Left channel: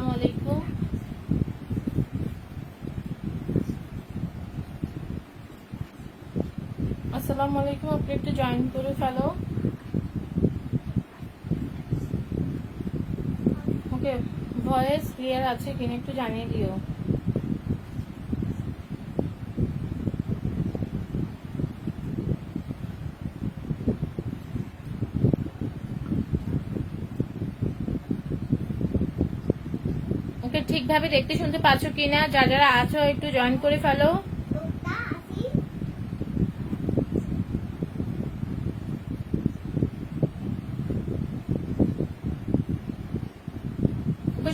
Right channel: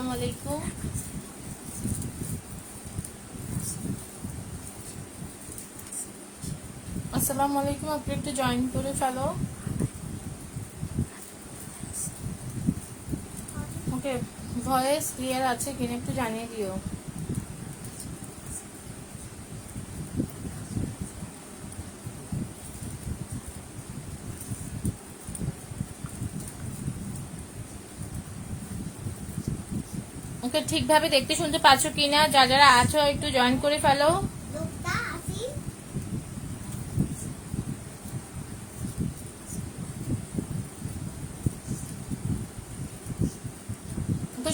আসসালামু আলাইকুম। আসসালামু আলাইকুম, আপনি একটু জয়েন করে ফেলো। ওকে, ভয়েস ক্লিয়ার আছে কিনা একটু জানিয়ে দিও। ওকে, ঠিকভাবে দেখতে শুনতে পাচ্ছ কিনা, যারা আছো একটু জয়েন করে ফেলো।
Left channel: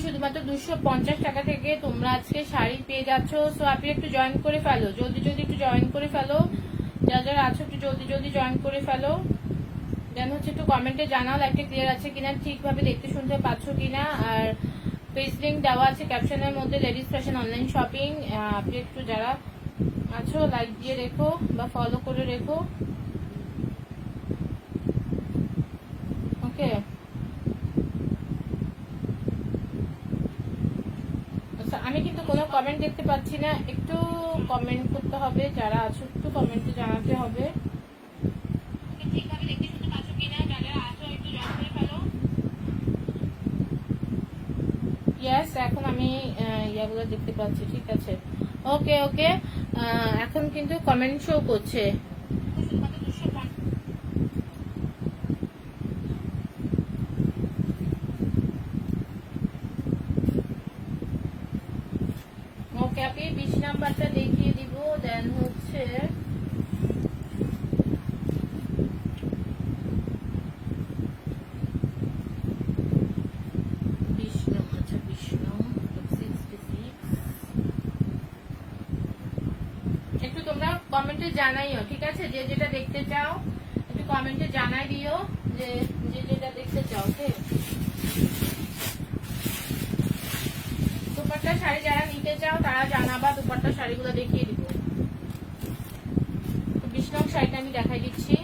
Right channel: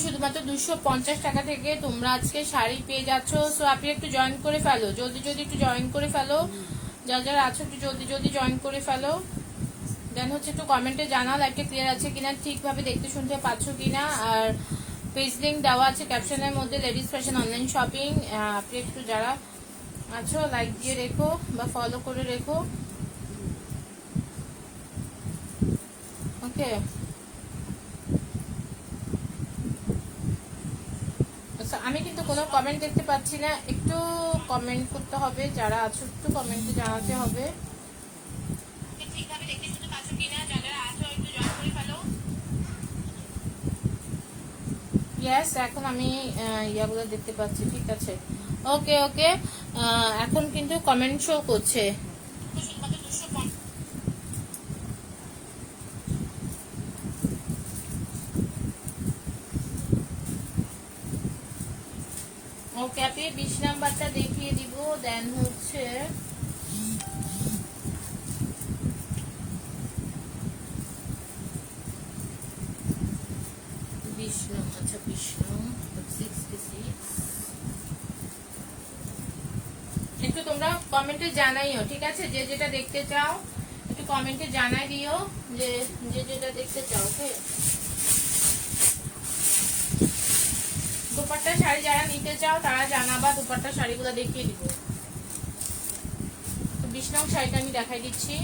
শুধুমাত্র 250 টাকা থেকে তোমরা আজকে শাড়ি পেয়ে যাচ্ছ। সো আপনি একটু জয়েন করে ফেলো, জলদি জলদি একটু জয়েন করে ফেলো। যারা আছো একটু জলদি জলদি জয়েন করে ফেলো। দেন হচ্ছে একটু কমেন্টে জানাও লাইভটা ক্লিয়ার আছে কিনা, ঠিকভাবে দেখতে শুনতে পাচ্ছ কিনা। আর পেজ লিঙ্ক দেওয়া আছে ক্যাপশনের মধ্যে, লেডিস ফ্যাশন অনলাইন শপিং। আপনি একটু যারা আছো লাইক দিয়ে রেখো বা ফলো করে রেখো। ওকে, আমি কিন্তু কোনো কমেন্ট দেখতে পাচ্ছি না, একটু কমেন্ট করতে হবে। যারা আছো একটু কমেন্টে জানাতে হবে। ইয়েস, এখন আমি ইয়াগুলো দেখতে পাচ্ছি, ঠিক আছে। ওকে ওকে, এখন কিন্তু কমেন্ট শো করছে। ওকে, আপনি 20 নাম্বারটা দেখিয়ে দিব। দেন হচ্ছে একটু তোমরা কমেন্টে জানাইও, ঠিক আছে। যে যেটা দেখতে চাও একটু কমেন্টে জানাই দিও, যে যেটা দেখতে চাও। ওকে, দুপাট্টা শাড়ি যারা নিতে চাও তারা জানাবা, দুপাট্টা শাড়িগুলো দেখিয়ে দিব। তো 20 নং শাড়িটা আমি দেখাই দিচ্ছি।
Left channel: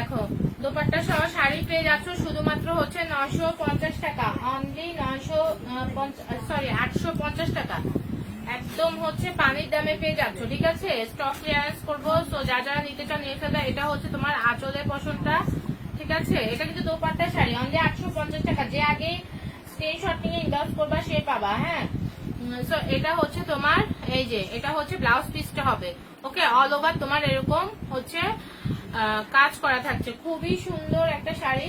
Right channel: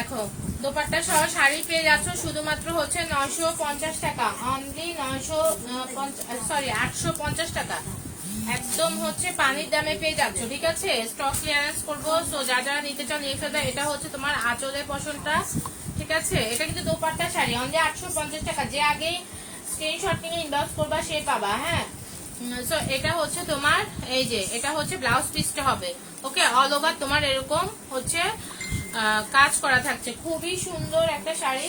দেখো, দোপাট্টা সহ শাড়ি পেয়ে যাচ্ছ শুধুমাত্র হচ্ছে 950 টাকা, অনলি 850 টাকা। একদম হচ্ছে পানির দামে পেয়ে যাচ্ছ, ঠিক আছে। স্টক ক্লিয়ারেন্স করবো, সো যারা নিতে চাও নিয়ে ফেলবে। এটা হচ্ছে তোমার আঁচলের পশনটা, ঠিক আছে। এটা কিন্তু দোপাট্টা শাড়ি, অনলি 850 টাকা। যে আগেই স্ক্রিনশট নিয়ে ইনবক্স করবা সে পাবা। হ্যাঁ, সো এটা হচ্ছে তোমার, এই যে এটা হচ্ছে ব্লাউজ পিসটা হবে। ওকে, অল ওভার তোমার এরকম হচ্ছে কাজ করা থাকছে, খুবই সুন্দর একটা শাড়ি।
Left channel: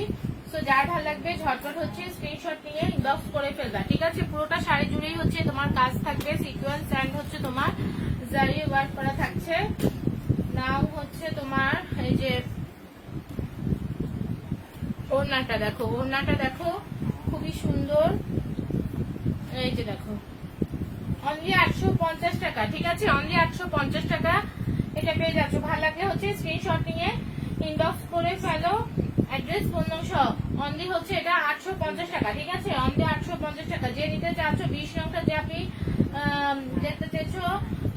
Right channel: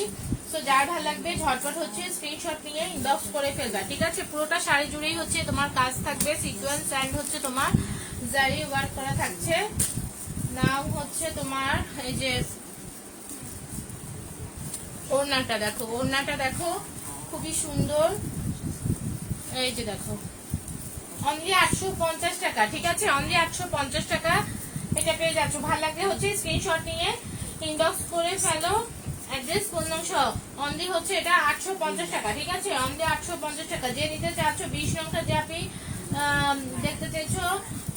সো যার ভালো লাগবে ঝটপট হচ্ছে স্ক্রিনশট নিয়ে ইনবক্স করে ফেলবা, ঠিক আছে। পুরোটা শাড়ি জুড়েই হচ্ছে তোমার কাজ থাকবে, সিকোয়েন্স এন্ড হচ্ছে তোমার জারি ওয়ার্ক করা থাকছে। নাম হচ্ছে তোমার, এই যে ওড়নাটা দেখো, ওড়নাটা দেখো খুবই সুন্দর। এই যে দেখো, অনলি 850 টাকা, ঠিক আছে। অনলি 850 টাকা এটা পেয়ে যাচ্ছ। ভালো লাগলে হচ্ছে স্ক্রিনশট নিয়ে ইনবক্স করে ফেলো, অ্যাড্রেস ফোন নং সহ। অনলি হচ্ছে এটা 850 টাকা, ঠিক আছে। অনলি 850 টাকা। যে নিতে চাচ্ছ 20 নংটা যে আপনি দেখতে চাইছো,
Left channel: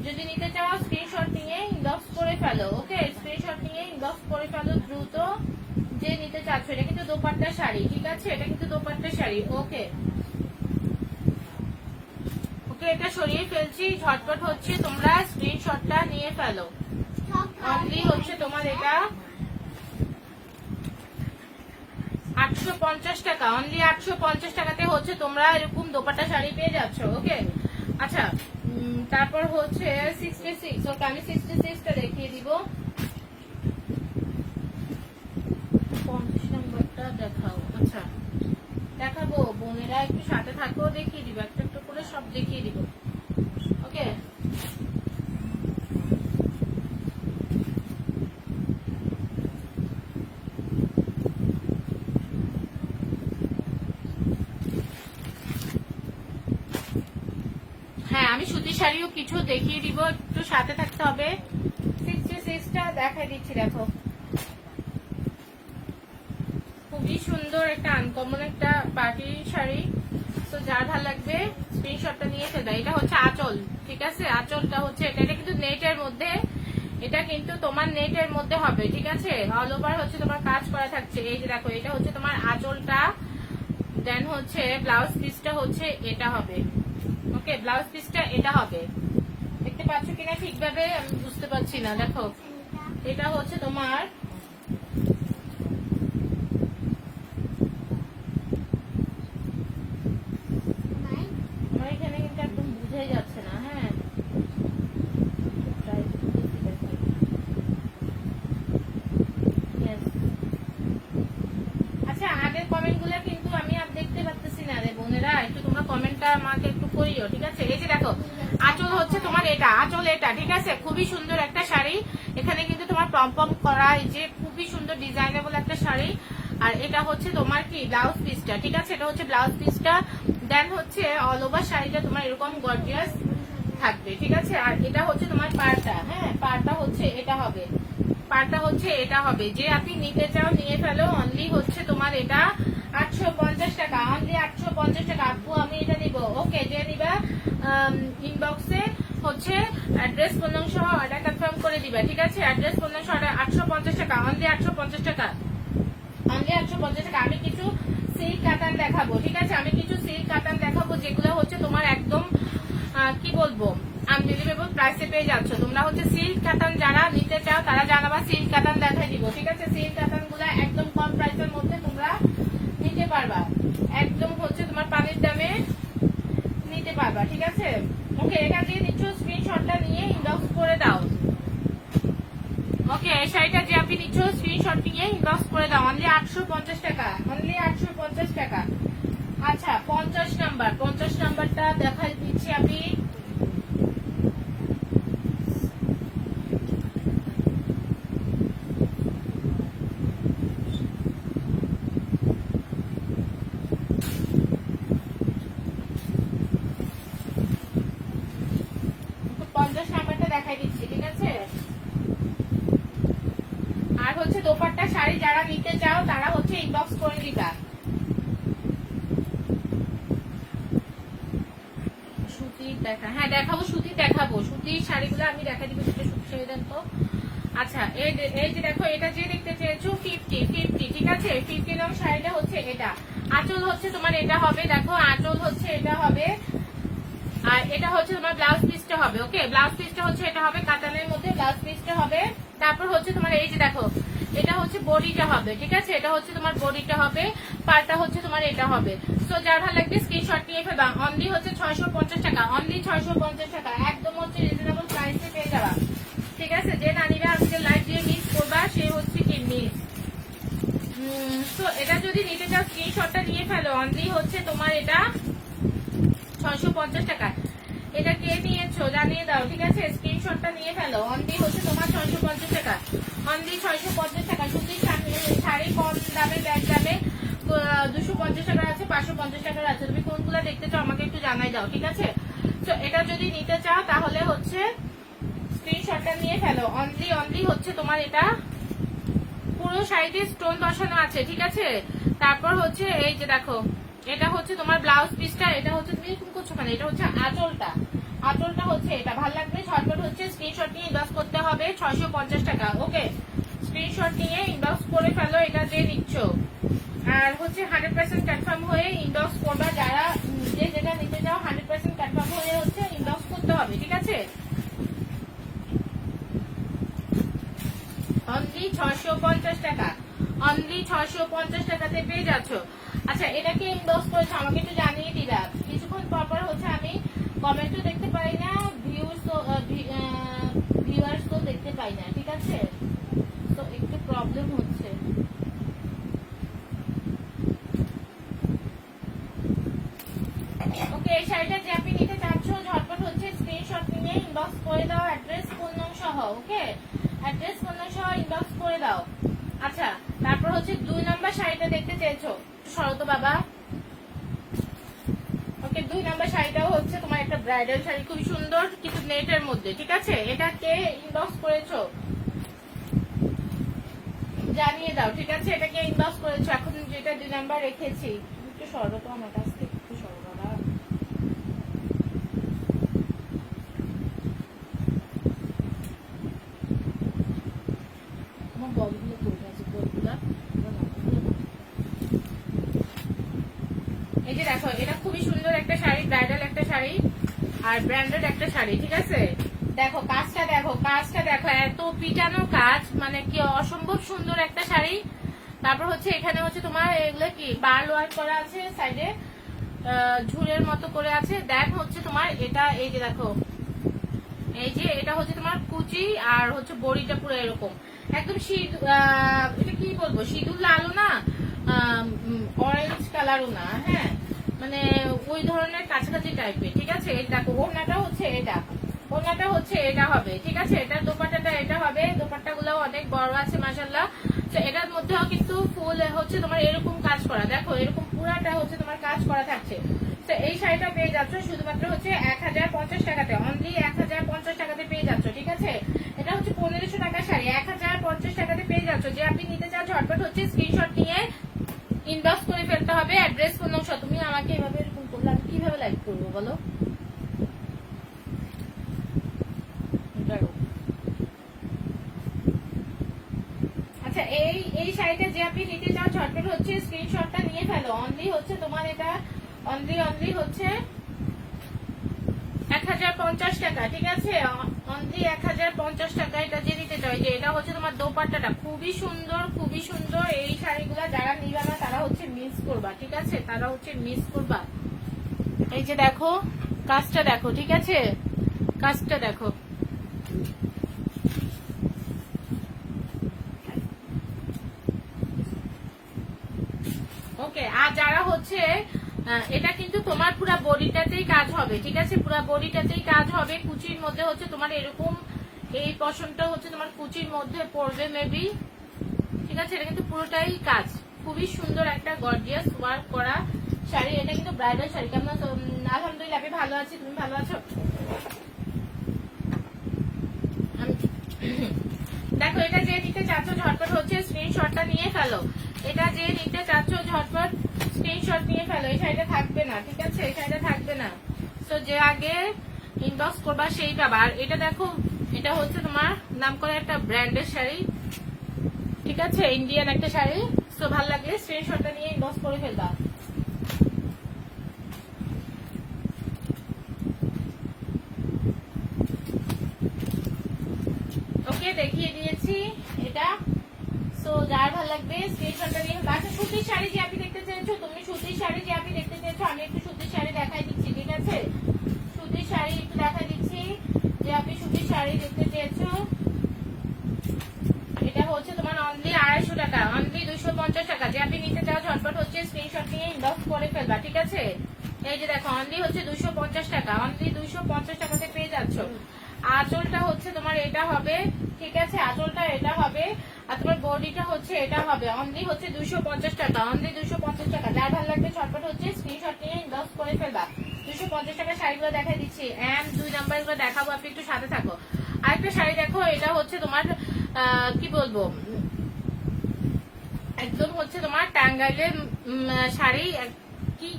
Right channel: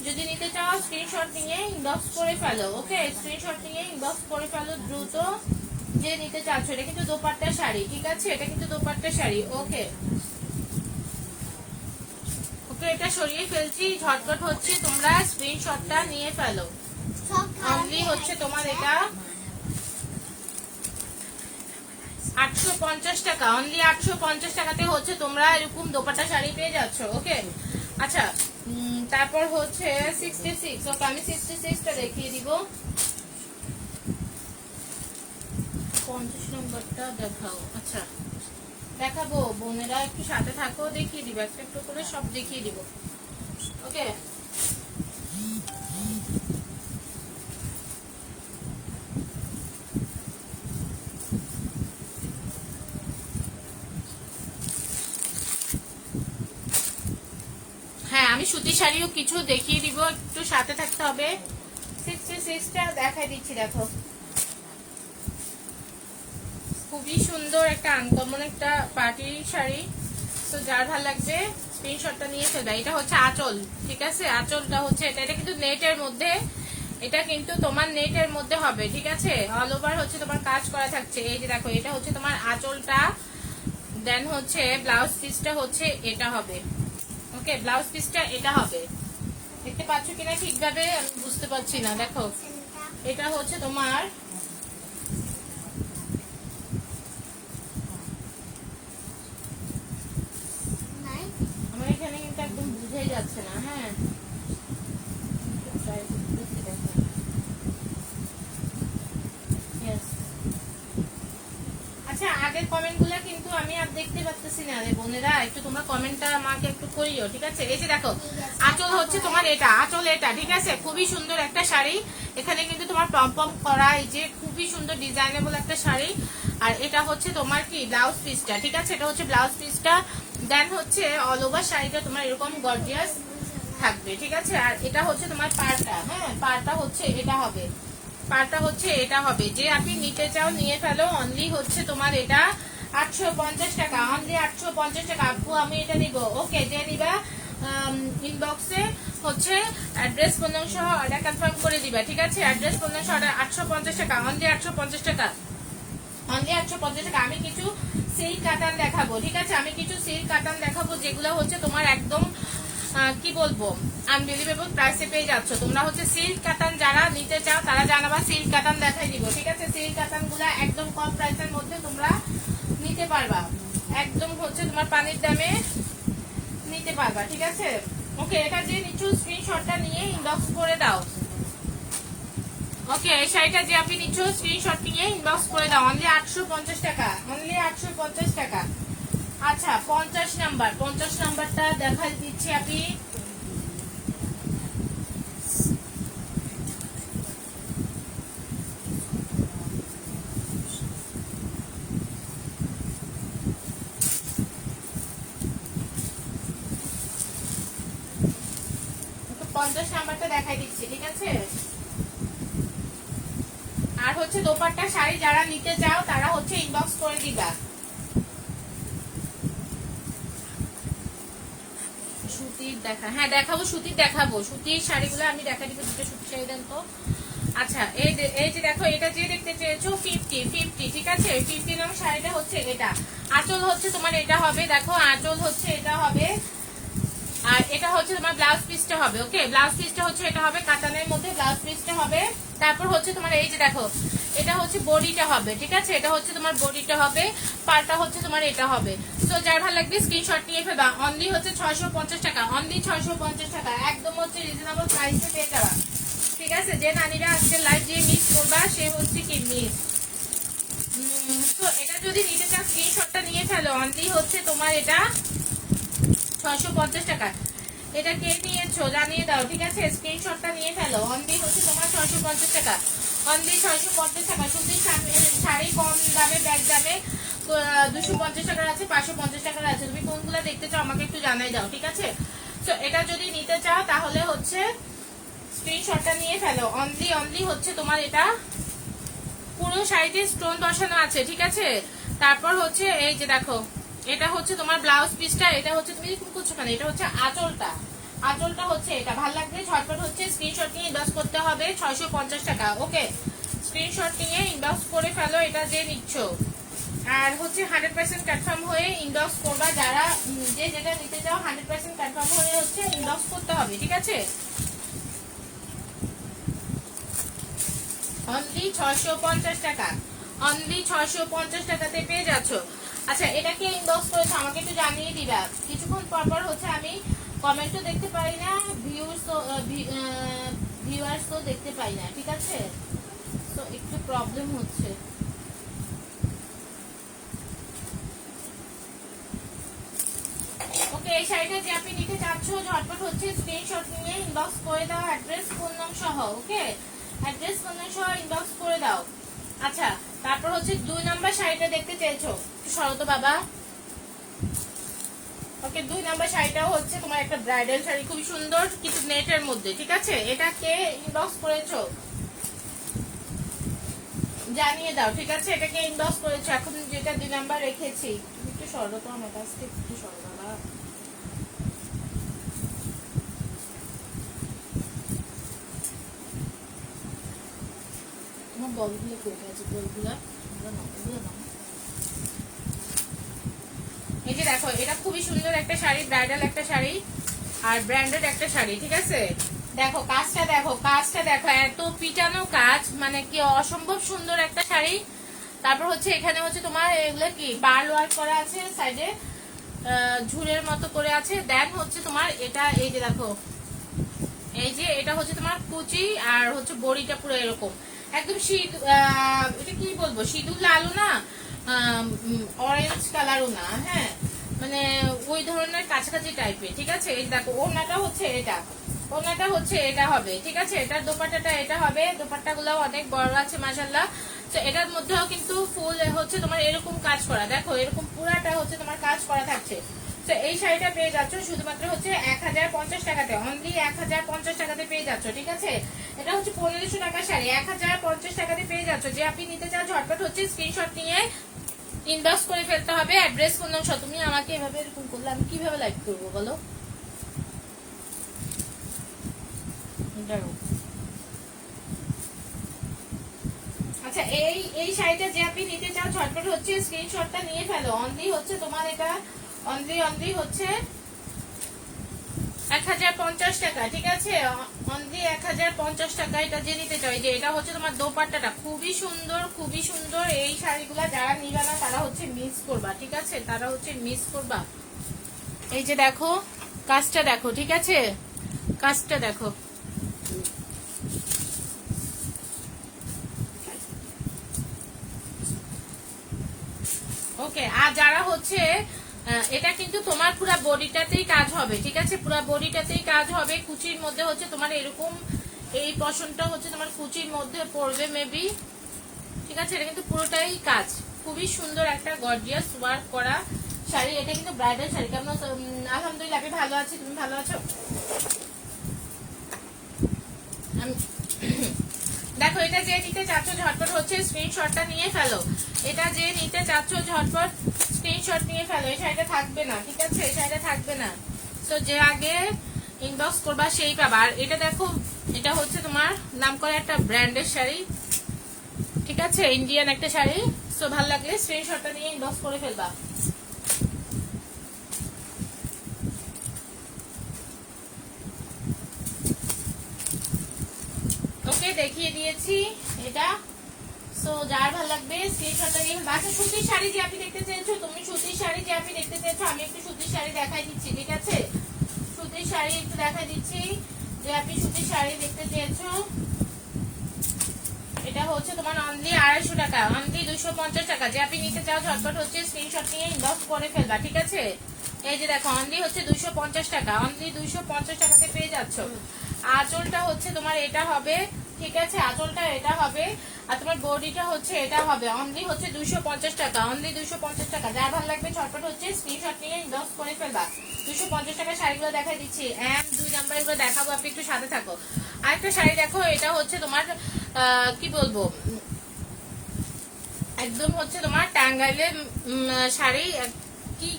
যদি নিতে চাও স্ক্রিনশট নিয়ে ইনবক্স করে ফেলো। ওকে, স্ক্রিনশট নিয়ে ইনবক্স করে ফেলো দ্রুত, যে নিতে চাচ্ছ। এটা কিন্তু দোপাট্টা শাড়ি, ঠিক আছে। এটা কিন্তু দোপাট্টা শাড়ি। ওকে ওকে, এটা সরিয়ে ফেলছি, ঝটপট হচ্ছে তোমরা স্ক্রিনশটটা নিয়ে ফেলো। অনলি হচ্ছে তোমার এটা 850 টাকা, অনলি 850 টাকাতে হচ্ছে তোমরা এরকম দোপাট্টা শাড়ি পেয়ে যাচ্ছ। ওকে, আচ্ছা, তারপর হচ্ছে 66। ওকে, আমি 66টা দেখিয়ে দিব। 50 নম্বরটা দেখাও। আচ্ছা, দেখাবো বোনেরা, একটু সাথে থাকো, দেখিয়ে দিব একটা একটু করে, সব দেখিয়ে দিব। ওকে, হ্যাঁ, আমি সুতি শাড়িও কিছু দেখিয়ে দিব, একটু সাথে থাকতে হবে। 66টা দেখাই দিচ্ছি, দেখো খুবই সুন্দর একটা আনকমন একটা পার্টি শাড়ি। তো যার ভালো লাগবে স্ক্রিনশটটা নিয়ে ফেলবে। এটা হচ্ছে আঁচল, ঠিক আছে? আঁচলটা হচ্ছে এটা, এটা কিন্তু নেটের মধ্যে, এটা কিন্তু তোমার নেটের মধ্যে হবে, ঠিক আছে? অল ওভার হচ্ছে তোমার কাজ করা থাকছে। এই যে দেখো, এটা হচ্ছে তোমার আঁচলটা, দেন হচ্ছে ব্লাউজ পিসটা হচ্ছে এটা হবে। ওকে, ব্লাউজ পিসটা এটা হবে। দেখতে পাচ্ছ কিনা ঠিকভাবে আমি বুঝতে পারছি না। দেখো, এটা হচ্ছে তোমার আমার এখানে কিন্তু একদম বুঝাই যাচ্ছে না। হ্যাঁ, আচ্ছা, আগের কমেন্ট গুলা কিন্তু আমি আর দেখতে পাচ্ছি না রে বোনেরা, একটু তোমরা কমেন্টটা আমাকে একটু করিও, ঠিক আছে? এই যে দেখো, আঁচল হচ্ছে তোমার এটা, আঁচল এটা, ঠিক আছে? খুবই সুন্দর একটা শাড়ি। এখানে কিন্তু তোমার পম পম করা, এই যে খুবই সুন্দর ডিজাইনেবল একটা শাড়ি। আর এটা হচ্ছে তোমার কি ব্লাউজ পিসটা, ঠিক আছে? এটা হচ্ছে ব্লাউজ পিসটা, দেন হচ্ছে অল ওভার শাড়িটা তোমার এরকম গর্জিয়াস থাকবে, ঠিক আছে? আর এটা হচ্ছে তোমার পাড়টা, হ্যাঁ, পাড়টা হচ্ছে এটা হবে, পাড়টা হচ্ছে এটা হবে। যে আপনি নিতে চাও নিয়ে ফেলো। অনলি হচ্ছে তোমার এটা 850 টাকা, অনলি 850 টাকা। আপু আমি এটা নিব, ওকে, যে নিবা ইনবক্সে হচ্ছে অ্যাড্রেস বন্ধন সহ এটা কনফার্ম করে দিবা, ঠিক আছে? অ্যাড্রেস বন্ধন সহ 850 টাকা, অনলি 850 টাকা, অনলি 850 টাকা। আমি কিছু সিল্ক কাতান দেখাবো, ঠিক আছে? আমি কিছু সিল্ক কাতান দেখাবো যেগুলো হচ্ছে তোমার একদম কি বলবো আনবিলিভেবল প্রাইসে পেয়ে যাচ্ছ তোমরা। হচ্ছে সিল্ক কাতান যারা নিতে চাও তারা জানাবা, সিল্ক কাতান দেখাই দিব, ঠিক আছে? সিল্ক কাতান গুলা একদম কম প্রাইসের মধ্যে তোমরা নিতে পারবা, একদম হচ্ছে তোমার পানির দামে নিতে পারবা, ঠিক আছে? ওকে, এটা যে নিচ্ছ স্ক্রিনশটটা নিয়ে ইনবক্স করে দাও। ওকে, শাড়িটা যে আপনি নিচ্ছ স্ক্রিনশট নিয়ে ইনবক্স করে দাও। অনলি 850 টাকা, অনলি 850 টাকা। আচ্ছা, 50 নাম্বারটা দেখাই দিচ্ছি আমি। নাম্বারটা দেখাই দিচ্ছি, ঠিক আছে? আর হচ্ছে দোপাট্টা শাড়ি যারা নিতে চাও তারা হচ্ছে ইনবক্স করে দিবা। সুতির দেখা, হ্যাঁ দেখাবো, সুতির দেখাবো, সুতির শাড়িগুলো আমি দেখা দিব। সুতির শাড়ি দেন তো। আচ্ছা, এই যে দেখো, এটা যে দেখতে চেয়েছো 50, ঠিক আছে? 50 নং শাড়িটা হচ্ছে এটা। আঁচল হচ্ছে তোমার এটা হবে, দেখো আঁচল হচ্ছে এটা হবে। আর এটা হচ্ছে তোমার ব্লাউজ পিসটা হবে। ওকে, ব্লাউজ পিসটা হচ্ছে এটা হবে, কাতানের মধ্যে ব্লাউজ পিসটা হবে। তারপর হচ্ছে তোমার এই যে দেখো, এটা হচ্ছে বডিটা হবে, ঠিক আছে? এটা হচ্ছে তোমার বডিটা হবে, পাড়টা হচ্ছে তোমার এটা হবে। তো যার ভালো লাগবে স্ক্রিনশট নিয়ে ফেলবা। অনলি হচ্ছে 650 টাকা, অনলি 650 টাকা, একদম হচ্ছে রিজনেবল প্রাইসে পেয়ে যাবা, ঠিক আছে? যে নারীরা আজকে লাইভ দিয়ে মিস করবা সে হচ্ছে কি মিস। তো এটা যদি নিতে চাও স্ক্রিনশটটা নিয়ে ফেলো। অনলি হচ্ছে তোমার এটা 650 টাকা। এটা কে নিয়েছো জানিয়ে দাও, ঠিক আছে? স্ক্রিনশটটা নিয়ে ফেলো। অনলি হচ্ছে তোমার 650 টাকা, অনলি 650 টাকা। সুতির শাড়ি কম দামে, ব্যাগ দামে 250 টাকার আছে, 550 টাকার আছে। তুমি কোনগুলো দেখতে চাও আমাকে একটু জানাই দাও, ঠিক আছে? তো এটা যদি নিতে চাও তাহলে হচ্ছে স্ক্রিনশটটা নিয়ে ফেলো। অনলি হচ্ছে তোমার এটা পুরো শাড়িতে স্টোন বসানো আছে, ঠিক আছে? তারপর হচ্ছে এই যে দেখো, এটা হচ্ছে তোমার ব্লাউজ পিসটা, এটা হচ্ছে তুমি এরকম করছো কেন, এটা হচ্ছে আঁচলটা, আঁচলটা হচ্ছে এটা। ভালো লাগবে ঝটপট হচ্ছে স্ক্রিনশট নিয়ে ইনবক্স করতে হবে। 650 টাকা, ওকে? স্ক্রিনশট নিয়ে ইনবক্স করে ফেলো এটা যে নিচ্ছ। আর হচ্ছে 100% কনফার্ম হয়ে ইনবক্স করবা। যারা যে যেটা নিতে চাও 100% কনফার্ম হয়ে হচ্ছে ইনবক্স করতে হবে, ঠিক আছে? অনলি 650 টাকা, অনলি 650 টাকাতে পেয়ে যাচ্ছ। আচ্ছা, এটাকে ইনবক্স করেছো আমাকে একটু জানিয়ে দিবা। কিছুক্ষণ পর হচ্ছে আমি কমেন্টও দেখতে পাই না, ভিউয়ার্সও দেখতে পাই না, ঠিক আছে? তো একটু প্রবলেম হচ্ছে। ওকে, এই শাড়িটা যে আপনি নিতে চাচ্ছ ঝটপট হচ্ছে স্ক্রিনশট নিয়ে ইনবক্স করে দাও, অ্যাড্রেস ফোন নাম সহ। ওকে, অ্যাড্রেস ফোন নাম সহ ইনবক্স করে দাও। আচ্ছা, তারপর হচ্ছে 2 নম্বর শাড়িটা দেখতে চেয়েছো, শরত বাবা। ওকে, 2 নম্বর শাড়িটাও হচ্ছে তোমার একটা ব্রাইডাল শাড়ি, খুবই সুন্দর কিছু নেটের মধ্যে, ঠিক আছে? এটা কে ইনবক্স করেছো জানিয়ে দাও, ঠিক আছে? এটাকে ইনবক্স করেছো। এখন যেটা 2 নাম্বার রেখেছি, একটু শরত আমার কাছ থেকে একটু সরো বাবা। তোমার বলগুলো কোথায় আছে? বলগুলা এই যে দেখো, এটা খুবই সুন্দর একটা শাড়ি, ব্রাইডাল একটা শাড়ি আর ব্র্যান্ডেড একটা শাড়ি, ঠিক আছে। দেখো কাজটা, দেখো কাজটা, দেখো এত পিটানো কাজ, মানে কি অসম্ভব সুন্দর একটা শাড়ি। তারপর হচ্ছে এখানে হচ্ছে তোমার এগুলো কি পার্ল ওয়ার্ক করা আছে, সাইডে ঝুলের মতো করে আছে। দেন হচ্ছে তোমার এটা, এই যে দেখো, এই যে এটা হচ্ছে তোমার কুচি আর হচ্ছে বড়িটা পুরো এরকম একদম এটা কি বলবো, সিঁদুর লালও না, অরেঞ্জ কালারও না, হ্যাঁ, মানে ওই ধরনের কাছাকাছি টাইপের, ঠিক আছে। এই দেখো ওড়নাটা হচ্ছে এটা, ওড়নাটা হচ্ছে এটা হবে, ঠিক আছে। এটার দোপাট্টাটা এটা হবে, দোপাট্টা গুলো অনেক বড় আছে মাশাআল্লাহ। তো এটার মধ্যেও কিন্তু ফুল হচ্ছে তোমার এরকম কাজ করা, দেখো এরকম পুরাটা হচ্ছে তোমার কাজ করা থাকছে। তো এই শাড়িটা পেয়ে যাচ্ছ শুধুমাত্র হচ্ছে 1050 টাকাতে, অনলি 1050 টাকাতে পেয়ে যাচ্ছ, ঠিক আছে। এটা হচ্ছে 1500 টাকার শাড়ি, 1050 টাকাতে পেয়ে যাচ্ছ। যে আপনি নিতে চান ঝটপট হচ্ছে স্ক্রিনশট নিয়ে ইনবক্স করে ফেলতে হবে। অ্যাড্রেস ফোন নম্বর। তুমি আমাকে এভাবে এরকম করলে আমি কিভাবে লাইভ করবো বলো? আচ্ছা, এই শাড়িটা যে আপনি নিতে চান ঝটপট হচ্ছে স্ক্রিনশটটা নিয়ে ফেলো। অনলি হচ্ছে তোমার এটা অনলি হচ্ছে 1050 টাকা, ঠিক আছে। অনলি 1050 টাকা। এটা যে নিতে চাই, যে এটা হচ্ছে তোমার দোপাট্টাটা খুবই সুন্দর, খুবই সুন্দর। এই শাড়িগুলা যারা নিবা না তারা হচ্ছে মিস করবা, ঠিক আছে, তারা হচ্ছে মিস করবা। এই যে দেখো কাজটা দেখো, ঠিক আছে, কাজটা দেখো। ওকে, আর যারা হচ্ছে এটা কিন্তু তোমার পুরো বডিটাতেই কাজ হবে, ঠিক আছে, পুরো বডিটাতেই কাজ হবে। কুচির মধ্যে হচ্ছে তোমার এরকম এই পশনটা হচ্ছে তোমার কুচির মধ্যে পড়বে মেবি, ঠিক আছে। এটা কিন্তু পুরোটাই কাজ, খুবই সুন্দর একটা গর্জিয়াস ওয়ার্ক করা শাড়ি। এটা কিন্তু ব্রাইডাল শাড়ি। কেমন? আলহামদুলিল্লাহ, আমি ভালো আছি, তুমি ভালো আছো? দেখো, এটা যে নিতে চাচ্ছ ঝটপট হচ্ছে স্ক্রিনশটটা নিয়ে ফেলো। এটা যে নিতে চাচ্ছ ঝটপট স্ক্রিনশট নিয়ে ফেলো। এই শাড়িটা থাকবে না, ঠিক আছে, এই শাড়িটা থাকবে না। তো যে আগে ইনবক্স করবা সেই পাবা। আর এটা দেখো, এটা হচ্ছে তোমার নাম করা একটা ব্র্যান্ডের শাড়ি, ঠিক আছে, ইন্ডিয়ান একটা শাড়ি। তো ভালো লাগলে স্ক্রিনশটটা নিয়ে ইনবক্স করে ফেলবা। ওকে, দেখিয়ে দিয়েছি এটা। সো যার ভালো লাগবে স্ক্রিনশটটা নিয়ে। বাচ্চা সুতির শাড়ি যে আপনি দেখতে চেয়েছো, তুমি সুতির শাড়ি যে আপনি দেখতে চেয়েছো, আমি একটু সুতির শাড়ি দেখাই দিচ্ছি, ঠিক আছে। সুতির শাড়ি একটু দেখাই দিচ্ছি, যে আপনি সুতির শাড়ি দেখতে চেয়েছো। এটা হচ্ছে তোমার অনলি 250 টাকা, অনলি 250 টাকা। যে আপনি নিতে চাও ঝটপট হচ্ছে স্ক্রিনশট নিয়ে ইনবক্স করে ফেলবা, ঠিক আছে। এই যে দেখো, অনলি হচ্ছে 250 টাকা, অনলি 250 টাকাতে পেয়ে যাচ্ছ। আঁচলটা হচ্ছে তোমার এটা হবে, ঠিক আছে, আঁচলটা এটা হবে। আর তোমার বডিটা হচ্ছে এটা হবে। অনলি হচ্ছে 250 টাকা, অনলি 250 টাকা। যার ভালো লাগবে ঝটপট হচ্ছে স্ক্রিনশট নিয়ে ইনবক্স করে ফেলবা। 250 টাকা শাড়িগুলো দেখাই দিচ্ছি, এন্ড 2 নাম্বার গুলো দেখাবো, আপনি একটু সাথে থাকো। আরেকটা শাড়ি দেখো, এটা হচ্ছে তোমার কি বলবো, একদম হচ্ছে তোমার টাঙ্গাইলের শাড়ি, কি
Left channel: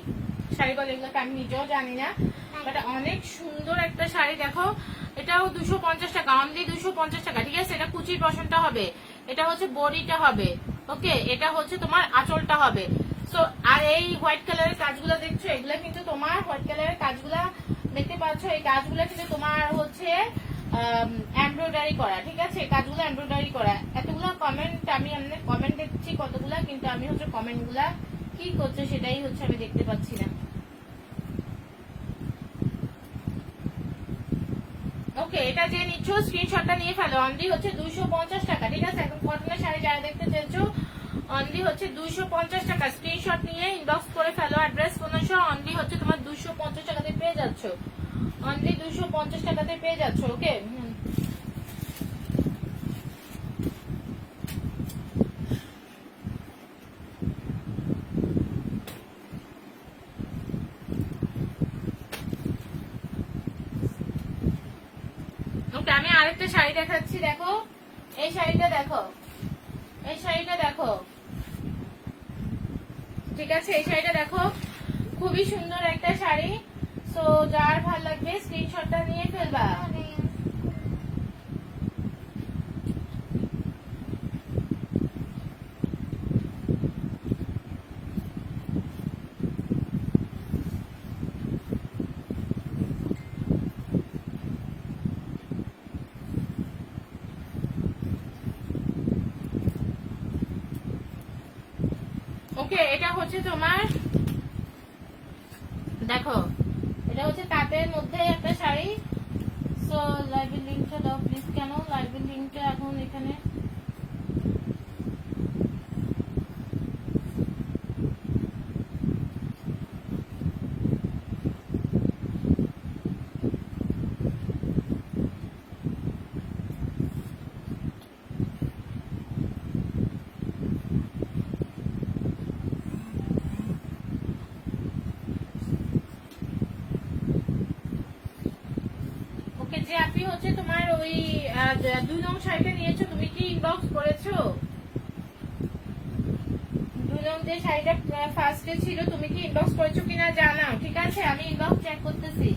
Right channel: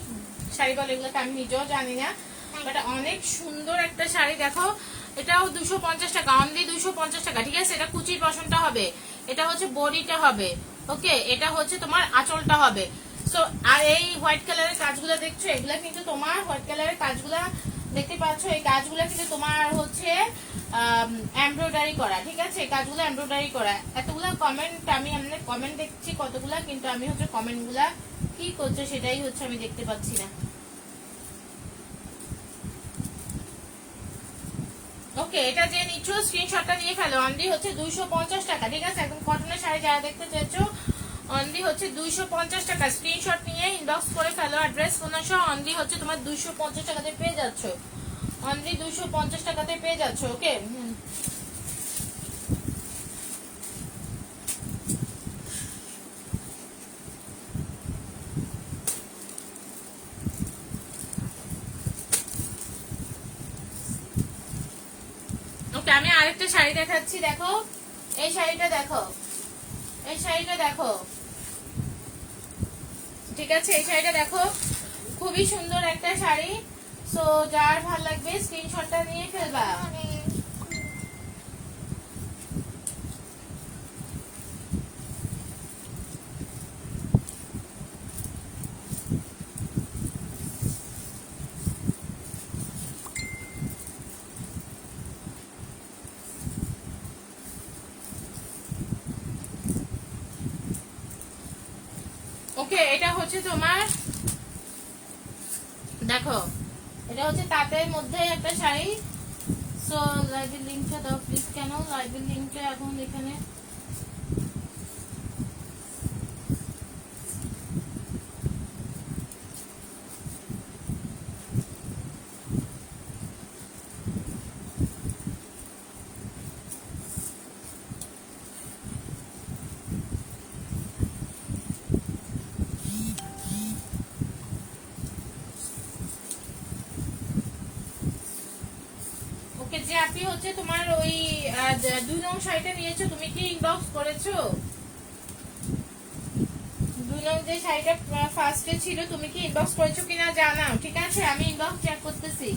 শাড়ি বলে এগুলোকে আমি নিজেও জানি না, এটা অনেক সুন্দর একটা শাড়ি। দেখো, এটাও 250 টাকা, অনলি 250 টাকা, ঠিক আছে। এটা কুচির পশনটা হবে, এটা হচ্ছে বডিটা হবে, ওকে, এটা হচ্ছে তোমার আঁচলটা হবে। সো আর এই হোয়াইট কালারের কাজগুলো দেখছো, এগুলা কিন্তু তোমার হোয়াইট কালারের কাজগুলা দেখতে পাচ্ছ, এই কাজগুলো কিন্তু তোমার হচ্ছে এমব্রয়ডারি করা, ঠিক আছে, কাজগুলো এমব্রয়ডারি করা। এতগুলা কমেন্ট, আমি অনেক কমেন্ট দেখছি কতগুলা, কিন্তু আমি হচ্ছে কমেন্ট গুলা কি করছে সেটাই হচ্ছে আমি দেখতে পাচ্ছি না। ওকে, এটা যে নিচ্ছ স্ক্রিনশটটা নিয়ে ফেলো। অনলি হচ্ছে 250 টাকা, ঠিক আছে। একদম কটনের শাড়ি যারা দেখতে চাইছো, অনলি হচ্ছে 250 টাকা। স্ক্রিনশট নিয়ে ইনবক্স করে ফেলো, অ্যাড্রেস ফোন সহ। অনলি হচ্ছে তোমার 250 টাকাতে পেয়ে যাচ্ছ, অনলি 250 টাকাতে পেয়ে যাচ্ছ, ওকে। ওকে, আমি আরেকটা শাড়ি দেখাচ্ছি, দেখো এই শাড়িটা দেখো, এই শাড়িটা দেখো, ঠিক আছে, এই শাড়িটা দেখো। খুবই সুন্দর একটা শাড়ি। সো যার ভালো লাগবে স্ক্রিনশটটা নিয়ে ফেলবা। ওকে, এটা হচ্ছে তোমার, দেখো এটা হচ্ছে তাঁতের মধ্যে একটা শাড়ি। সো লাইভের লিঙ্কটা দাও প্লিজ। কেন লাইভের লিঙ্কটা এখন এখানে? ওকে, যে আপনি হচ্ছে তোমার ওই 2 নং শাড়িটা নিয়েছো, তুমি কি ইনবক্স করেছো? 2 নং যে শাড়িটা ফার্স্টে ছিল, তুমি কি ইনবক্স করেছো কিনা জানাও, ঠিক আছে? আমি ইনবক্স চেক করতেছি।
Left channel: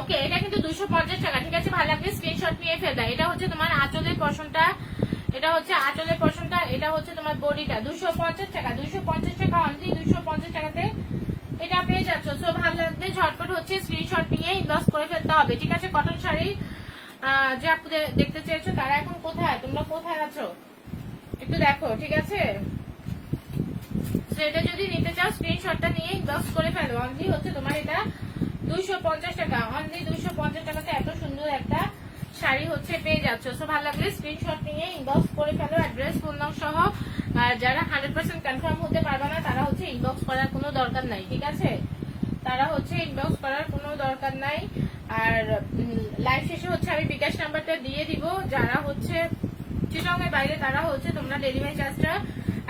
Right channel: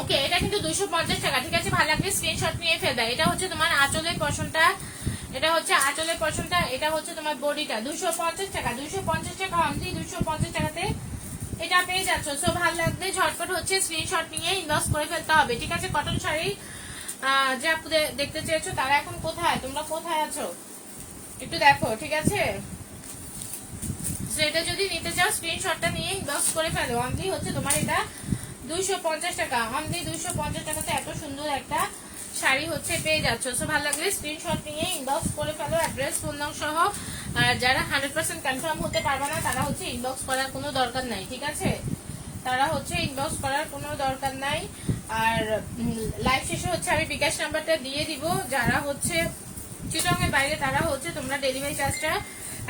ওকে, এটা কিন্তু 250 টাকা, ঠিক আছে? ভালো লাগবে স্ক্রিনশট নিয়ে ফেলবে। এটা হচ্ছে তোমার আঁচলের পশনটা, এটা হচ্ছে আঁচলের পশনটা, এটা হচ্ছে তোমার বডিটা। 250 টাকা, 250 টাকা অনলি, 250 টাকাতে এটা পেয়ে যাচ্ছ। সো ভালো লাগবে ঝটপট হচ্ছে স্ক্রিনশট নিয়ে ইনবক্স করে ফেলতে হবে, ঠিক আছে? কটন শাড়ি যে আপনাদের দেখতে চেয়েছো তারা এখন কোথায়, তোমরা কোথায় আছো একটু দেখো, ঠিক আছে? এটা যদি নিতে চাও স্ক্রিনশটটা নিয়ে ইনবক্স করে ফেলো। অনলি হচ্ছে তোমার এটা 250 টাকা, অনলি 250 টাকাতে এত সুন্দর একটা শাড়ি হচ্ছে পেয়ে যাচ্ছ। সো ভালো লাগলে স্ক্রিনশট নিয়ে ইনবক্স করে ফেলো, অ্যাড্রেস ফোন নাম সহ। আর যারা 100% কনফার্ম হতে পারবে না তারা হচ্ছে ইনবক্স করার কোনো দরকার নাই, ঠিক আছে? তারা হচ্ছে ইনবক্স করার কোনো দরকার নাই। আর লাইভ শেষে হচ্ছে আমি বিকাশ নাম্বারটা দিয়ে দিব। যারা হচ্ছে চিটংয়ের বাইরে তারা হচ্ছে তোমরা ডেলিভারি চার্জটা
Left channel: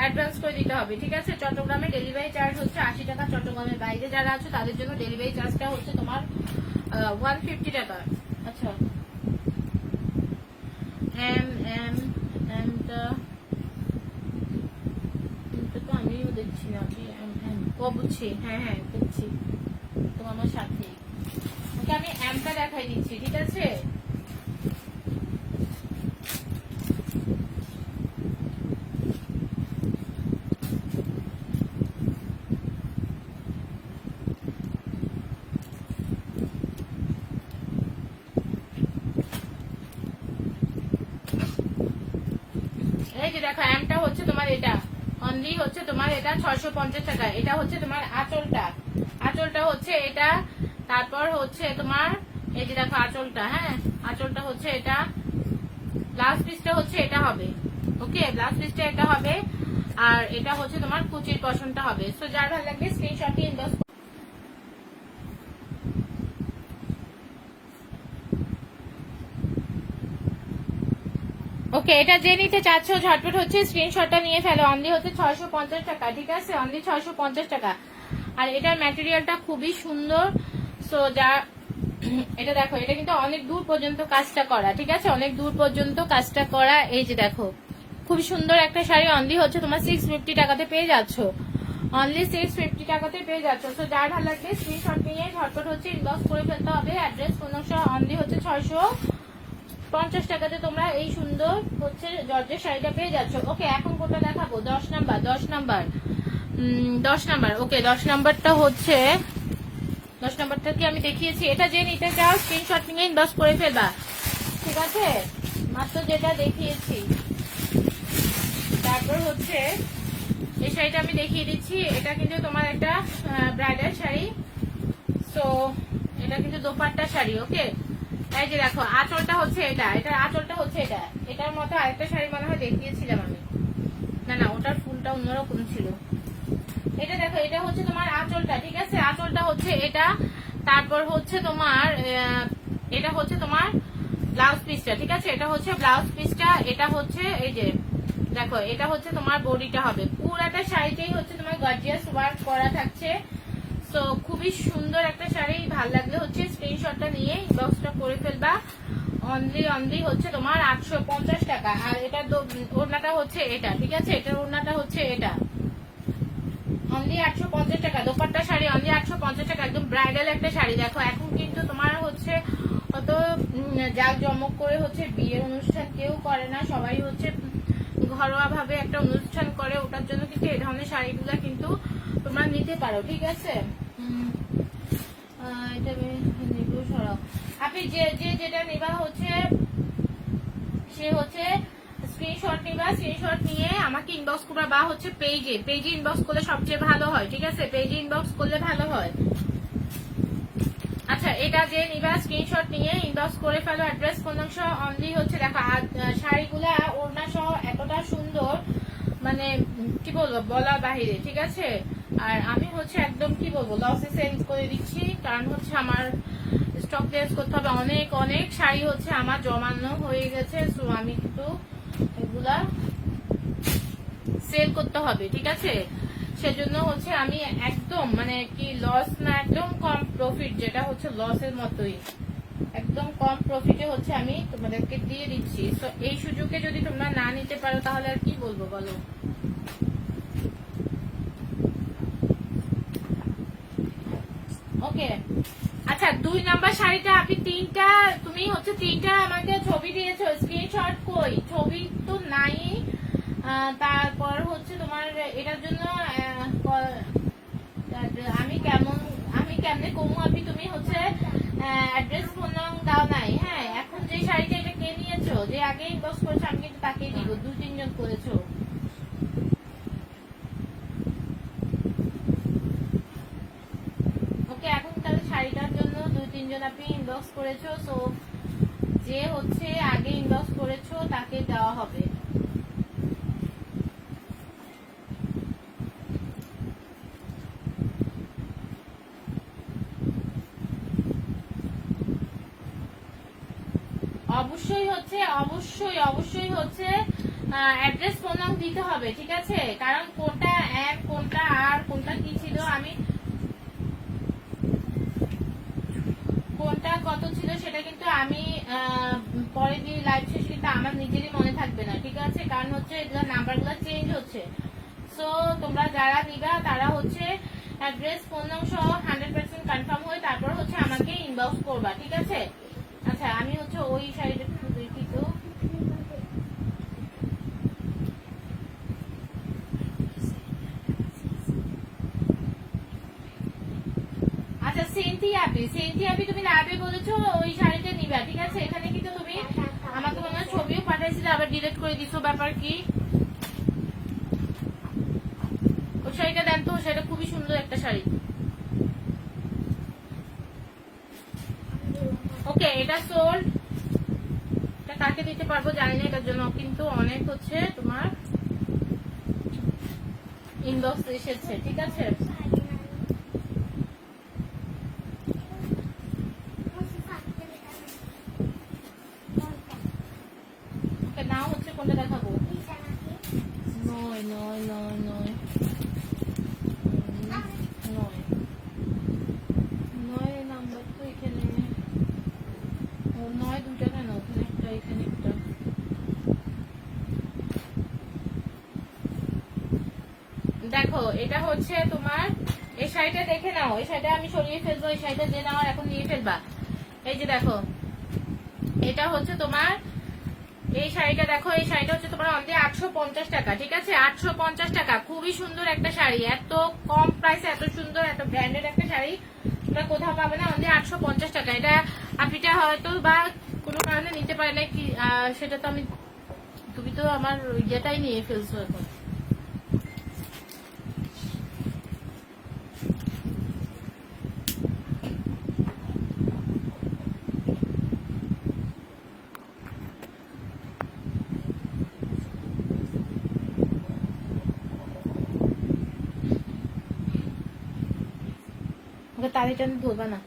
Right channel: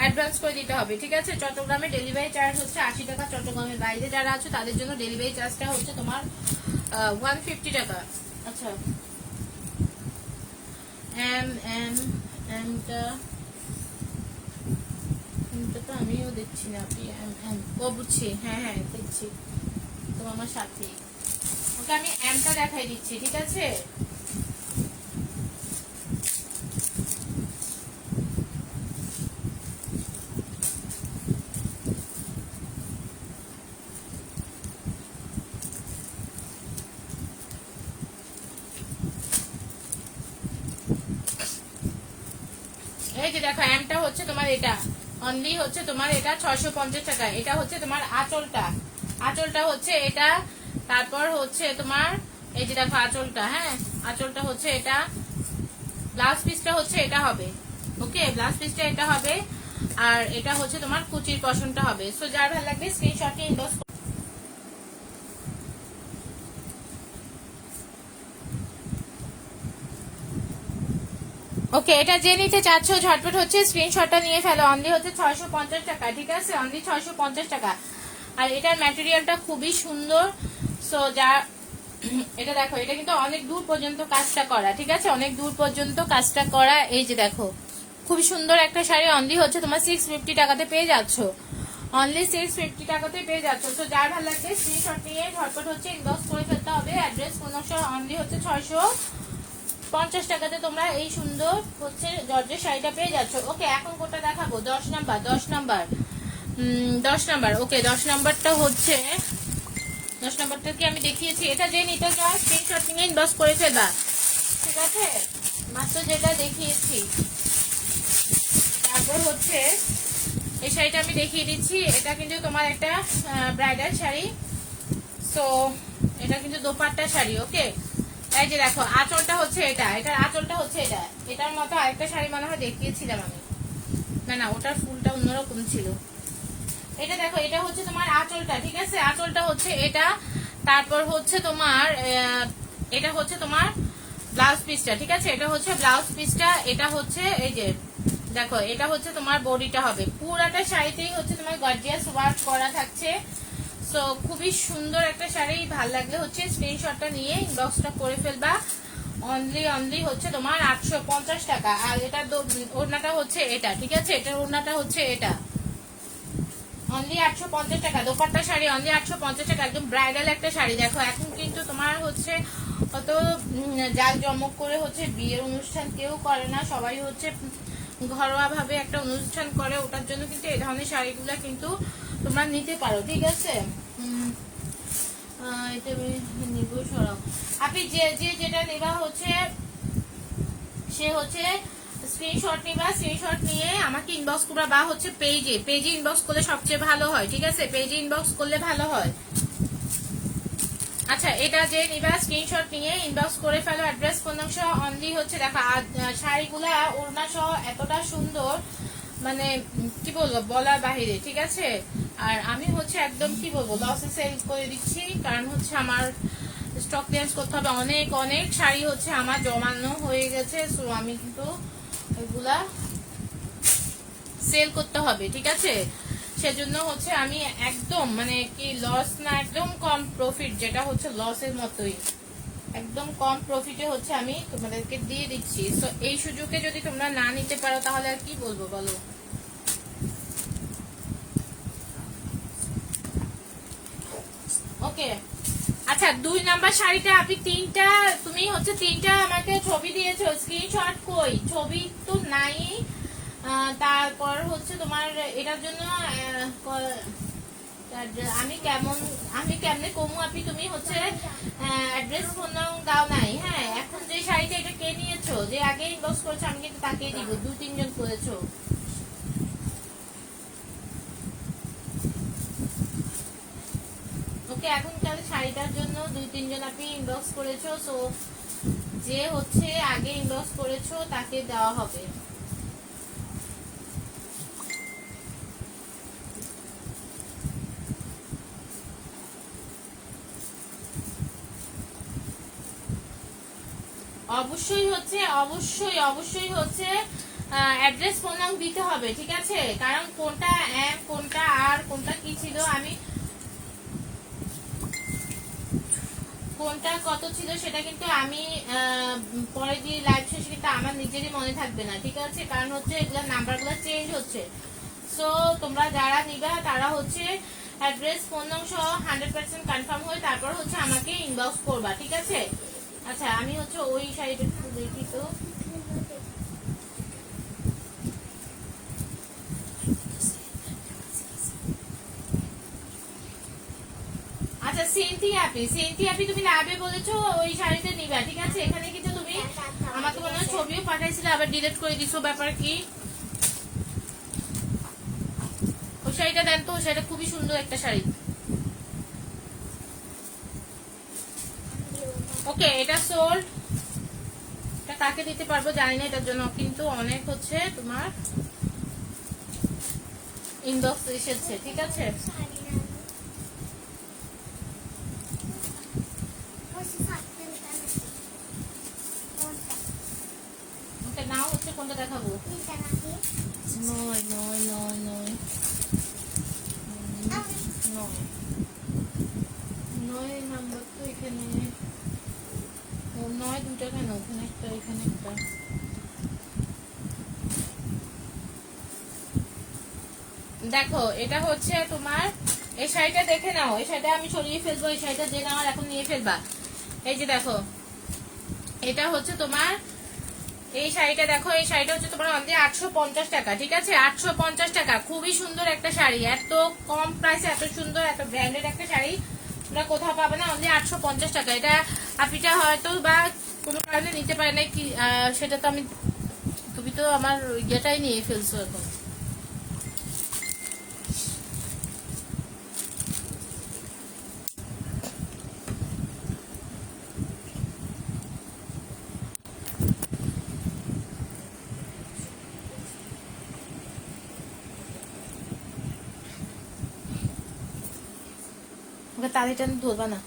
অ্যাডভান্স করে দিতে হবে, ঠিক আছে? চট্টগ্রামে ডেলিভারি চার্জ হচ্ছে 80 টাকা। চট্টগ্রামের বাইরে যারা আছে তাদের জন্য ডেলিভারি চার্জটা হচ্ছে তোমার 150 টাকা। আচ্ছা, তো আমিও দেখছি না, আপনি ও বুঝছি, হ্যাঁ হ্যাঁ দেখছি তো আমার সাথে। ওকে, আমি এমটা দেখাই দিচ্ছি, ঠিক আছে? এই যে দেখো, এমটা হচ্ছে তোমার এটা অনলি হচ্ছে তোমার এটা 650 টাকা। এটা হচ্ছে তোমার আঁচলটা, আঁচলটা হচ্ছে এটা। তারপর হচ্ছে তোমার এই যে দেখো আঁচলটা, হ্যাঁ আঁচলটা হচ্ছে এটা। ব্লাউজ পিসটা হচ্ছে এটা হবে, ওকে? ব্লাউজ পিসটা এটা হবে। আর এটা হচ্ছে তোমার কুচির পশনটা হবে। সো যার ভালো লাগবে স্ক্রিনশটে ইনবক্স। ওকে, এটা যে নিতে চাচ্ছ ঝটপট হচ্ছে স্ক্রিনশটটা নিয়ে ফেলো। অনলি হচ্ছে 650 টাকা, ঠিক আছে? অনলি 650 টাকা। আর এটার ম্যাটেরিয়ালটা খুবই সুন্দর। সো যা এটা দেখো, এটা কিন্তু অনেক দূর পর্যন্ত কাজটা করা, ঠিক আছে? অনেক দূর পর্যন্ত কাজটা করা। এই যে দেখো, খুব সুন্দর একটা শাড়ি। অনলি হচ্ছে তোমার 650 টাকাতে পেয়ে যাচ্ছ, অনলি 650 টাকাতে পেয়ে যাচ্ছ। তো যার ভালো লাগবে স্ক্রিনশট নিয়ে ঝটপট হচ্ছে ইনবক্স করে ফেলতে হবে। অ্যাড্রেস কোনো অনলি হচ্ছে 650 টাকাতে তোমরা এই সুন্দর হচ্ছে জর্জের শাড়িটা পেয়ে যাচ্ছ। ওকে, এখন কোনটা দেখাবো? 10 নাম্বার, 10 নাম্বার, 10 নাম্বার। ওকে, 10 নাম্বারটা হচ্ছে 10 নাম্বারটা কি আমি দেখিয়েছি? এটা যে নিতে চাও স্ক্রিনশট নিয়ে ইনবক্স করে ফেলবা, ঠিক আছে? মাত্র যেটা দেখিয়েছি। তারপর হচ্ছে এই শাড়িটা আমি দেখিয়ে দিচ্ছি। এটা কিন্তু তোমার একটা ব্রাইডাল শাড়ি। সো এটা কিন্তু দোপাট্টা শাড়ি, ওকে? এই যে দেখো আঁচলটা হচ্ছে এটা, এটার আঁচলটা হচ্ছে এটা। এটার মতো আরেকটা শাড়ি মনে হয় দেখিয়েছিলাম আমি, না না ওটার ফুলটা অন্যরকম ছিল। এটা দেখো, এটা হচ্ছে তোমার আঁচলটা, ঠিক আছে, আঁচলটা হচ্ছে এটা। তারপর হচ্ছে তোমার এটা হচ্ছে তোমার ব্লাউজ পিসটা, ঠিক আছে, এটা হচ্ছে ব্লাউজ পিসটা। এটা হচ্ছে এই যে দেখো, এটা হচ্ছে তোমার বডিটা হবে। পুরাটা শাড়িতেই হচ্ছে তোমার গর্জিয়াস ওয়ার্ক করা থাকছে। সো খুবই সুন্দর একটা শাড়ি। ভাল লাগলে হচ্ছে স্ক্রিনশটটা নিয়ে ইনবক্সটা করে ফেলবা। অনলি হচ্ছে তোমার 850 টাকা। আর এটা ওড়নাটা হচ্ছে এটা, ঠিক আছে, এটার ওড়নাটা হচ্ছে এটা। অনলি 850 টাকা। দোপাট্টা শাড়ি অনলি 850 টাকা, একদম ব্রাইডাল একটা শাড়ি। দেখো এখন কিন্তু তোমার হচ্ছে কত জাক জমক করে হচ্ছে বিয়ের অনুষ্ঠান কেউ করে না, সবাই হচ্ছে ঘরোয়া ভাবে একটা অনুষ্ঠান করে। ওটার জন্য কিন্তু এই ধরনের শাড়িগুলো কিন্তু তোমরা নিতে পারো, ঠিক আছে। এটা নিব সরাও। আপনি যে যেটা নেবা হচ্ছে সে হচ্ছে স্ক্রিনশট নিবা। স্ক্রিনশট নিয়ে আমাকে ইনবক্স করবা, বা হচ্ছে পেজে ইনবক্স করলে সবচেয়ে ভালো হয়, ঠিক আছে, পেজে ইনবক্স করলে ভালো হয়। আচ্ছা, এটা যে নিবা স্ক্রিনশট নিয়ে ইনবক্স করে ফেলো, অ্যাড্রেস ফোন সহ। অনলি হচ্ছে দেখো শাড়িগুলা ওড়না সহ এতটা সুন্দর, মানে কি বলবো বলার বাহিরে, ঠিক আছে। আর আমি হচ্ছে একদম কি বলবো লসে সেল করে দিচ্ছি, কারণ হচ্ছে আমার স্টক ক্লিয়ারেন্স করতে হবে। অনেক অনেক শাড়ি হচ্ছে আমার জমানো হয়ে গেছে, সো আমি কিন্তু এগুলা সেল করতে হবে, ঠিক আছে। সেজন্য হচ্ছে আমি একদম মানে কি লস না, একদম কম প্রফিট, যেটা হচ্ছে লসের মতোই, একদম কম প্রফিটে হচ্ছে আমি তোমাদেরকে দিয়ে দিচ্ছি। তো এই সুযোগে যদি তোমরা না নিতে পারো তাহলে আর কি বলবো বলো। ওকে, আচ্ছা 2 নাম্বার শাড়িটা আপনি তুমি হচ্ছে তিনটা আমাকে ছবি দিয়েছো, স্ক্রিনশট কই? ছবি তো নাই। তারপর হচ্ছে তোমার এটার জন্য আমি কেমনে কমু আপনি? তুমি হচ্ছে অ্যাড্রেস ফোন নাম্বার দাও নাই। হ্যাঁ, এখন যে শাড়িটা এটা কে নিয়েছো, যে আগে ইনবক্স করেছো আমি কিন্তু তাকেই দিব। 2-3 জন করেছো। ওকে, এখন তাহলে শাড়িটার জন্য 2-3 জন আপনি ইনবক্স করেছো। সো যে হচ্ছে আগে ইনবক্স করেছো তাকে দেওয়া হবে। অবশ্যই হচ্ছে অ্যাড্রেস ফোন নাম্বার দিতে হবে, ঠিক আছে, কারণ কোনটা এম কোনটা আর কোনটা কি ছিল, আমি কোনটা কত ছিল সেটা কিন্তু আমি পরে দিয়ে লাইভ শেষে কিন্তু আমার নিজেরই মনে থাকবে না, ঠিক আছে, কারণ হচ্ছে এগুলো নাম্বারগুলো চেঞ্জ হচ্ছে। সো তোমরা যারা নিবা তারা হচ্ছে অ্যাড্রেস ফোন নাম্বার সহ 100% কনফার্ম হয়ে তারপর হচ্ছে আমাকে ইনবক্স করবা, ঠিক আছে। আচ্ছা, আমি হচ্ছে ওই শাড়িটা একটু দেখি তো। আচ্ছা, সেন্থি তুমি লাইভে বলেছো ওই শাড়িটা নিবা, ঠিক আছে। এখানে কিন্তু তুমি আমাকে মনে হয় ছবিও পাঠাইছিলে, আবার ডিলিট করে দিছো, ব্যাপার কি? ওই শাড়িটা দেন তো, সেটা খুবই সুন্দর একটা শাড়ি। ওকে, এটা সোল্ড। এটা কাকে দিতে পারবো জানি না, এটার জন্য কিন্তু অনেক হচ্ছে তোমার ইনবক্স এসেছে, ঠিক আছে। ওকে, নাও হচ্ছে কোনটা দেখাবো? নয় নয় নয় নয় নয় নয় নাম্বার তো এখানে নয়, দুটো কেন? ওখানে একটা, এখানে একটা। দেখো, এটা হচ্ছে তোমার এই শাড়িটা দেখে নাও। এই শাড়িটা আমি সরিয়ে ফেলবো, এই শাড়িটা যে নাও এখন নিয়ে ফেলবা। এই যে দেখো, এটা হচ্ছে তোমার এই শাড়িটা। দেখো, এই শাড়িটা হচ্ছে তোমার অনলি 850 টাকা, ঠিক আছে, 850 টাকা। খুবই সুন্দর একটা শাড়ি, এত কম প্রাইসে এত সুন্দর এত ব্র্যান্ডেড একটা শাড়ি তোমরা কোথাও পাবে না। অনলি 850 টাকা। এটা আপনিটা হয়তো বা কোনো কারণে নিতে পারে না কি, সেটা তো আমি, তুমি তো আমার ইয়েটাই নিয়ে ফেলছো এখন। টানি টানি ধরবা না।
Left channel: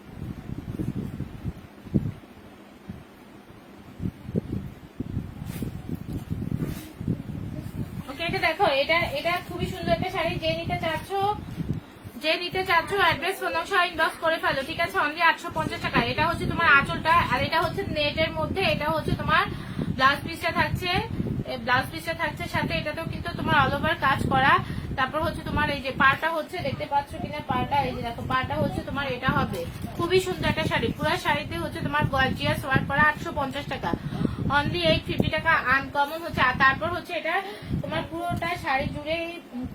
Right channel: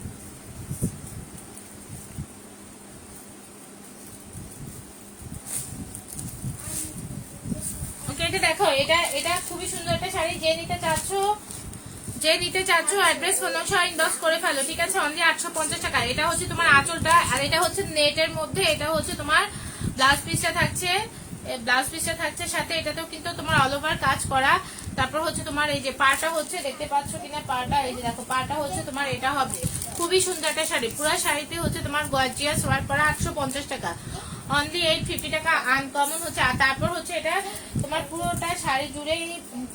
ওকে, এটা দেখো, এটা এটা খুবই সুন্দর একটা শাড়ি। যে নিতে চাচ্ছ অ্যাড্রেস ফোন নাম্বার সহ ইনবক্স করে ফেলো, ঠিক আছে? অনলি 850 টাকা। এটা হচ্ছে তোমার আঁচলটা, আর এটা হচ্ছে নেটের মধ্যে। এটা হচ্ছে তোমার ব্লাউজ পিসটা থাকছে, সাথে এটাতেও কিন্তু তোমার অল ওভার কাজ করা। তারপর হচ্ছে তোমার এই যে পাড়টা হচ্ছে, দেখতে পাচ্ছ কিনা পাড়টা, এই যে দেখো পাড়টা হচ্ছে তোমার এটা হবে। খুবই সুন্দর একটা শাড়ি, পুরো শাড়িতে হচ্ছে তোমার গর্জিয়াস ওয়ার্ক করা। 850 টাকা, অনলি 850 টাকা। আনকমন হচ্ছে। আর তারপর হচ্ছে এটা তোমার পুরোটা শাড়ি জুড়েই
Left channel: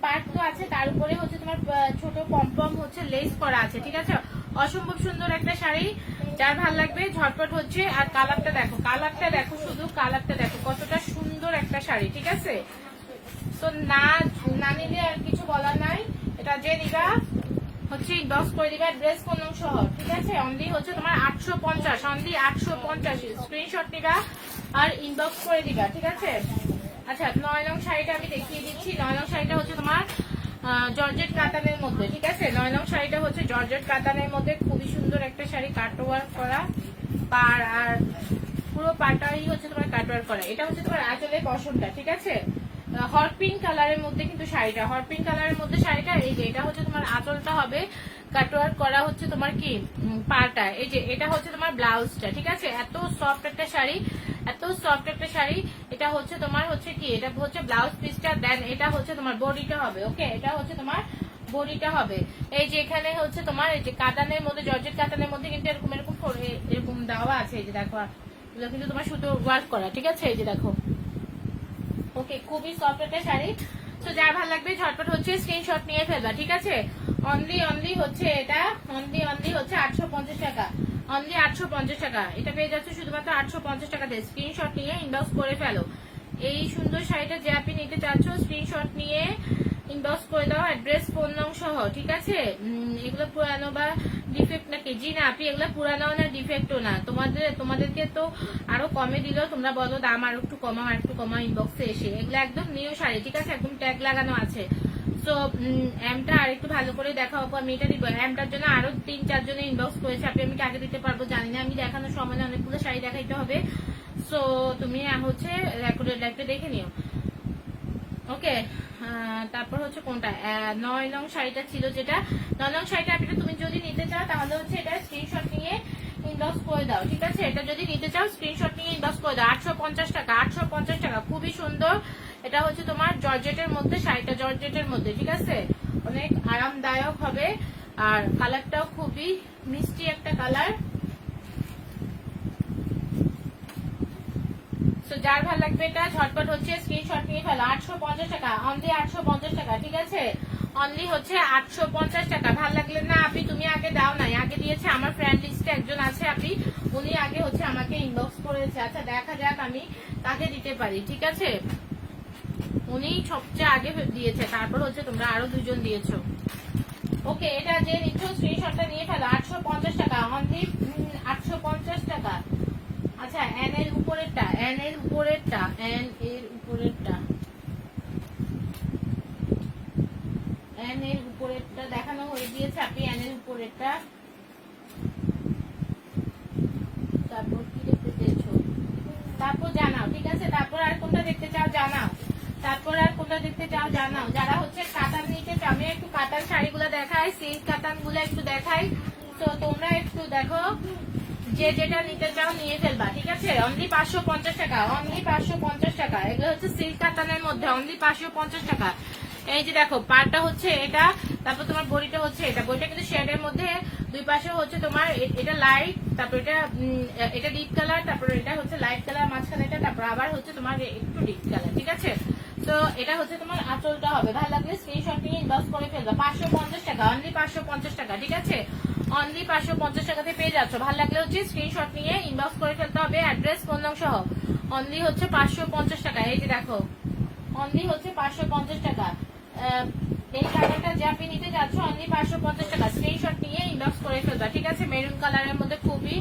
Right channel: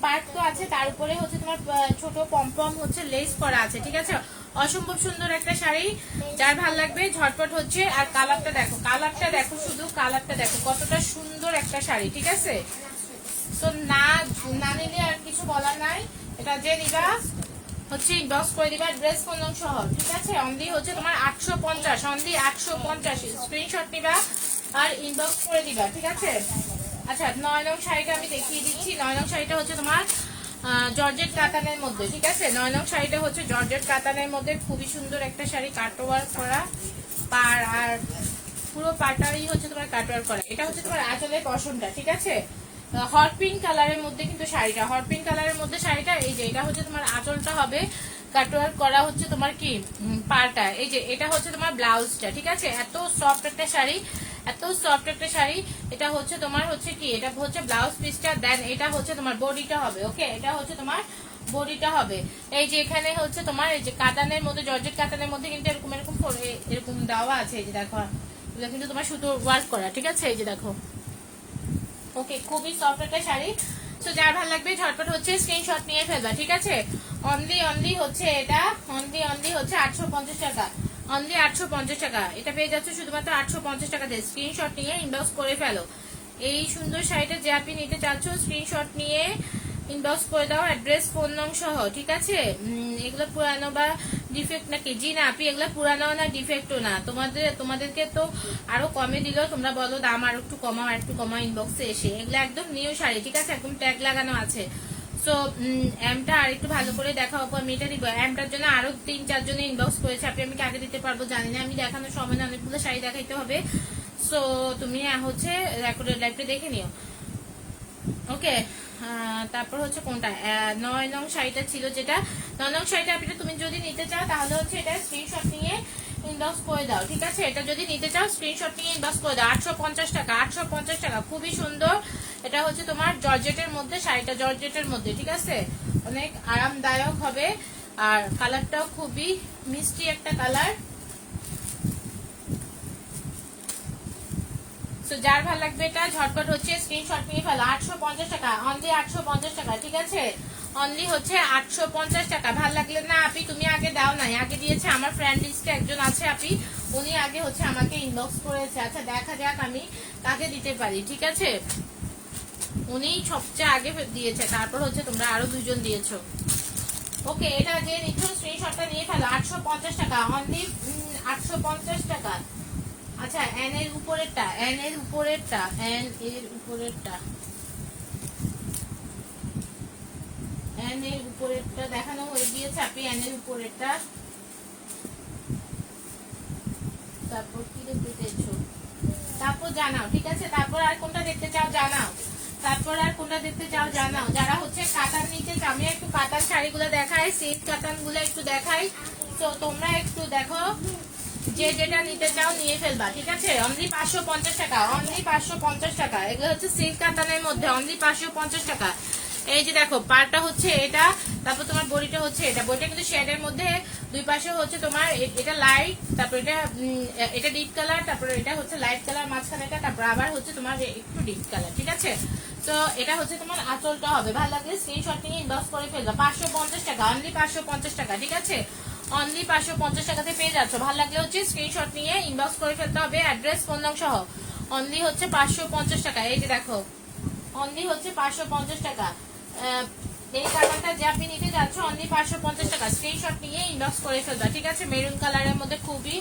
পার্ট তো আছে, তার উপরে হচ্ছে তোমার ছোট পম্পম হচ্ছে লেস করা আছে, ঠিক আছে? অসম্ভব সুন্দর একটা শাড়ি, যার ভাল লাগবে ঝটপট হচ্ছে। আর কালারটা দেখো, শুধু কালারটা দেখো কতটা সুন্দর একটা শাড়ি, ঠিক আছে? তো না নিলে আর কিছু বলার নাই। এটা যে নিবা হচ্ছে ইনবক্স করে দিবা ড্রেস কোন সহ, ঠিক আছে? অনলি হচ্ছে তোমার 850, অনলি 850। স্ক্রিনশট নিবা আর ইনবক্স করে দিবা, ঠিক আছে? আচ্ছা, 9 নং শাড়িটা আমি দেখিয়ে দিচ্ছি। 9 নং শাড়িটা হচ্ছে তোমার জর্জেট কাতানের মধ্যে, ঠিক আছে? 9 নং শাড়িটা হচ্ছে জর্জেট কাতানের মধ্যে, খুবই সুন্দর একটা শাড়ি, কাটওয়ার্ক করা পার, আর পুরো পাটাই হচ্ছে তোমার কাটওয়ার্ক করা। এটা হচ্ছে তোমার আঁচলের পশমটা, ঠিক আছে? হট পিঙ্ক কালারের মধ্যে কিন্তু শাড়িটা, হট পিঙ্ক কালারের মধ্যে শাড়িটা। এই যে এটা হচ্ছে তোমার আঁচলটা হবে কাটওয়ার্ক করা, হচ্ছে তোমার কি পাটা। এই যে এটা হচ্ছে তোমার ব্লাউজটা, ঠিক আছে? এত সফট একটা শাড়ি, এটা হচ্ছে তোমার হচ্ছে কি, এটা হচ্ছে ব্লাউজ পিসটা। দেন এটা হচ্ছে তোমার বডিটা হবে। ওকে, এটা হচ্ছে তোমার বডিটা হবে। এই যে এখানে হচ্ছে তোমার এই যে কাতানের মধ্যে, জর্জেট কাতানের মধ্যে কিন্তু এরকম এরকম দেওয়া আছে। এই যে দেখো, এগুলো কিন্তু তোমার সুতো ওয়ার্ক করা, ঠিক আছে? এই যে দেখো। ওকে, খুবই সফট একটা শাড়ি। তো যার ভালো লাগবে ঝটপট হচ্ছে স্ক্রিনশট নিয়ে ফেলবা, ঠিক আছে? অনলি হচ্ছে এটা, অনলি হচ্ছে 850 টাকা, অনলি 850 টাকা। এটা পেয়ে যাচ্ছে শুধুমাত্র 850 টাকাতে। স্ক্রিনশট নিয়ে ইনবক্স করে ফেলো। এই সুন্দর শাড়িটা যে আপনি নিতে চাচ্ছ, স্ক্রিনশট নিয়ে ইনবক্স করে দাও অ্যাড্রেস ফোন নং সহ, ঠিক আছে? এগুলো পুরানো বা ডিফেক্ট নাকি? জি না আপনি, এগুলো পুরানো না ডিফেক্টও না। তোমাদেরকে তো আরো কমে দিলেও তোমরা বলো দাম আর একটু কমাও ইনবক্সে এসে। এগুলো একদম নিউ শাড়ি, ঠিক আছে? একদম ট্যাগ লাগানো আছে। সো এমটা আর একটু ভালো করে দেখাও, আমি এটা দিব। এমটার জন্য আরো 3-4 জনে ইনবক্স করেছে। আমি কাকে দিতে পারবো জানি না, আমি দেখানোর সময় না, অনেকগুলো শাড়ি দেখাইতে হবে। সো তুমি হচ্ছে রেকর্ডেড লাইভটা দেখে নিও, ওকে? তারপর হচ্ছে কোনটা 9 নং শাড়িটা ছিল, যেটা 9 নং শাড়িটা তুমি যদি নিতে চাও তাহলে হচ্ছে এটা স্ক্রিনশট নিয়ে ইনবক্স করে দাও, ঠিক আছে? এটা যদি নিতে চাও স্ক্রিনশট নিয়ে ইনবক্স করে দাও। 850 টাকা, 850 টাকা, খুবই সুন্দর। এটা হচ্ছে তোমার জর্জেটের মধ্যে, শাড়িটা জর্জেটের মধ্যে, ঠিক আছে? অনেক আরামদায়ক হবে। আর কালারটাও খুবই মিষ্টি একটা কালার। যার ভালো লাগবে এটা ঝটপট হচ্ছে স্ক্রিনশট নিয়ে ফেলো। 850 টাকা, অনলি 850 টাকা, ঠিক আছে? অনলি হচ্ছে 850 টাকা। ভালো লাগলে না আপনি, তুমি আগে দাও নাই, আগে দিয়েছে আমার ফ্রেন্ড লিস্টে একজন আছে আপনি, উনি আগে হচ্ছে আমাকে ইনবক্স করেছে। আচ্ছা, দেখা যাক আমি কাকে দিতে পারি, ঠিক আছে? উনি সবচেয়ে আগে দিয়েছে, তারপর হচ্ছে তোমরা আরো 2 জন দিয়েছো। ওকে, এটা যে নিচ্ছ স্ক্রিনশটটা নিয়ে ফেলো। 850 টাকা, অনলি 850 টাকা। আচ্ছা, এন এর উপরেরটা, দেখানো হয়ে গিয়েছে। আপনি এন এর উপরেরটা, তারপর কি দেখতে চাইছো তারপর জানাও, ঠিক আছে? তারপর আর কোনটা দেখতে চাও জানাও, যারা হচ্ছে কাতান নিতে চাও। আমি একটু কাতান শাড়িগুলো দেখাই, সিল্ক কাতান গুলো একটু দেখাই। তো তোমরা একটু দেখো, যে যেটা নিতে চাও নিয়ে ফেলবা, ঠিক আছে? অনলি 550 টাকা, অনলি 550 টাকা। এগুলো হচ্ছে সিল্ক কাতানের মধ্যে, অনলি 550 টাকা। এই যে দেখো, পাড়টা হচ্ছে এটা, তারপর তোমার বডিটা হচ্ছে এটা। বডিটা কিন্তু শেডের মধ্যে, দুই পাশে হচ্ছে তোমার এটা লাইট, তারপর এটা ডিপ কালার, তারপর এটা হচ্ছে লাইট কালার মাঝখানে এটা, তারপর আবার হচ্ছে তোমার একটু ডিপ কালার, ঠিক আছে? তো এটা হচ্ছে তোমার আঁচলটা হবে। ভালো লাগলে স্ক্রিনশট নিয়ে ইনবক্স করে ফেলবা। 550 টাকা, অনলি 550 টাকা, ঠিক আছে? অনলি 550 টাকাতে পেয়ে যাচ্ছ। ভালো লাগলে হচ্ছে স্ক্রিনশট নিয়ে ইনবক্স করে ফেলতে হবে অ্যাড্রেস ফোন নাম সহ। অনলি হচ্ছে 550 টাকা। এই যে দেখো, অনলি হচ্ছে 550 টাকা। এই কালারটা যে আপনি নিতে যাচ্ছ, অনলি 550 টাকা। স্ক্রিনশট নিয়ে ইনবক্স করে ফেলবা, ঠিক আছে? মেরুন কালারের মধ্যে খুবই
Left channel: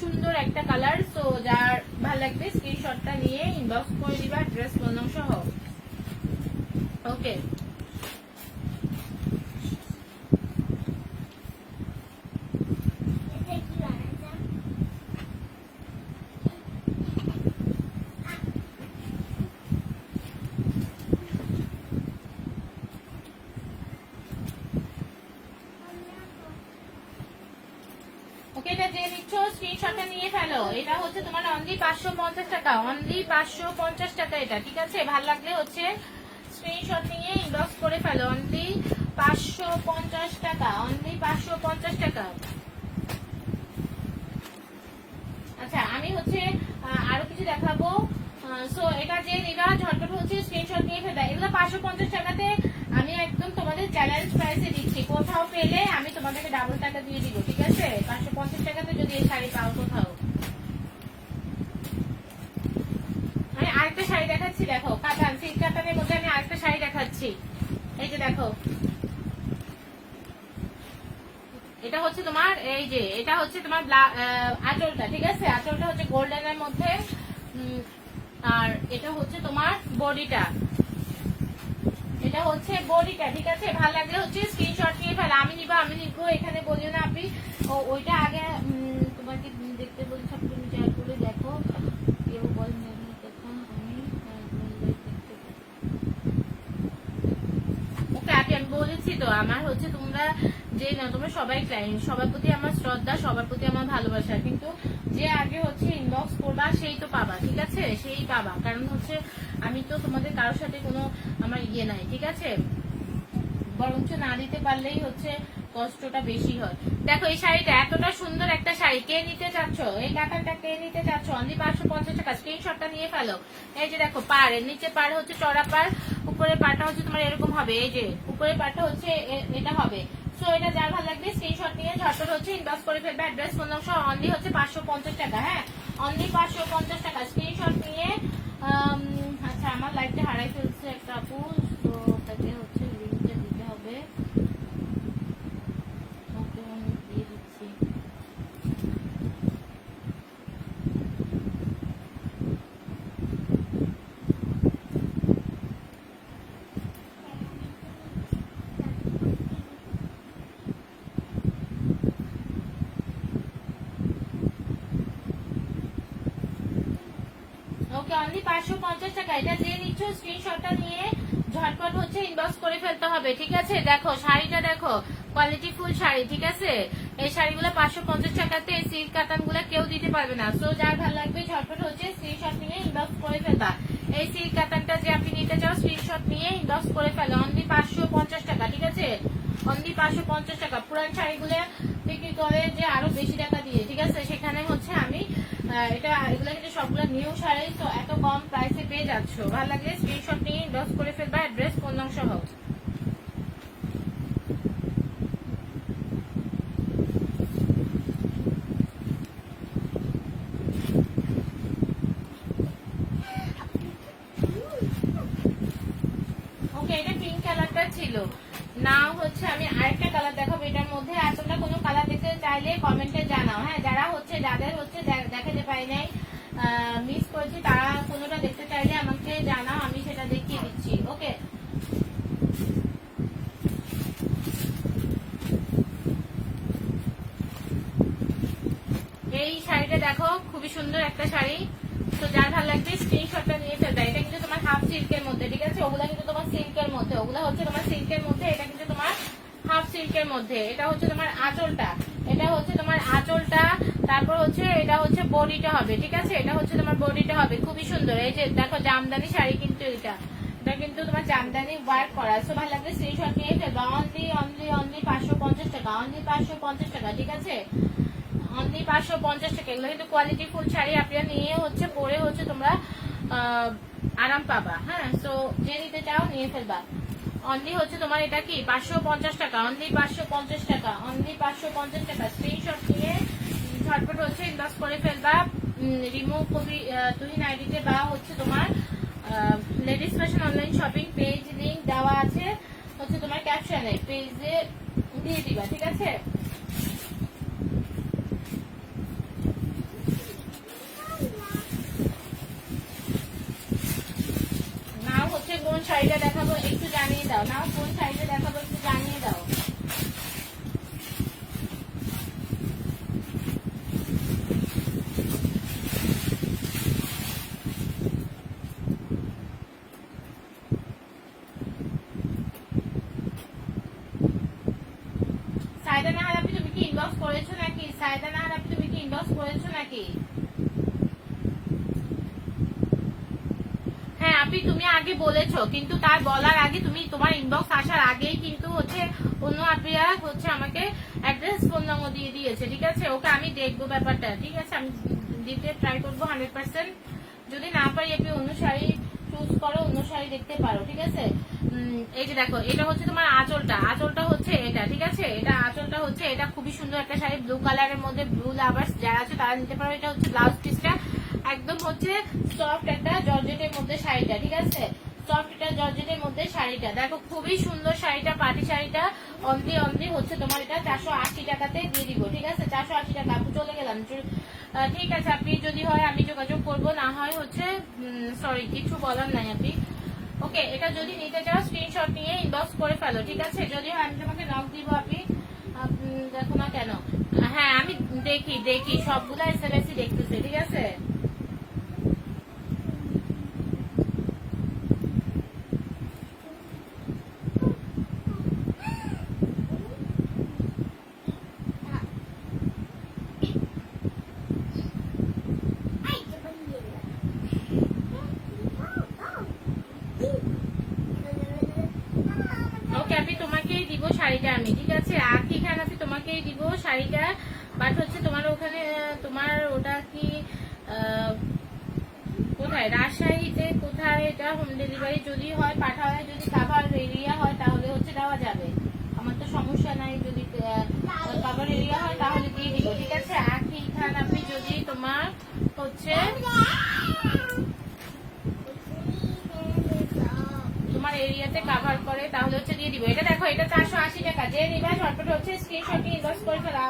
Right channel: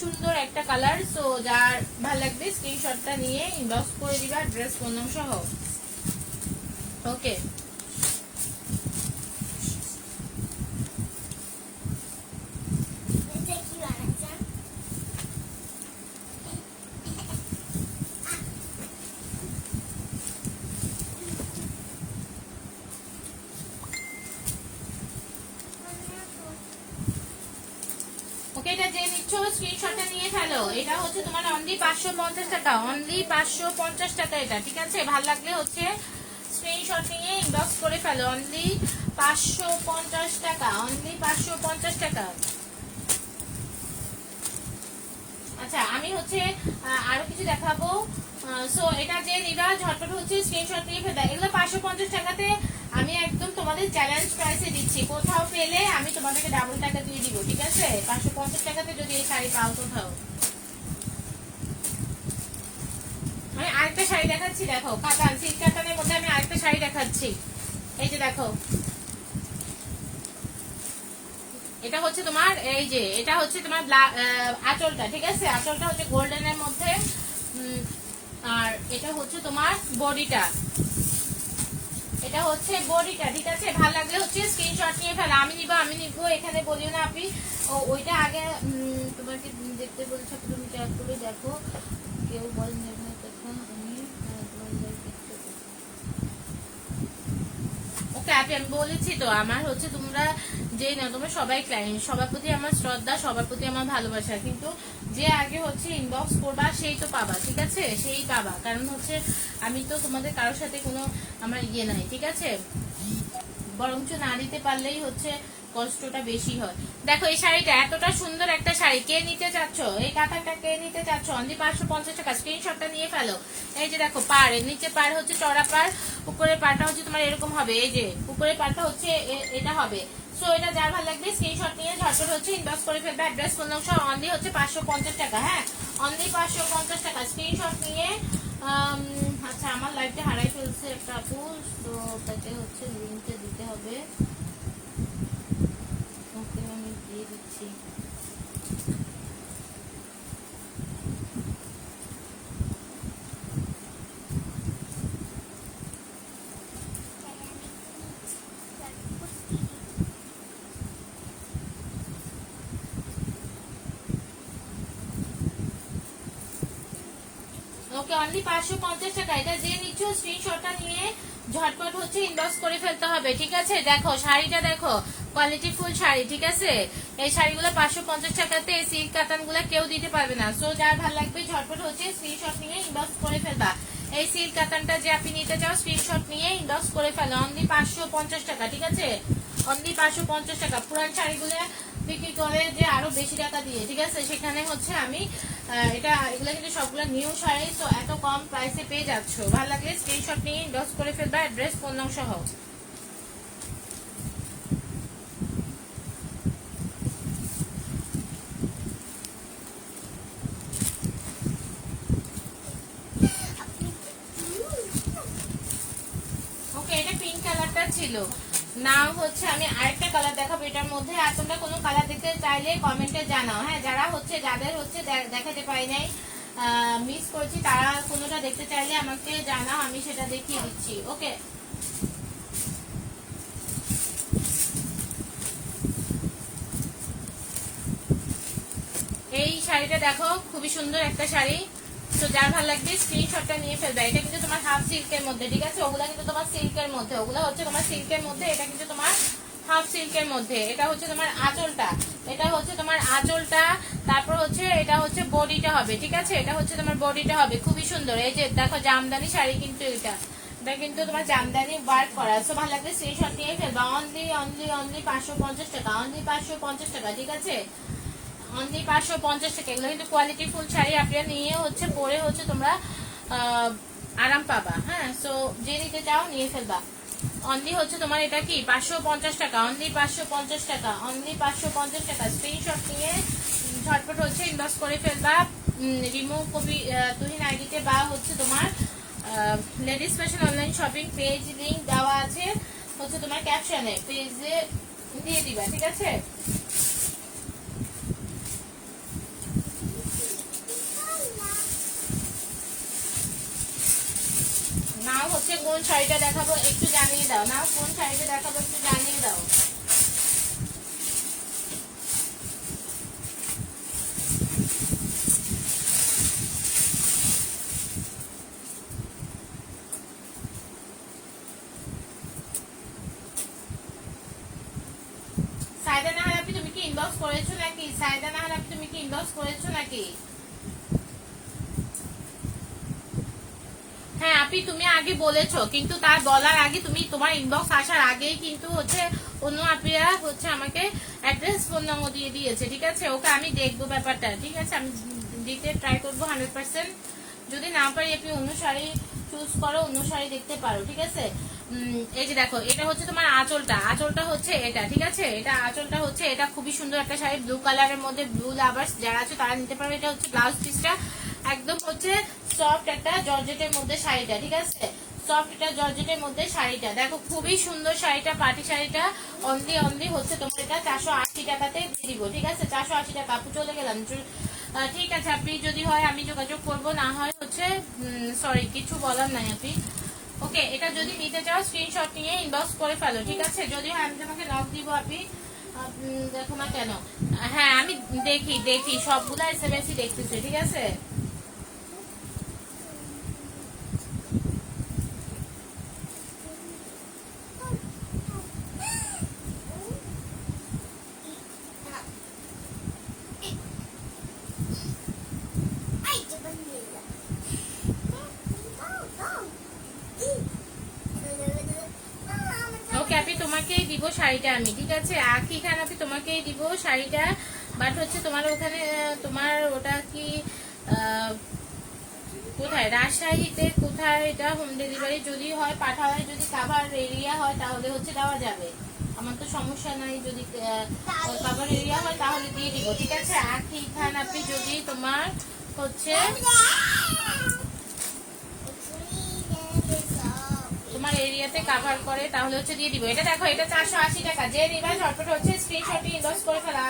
সুন্দর একটা কালার। সো যার ভালো লাগবে স্ক্রিনশটটা নিয়ে ইনবক্স করে দিবা অ্যাড্রেস ফোন নাম সহ, ওকে? ওকে, এটা যে নিচ্ছ স্ক্রিনশটটা নিয়ে ফেলো। এটা হচ্ছে তোমার অনলি 550 টাকা, অনলি 550 টাকা এটা, ঠিক আছে? ভালো লাগলে হচ্ছে স্ক্রিনশট নিয়ে ইনবক্স করে ফেলো। অনলি 550 টাকা, অনলি 550 টাকা। আচ্ছা, আমি হচ্ছে আরো কিছু দেখাবো। সো এটা যে নিবা ঝটপট হচ্ছে স্ক্রিনশট নিয়ে ফেলে দেয়। এগুলো 550 টাকাতে আমি একদম তোমাদের চ্যালেঞ্জ প্রাইসে দিচ্ছি। কোথাও পেলে আমি তোমাদেরকে ডাবল টাকা দিয়ে দিব, ঠিক আছে? 550 টাকাতে যদি এই শাড়ি পাও কোথাও। আমি আরেকটা শাড়ি দেখাচ্ছি, দেখো কাতান, সিল্ক কাতানের মধ্যে আমি আরেকটা শাড়ি দেখাচ্ছি। এই যে দেখো, এটা হচ্ছে তোমার, এই যে এটা হচ্ছে তোমার আঁচলটা, ঠিক আছে? আঁচলটা হচ্ছে গোল্ডেনের মধ্যে, আর এটা হচ্ছে তোমার বডিটা, এটা হচ্ছে বডিটা, ঠিক আছে? ভালো লাগলে হচ্ছে স্ক্রিনশট নিয়ে ফেলো। আমি নিবো এখানে বলিও না আপনি। ওইটা আগে তোমাকে দেখতে বলছি, তুমি চেক করে দেখো। কেউ বলেন ওকে আপনি, আমি বলেছি তো আমার হচ্ছে তোমরা যেই না, তোমরা সবাই ক্লায়েন্ট, সবার প্রতি আমার শ্রদ্ধা, সবার প্রতি আমার ভালোবাসা, কিন্তু যে আগে হচ্ছে ইনবক্স করবা সেই তো পাবা, ঠিক আছে? সেই পাবা, কারণ হচ্ছে আমি তো তোমাদের কারোর সাথে কোনো আমার ইয়ে নাই, ঠিক আছে? বরঞ্চ না দিতে পারলেই হচ্ছে কষ্টটা বেশি হয়। দেখো এই শাড়িটা এতটা সুন্দর একটা শাড়ি, কে নিতে চাচ্ছ? এই কাতানটা কে নিতে চাচ্ছ? অনলি 550 টাকা, স্ক্রিনশটটা নিয়ে ফেলো। এই যে দেখো পাড়, এর নিচে পাড় হচ্ছে চড়া পাড়, উপরের পাড়টা হচ্ছে তোমার এরকম হবে, এই যে উপরের পাড়টা হচ্ছে এটা হবে। সো এটা যার ভালো লাগবে স্ক্রিনশট নিয়ে ঝটপট হচ্ছে ইনবক্স করে ফেলবে। অ্যাড্রেস ফোন নম্বর অনলি হচ্ছে 550 টাকা, হ্যাঁ অনলি 550 টাকা, স্ক্রিনশট নিয়ে। আচ্ছা, আমার লাইফটা হারাই ফেলছে একটা আপু, তো তাকে হচ্ছে লিঙ্কে দিতে হবে। ওকে, আমি দিয়ে দিচ্ছি। ওকে, অনলি 550 টাকা, এটা যে নিচ্ছ স্ক্রিনশটটা নিয়ে ঝটপট হচ্ছে ইনবক্স করে ফেলতে হবে, ঠিক আছে? দেখো শাড়িটা দেখো, কোয়ালিটি ফুল শাড়ি, ঠিক আছে? এই শাড়িগুলো 550 টাকাতে, এই সিল্ক কাতান গুলা কেউ দিতে পারবে না। সো যার ভালো লাগবে ঝটপট হচ্ছে স্ক্রিনশট নিয়ে ইনবক্স করে ফেলবা। এই সিল্ক কাতানটা যে আপনি নিতে চাও স্ক্রিনশট নিয়ে ইনবক্স করে ফেলো। অনলি 550 টাকা, ঠিক আছে? অনলি 550 টাকা। পুরান শাড়িগুলো বিক্রি করে যে আরো বেশি টাকা দিয়ে, ঠিক আছে? সেখানে হচ্ছে আমি এগুলো কিন্তু সবগুলো নিউ শাড়ি, তো এত কম প্রাইসে পেয়ে যাচ্ছ। ভালো লাগলে স্ক্রিনশট নিয়ে ইনবক্স করে ফেলবা, অ্যাড্রেস ফোন নম্বর সহ। ওকে, এটা পিঙ্ক কালারটা ছিল না, হচ্ছে আমি আরেকটা কালার দেখাবো এটার মধ্যে। আর তোমরা কোনো কালার দেখতে চাইলে কমেন্টে জানাও, হ্যাঁ? যাদের হচ্ছে দেখাতে পাই নাই, মিস করেছি, তারা কোনোটা দেখতে চাইলে আমাকে জানাও, আমি সেটা দেখিয়ে দিচ্ছি। ওকে, এই শাড়িটা দেখো, খুবই সুন্দর একটা শাড়ি। তো যার ভালো লাগবে স্ক্রিনশটটা নিয়ে ফেলবে। এটা কিন্তু তোমার হাফ সিল্কের মধ্যে, ঠিক আছে? ওগুলা কিন্তু তোমার সিল্কের মধ্যে, ওগুলা হচ্ছে তোমার সিল্কের মধ্যে, এটা কিন্তু তোমার হাফ সিল্কের মধ্যে। এটা হচ্ছে তোমার আঁচলটা, এটা হচ্ছে তোমার আঁচলটা, তারপর হচ্ছে এটা হচ্ছে বডিটা হবে, ঠিক আছে? এটা হচ্ছে তোমার বডিটা হবে, খুবই সুন্দর। এই যে দেখো জামদানি শাড়ি, কিন্তু এটা কিন্তু তোমার জামদানি ওয়ার্ক করা। সো ভালো লাগবে স্ক্রিনশট নিয়ে ফেলবা। অনলি অনলি অনলি 550 টাকা, অনলি 550 টাকা, ঠিক আছে? অনলি 550 টাকা। এগুলো কিন্তু কোয়ালিটি ফুল শাড়ি, আপনারা নিয়ে হচ্ছে পরে হচ্ছে তোমরা আরাম পাবা, হ্যাঁ? সো যে নিতে চাও নিয়ে ফেলবা। অনলি হচ্ছে তোমার এটা কি 550 টাকা, অনলি 550 টাকা, অনলি 550 টাকা। স্ক্রিনশট নিয়ে ঝটপট হচ্ছে ইনবক্স করে ফেলবা। রিমুভ কপি তুহিন আইডিতে, বা হচ্ছে তোমার ladies fashion online shopping page link দেওয়া আছে হচ্ছে তোমার ক্যাপশনে, পেজে দিয়ে দিবা, ঠিক আছে? নাও হচ্ছে কোন শাড়িটা দেখাবো একটু জানিয়ে দাও, নাও কোন শাড়িটা দেখাবো একটু জানিয়ে দাও। সাইডা না হলে তুমি কি ইনবক্স ইনবক্স করেছো নাকি? সাইদা নাহার আপনি তুমি কি ইনবক্স করেছো নাকি? হ্যাঁ আপনি তুমি আগে বলেছো, কিন্তু তার বলার আগে তুমি তোমার ইনবক্স আসার আগেই কিন্তু হচ্ছে অন্য আপিরা হচ্ছে আমাকে অ্যাড্রেস ফোন নম্বর দিয়ে দিয়েছে, ঠিক আছে? ওকে আমি দেখবো ব্যাপারটা, ঠিক আছে? আমি দিতে ট্রাই করবো 100%। যদি না পারি আপনি অন্য শাড়ি চুজ করো, অন্য শাড়ি দেখতে পারো, ঠিক আছে? এই যে দেখো, এটা হচ্ছে তোমার আঁচলটা, আঁচলটা হচ্ছে এটা, ঠিক আছে? এটা আঁচলটা হচ্ছে এটা, খুবই সুন্দর একটা শাড়ি, ব্লু কালারের মধ্যে। ব্লু লাভার্স যারা আছে তারা নিতে পারো। এটা হচ্ছে ব্লাউজ পিসটা, একদম হচ্ছে সফট একটা জর্জেটের মধ্যে শাড়িটা, ঠিক আছে? সফট একটা জর্জেটের মধ্যে শাড়িটা দেখো, খুবই সুন্দর শাড়িটা, পাটি শাড়িটা। অনলি হচ্ছে তোমার এটা 480 টাকাতে দিয়ে দিব, ঠিক আছে? 480 টাকা। আপু চলে গেলাম, ঠিক আছে? আপনি যদি হয় আমি যোগাযোগ করবো, না হয় হচ্ছে সরি কিছু বলার নাই আপনি। ওকে, এটা যদি নিতে চাও স্ক্রিনশট নিয়ে ইনবক্স করে ফেলো, ঠিক আছে? যদি হয় আমি তোমাকে নক দিব, আপনি দেখো না কেন? হ্যাঁ আমি দেখি সবগুলো এসএমএসই দেখতেছি, ঠিক আছে? ওকে আপনি তোমাকেই দিব শাড়িটা আমি, ঠিক আছে? আখি খান আপনি তোমাকেই দিব শাড়িটা। বাট হচ্ছে তোমার ওখানে তোমার ওটা কি কোথায়, রাজশাহীতে কোথায়? এটা হোম ডেলিভারি যদি হয় পাঠায়, যদি কাভার এরিয়া হয় তাহলে হচ্ছে দেওয়া যাবে, আমার তো সমস্যা নাই। যদি কাভার এরিয়া হয় তাহলে দিয়ে দিব, ঠিক আছে? আখি খান আপনি যদি তোমার হচ্ছে তোমার এরিয়াতে কভার করে তাহলে হচ্ছে দিয়ে দিব। এটা দেখো, এটা 480 টাকা। যে নিবা ঝটপট হচ্ছে স্ক্রিনশট নিয়ে ইনবক্স করে ফেলা।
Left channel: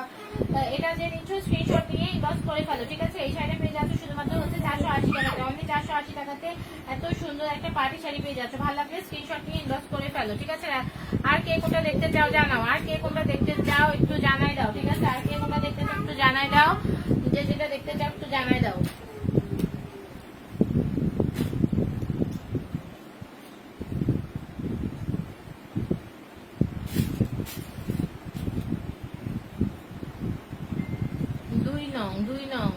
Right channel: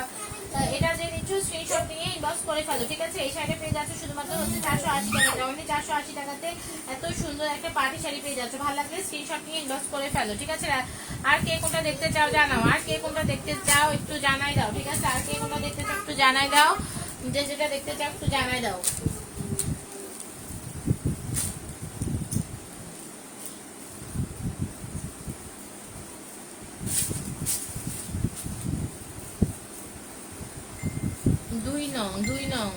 এটা যে নিচ্ছ স্ক্রিনশট নিয়ে ইনবক্স করে ফেলো, ঠিক আছে? এই শাড়িটা পেয়ে যাচ্ছে শুধুমাত্র হচ্ছে 480 টাকাতে, অনলি 480 টাকাতে এত সুন্দর একটা পার্টি শাড়ি পেয়ে যাচ্ছে। ভালো লাগলে স্ক্রিনশট নিয়ে ইনবক্স করে ফেলো, ঠিক আছে? আর কে কোনটা দেখতে চাও জানাও, আর কে কোনটা দেখতে চাও একটু জানাই দাও, ঠিক আছে? আর কে কোনটা দেখতে চাও একটু জানাই দাও, যে যেটা দেখতে চাও একটু জানাই দাও। দুই নং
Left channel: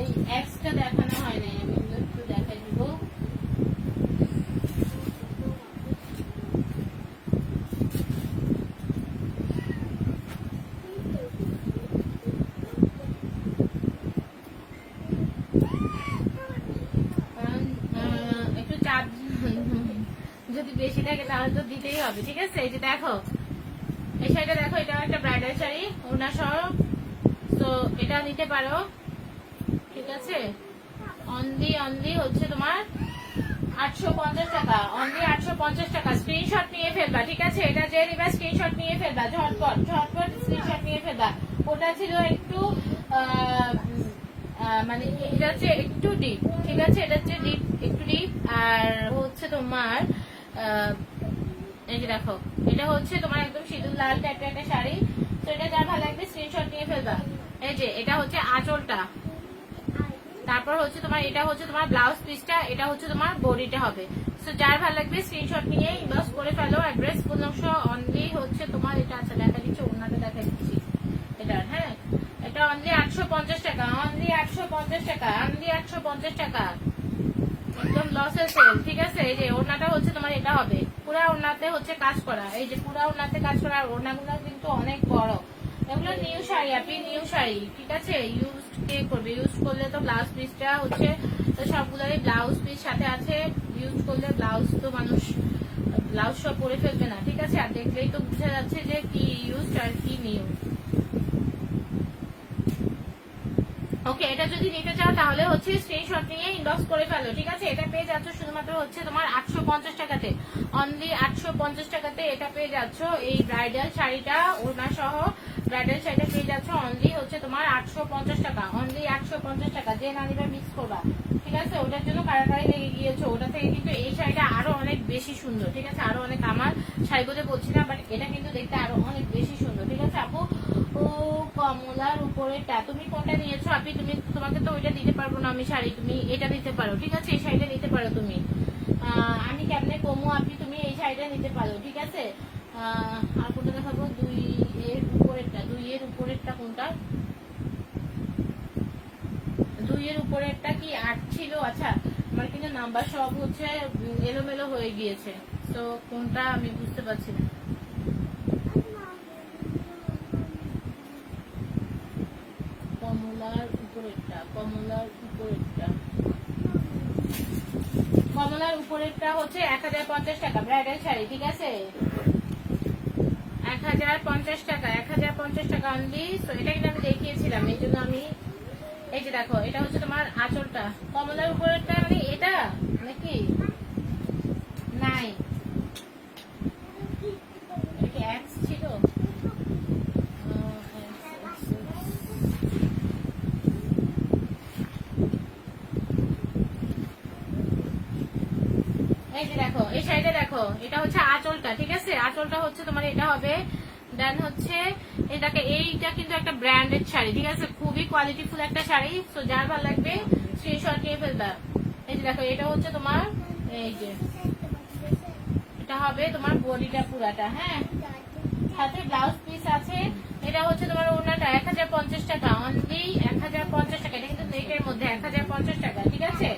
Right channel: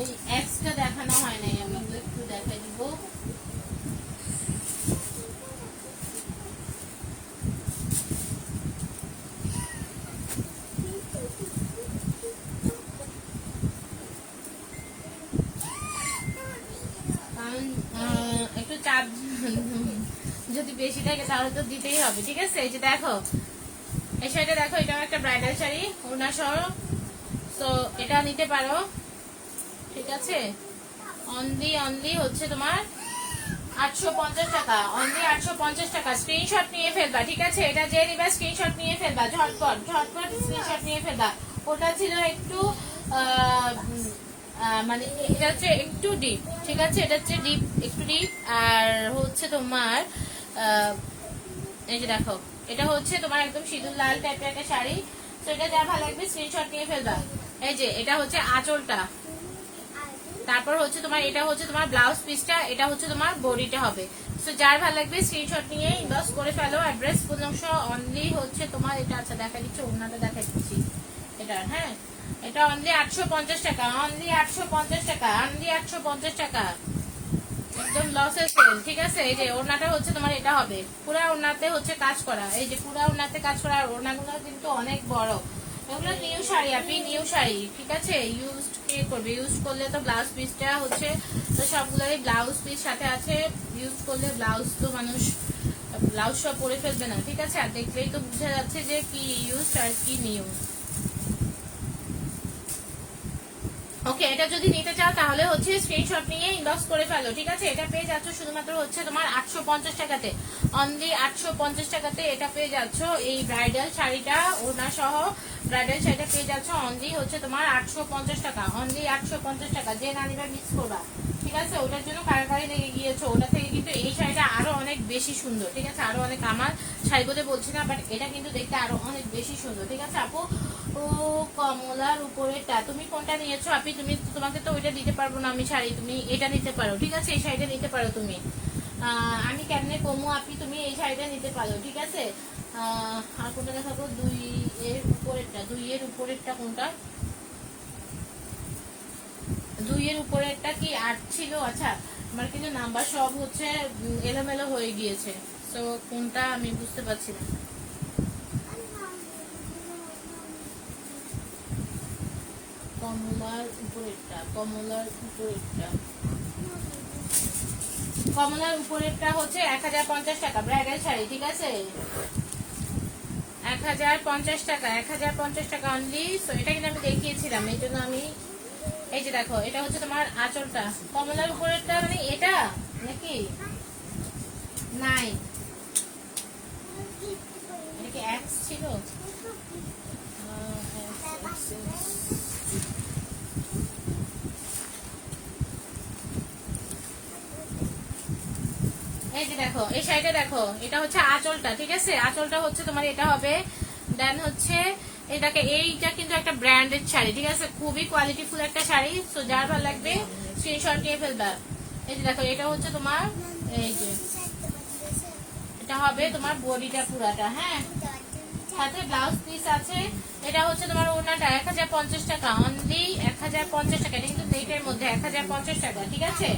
এই এক্সটা দেখানো হয় নাই, আমি একটু দেখাই দিব। একটু চাপ যদি বেশি থাকে তাহলে তো দিতেই হবে, ঠিক আছে? এই যে দেখো, এই শাড়িটা দেখো, এটা একটা ব্রাইডাল শাড়ি, ওনা সহ। তো এটা নিতে পারো, ঠিক আছে? অনলি হচ্ছে তোমার 850 টাকা, অনলি 850 টাকা। স্ক্রিনশট নিয়ে ফেলবা, ঠিক আছে? এটা যে নিবা স্ক্রিনশট নিয়ে ফেলবা, ঝটপট স্ক্রিনশট নিয়ে ফেলবা। ওটা ছিল একটু মানে এটা হচ্ছে একটু ডিপ, ঠিক আছে? এটা হচ্ছে ডিপ, একটু ডিপ। আর হচ্ছে তোমার এই যে দেখো, এটা হচ্ছে তোমার একদম সিঁদুর লাল টাইপের একটা শাড়ি। তো এটা যা ভালো লাগবে স্ক্রিনশট নিয়ে ফেলবা। এই যে এটা হচ্ছে আঁচলটা, তারপর হচ্ছে তোমার এটা হচ্ছে তোমার ব্লাউজ পিসটা, এটা হচ্ছে তোমার বডিটা হবে। তো যার ভালো লাগবে স্ক্রিনশট নিয়ে ইনবক্স করে ফেলো, অ্যাড্রেস ফোন নম্বর। অনলি হচ্ছে তোমার এটা, আচ্ছা দেখা দিচ্ছি, অন্যটা দেখা দিচ্ছি এটা। হ্যাঁ, এটা অনলি 850 টাকা, অনলি 850 টাকা, অনলি 850 টাকা, একদম লসের সেল, ঠিক আছে? এই যে ওড়নাটা হচ্ছে তোমার এটা হবে, পুরা ওড়নাতে হচ্ছে কাজ করা, এই যে পুরা ওড়নাতে কাজ করা। আর ওড়নাগুলো কিন্তু অনেক বড়, এগুলো নিউ শাড়ি, আপনি নিউ শাড়ি, ঠিক আছে? ইউজ কে করবে? ইউজ করলে তো ব্লাউজ পিসটা হচ্ছে, তো সবগুলোরই ব্লাউজ পিস সাথে আছে। ইউজ করলে ব্লাউজ তো মানুষ ব্লাউজ সব পরে ফেলবে না, ঠিক আছে? আর দেখলেই তো বোঝা যাচ্ছে যে কি ইউজ আর কি নিউজ। ওকে, এটা যদি নিতে চাও তাহলে হচ্ছে স্ক্রিনশট নিয়ে ইনবক্স করে ফেলো, ঠিক আছে। এটা পেয়ে যাচ্ছ শুধুমাত্র হচ্ছে তোমার 850 টাকাতে, অনলি 850 টাকাতে এটা পেয়ে যাচ্ছ। এই ব্রাইডাল শাড়িটা ওড়না সহ ব্রাইডাল শাড়িটা পেয়ে যাচ্ছ অনলি হচ্ছে তোমার 850 টাকা, অনলি 850 টাকা। যে নানিবা মিক্স করবা, ঠিক আছে, ওটার জন্য কারাকারি লেগে গিয়েছো। ওটা থেকে কিন্তু এই শাড়িটা আরো অনেক বেশি সুন্দর, ঠিক আছে, আরো অনেক, আমার শাড়ি বলতে বলছি না, বাট এটা কিন্তু দেখতে আরো অনেক বেশি সুন্দর, ঠিক আছে আপু। ও কমলার উপরেটা তুমি কোনটা নিয়েছো আপনি? তুমি, তোমাকে তো ওইটা দিতে পারবো না আমি শাড়ি, তুমি এটা নিতে পারো, ঠিক আছে, এই শাড়িটা নিতে পারো তুমি। আমি কেমনে কমো আপনি, তুমি এই শাড়িটা নিতে পারো, ঠিক আছে। আর কোনটা দেখাবো? 2 এর উপরেরটা, 2 এর উপরেরটা কোনটা? 2 এর উপরেরটা কি 8 ছিল? আচ্ছা, আমার কিন্তু নাম্বার সব হচ্ছে এলোমেলো হয়ে গিয়েছে, তো কোনটা আমি বুঝতে পারছি না। কমলার উপরেরটা, কমলার উপরেরটা, কমলার উপরেরটা হচ্ছে 1050 টাকা ব্রাইডাল শাড়ি, ঠিক আছে, 1050 টাকা, 1050 টাকা অনলি। সো এটা কিন্তু আমি দেখিয়েছিলাম, এই জন্য আমি, এই যে দেখো, এটা হচ্ছে তোমার আঁচলটা, কমলার উপরেরটা, মানে এটা নাকি নাই, এটা কি এক্স ছিল? এই যে দেখো, এই শাড়িটা দেখো, এটা হচ্ছে আঁচলটা, ঠিক আছে, আঁচলটা হচ্ছে তোমার এটা হবে। দেন হচ্ছে এটাকে, এইটা কিন্তু একটা ব্র্যান্ডেড শাড়ি, ঠিক আছে, খুবই কোয়ালিটিফুল একটা শাড়ি। তো যার ভালো লাগবে স্ক্রিনশট নিয়ে ফেলবা। এই যে দেখো, এটা হচ্ছে তোমার, এই যে এটা হবে তোমার বডিটা পুরাটা, হ্যাঁ, সাথে ব্লাউজ পিস আছে। এটা হচ্ছে তোমার ওনাটা 1050 টাকা, অনলি 1050 টাকা। এটা কিন্তু নেটের মধ্যে 1050 টাকা, ঠিক আছে,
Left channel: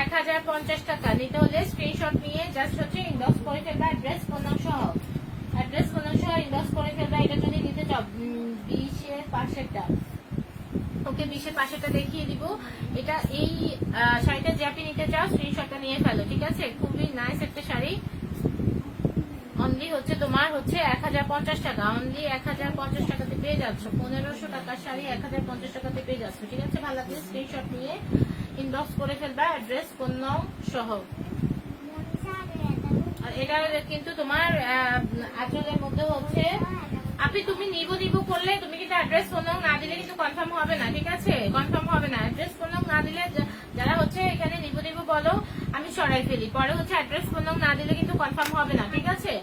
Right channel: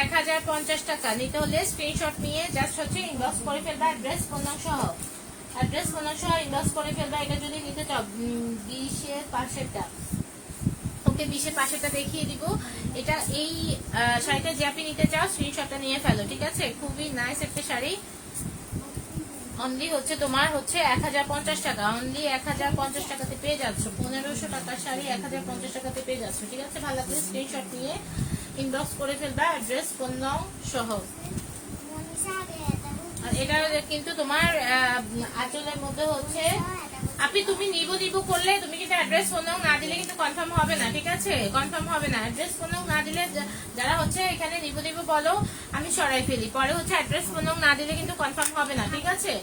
1050 টাকা। নিতে হলে স্ক্রিনশট নিয়ে জাস্ট হচ্ছে ইনবক্স করে ফেলবা, অ্যাড্রেস ফোন নাম সহ, অ্যাড্রেস ফোন নাম সহ ইনবক্স করে ফেলবা। এটা যদি নিতে চাও 20-এর পাশেরটা, ওকে, 20-এর পাশেরটা দেখিয়ে দিব। এটা এই শাড়িটা যে আপনি নিতে চাও স্ক্রিনশটটা নিয়ে ফেলো, ঠিক আছে, খুবই নাইস একটা শাড়ি। অনলি হচ্ছে তোমার হচ্ছে 1050 টাকা, অনলি 1050 টাকাতে পেয়ে যাচ্ছ। 1500 টাকার শাড়ি 1050 টাকাতে পেয়ে যাচ্ছ, ঠিক আছে। ভালো লাগলে স্ক্রিনশট নিয়ে ইনবক্স করে ফেলবা, অ্যাড্রেস ফোন নাম সহ। আর এটা কিন্তু তোমার আঁচলের মধ্যে হচ্ছে, আপনি তুমি নিবো করলে তুমি কিন্তু অ্যাড্রেস ফোন নাম না দিলে কিন্তু কনফার্ম হবে না, ঠিক আছে, কনফার্ম হবে না। অ্যাড্রেস ফোন নাম না দিলে, যারা হচ্ছে এখানে নিবো বলো, আমি সরাই ফেলি, পরে হচ্ছে অ্যাড্রেস ফোন নাম না দিলে কিন্তু কনফার্ম হবে না, ঠিক আছে।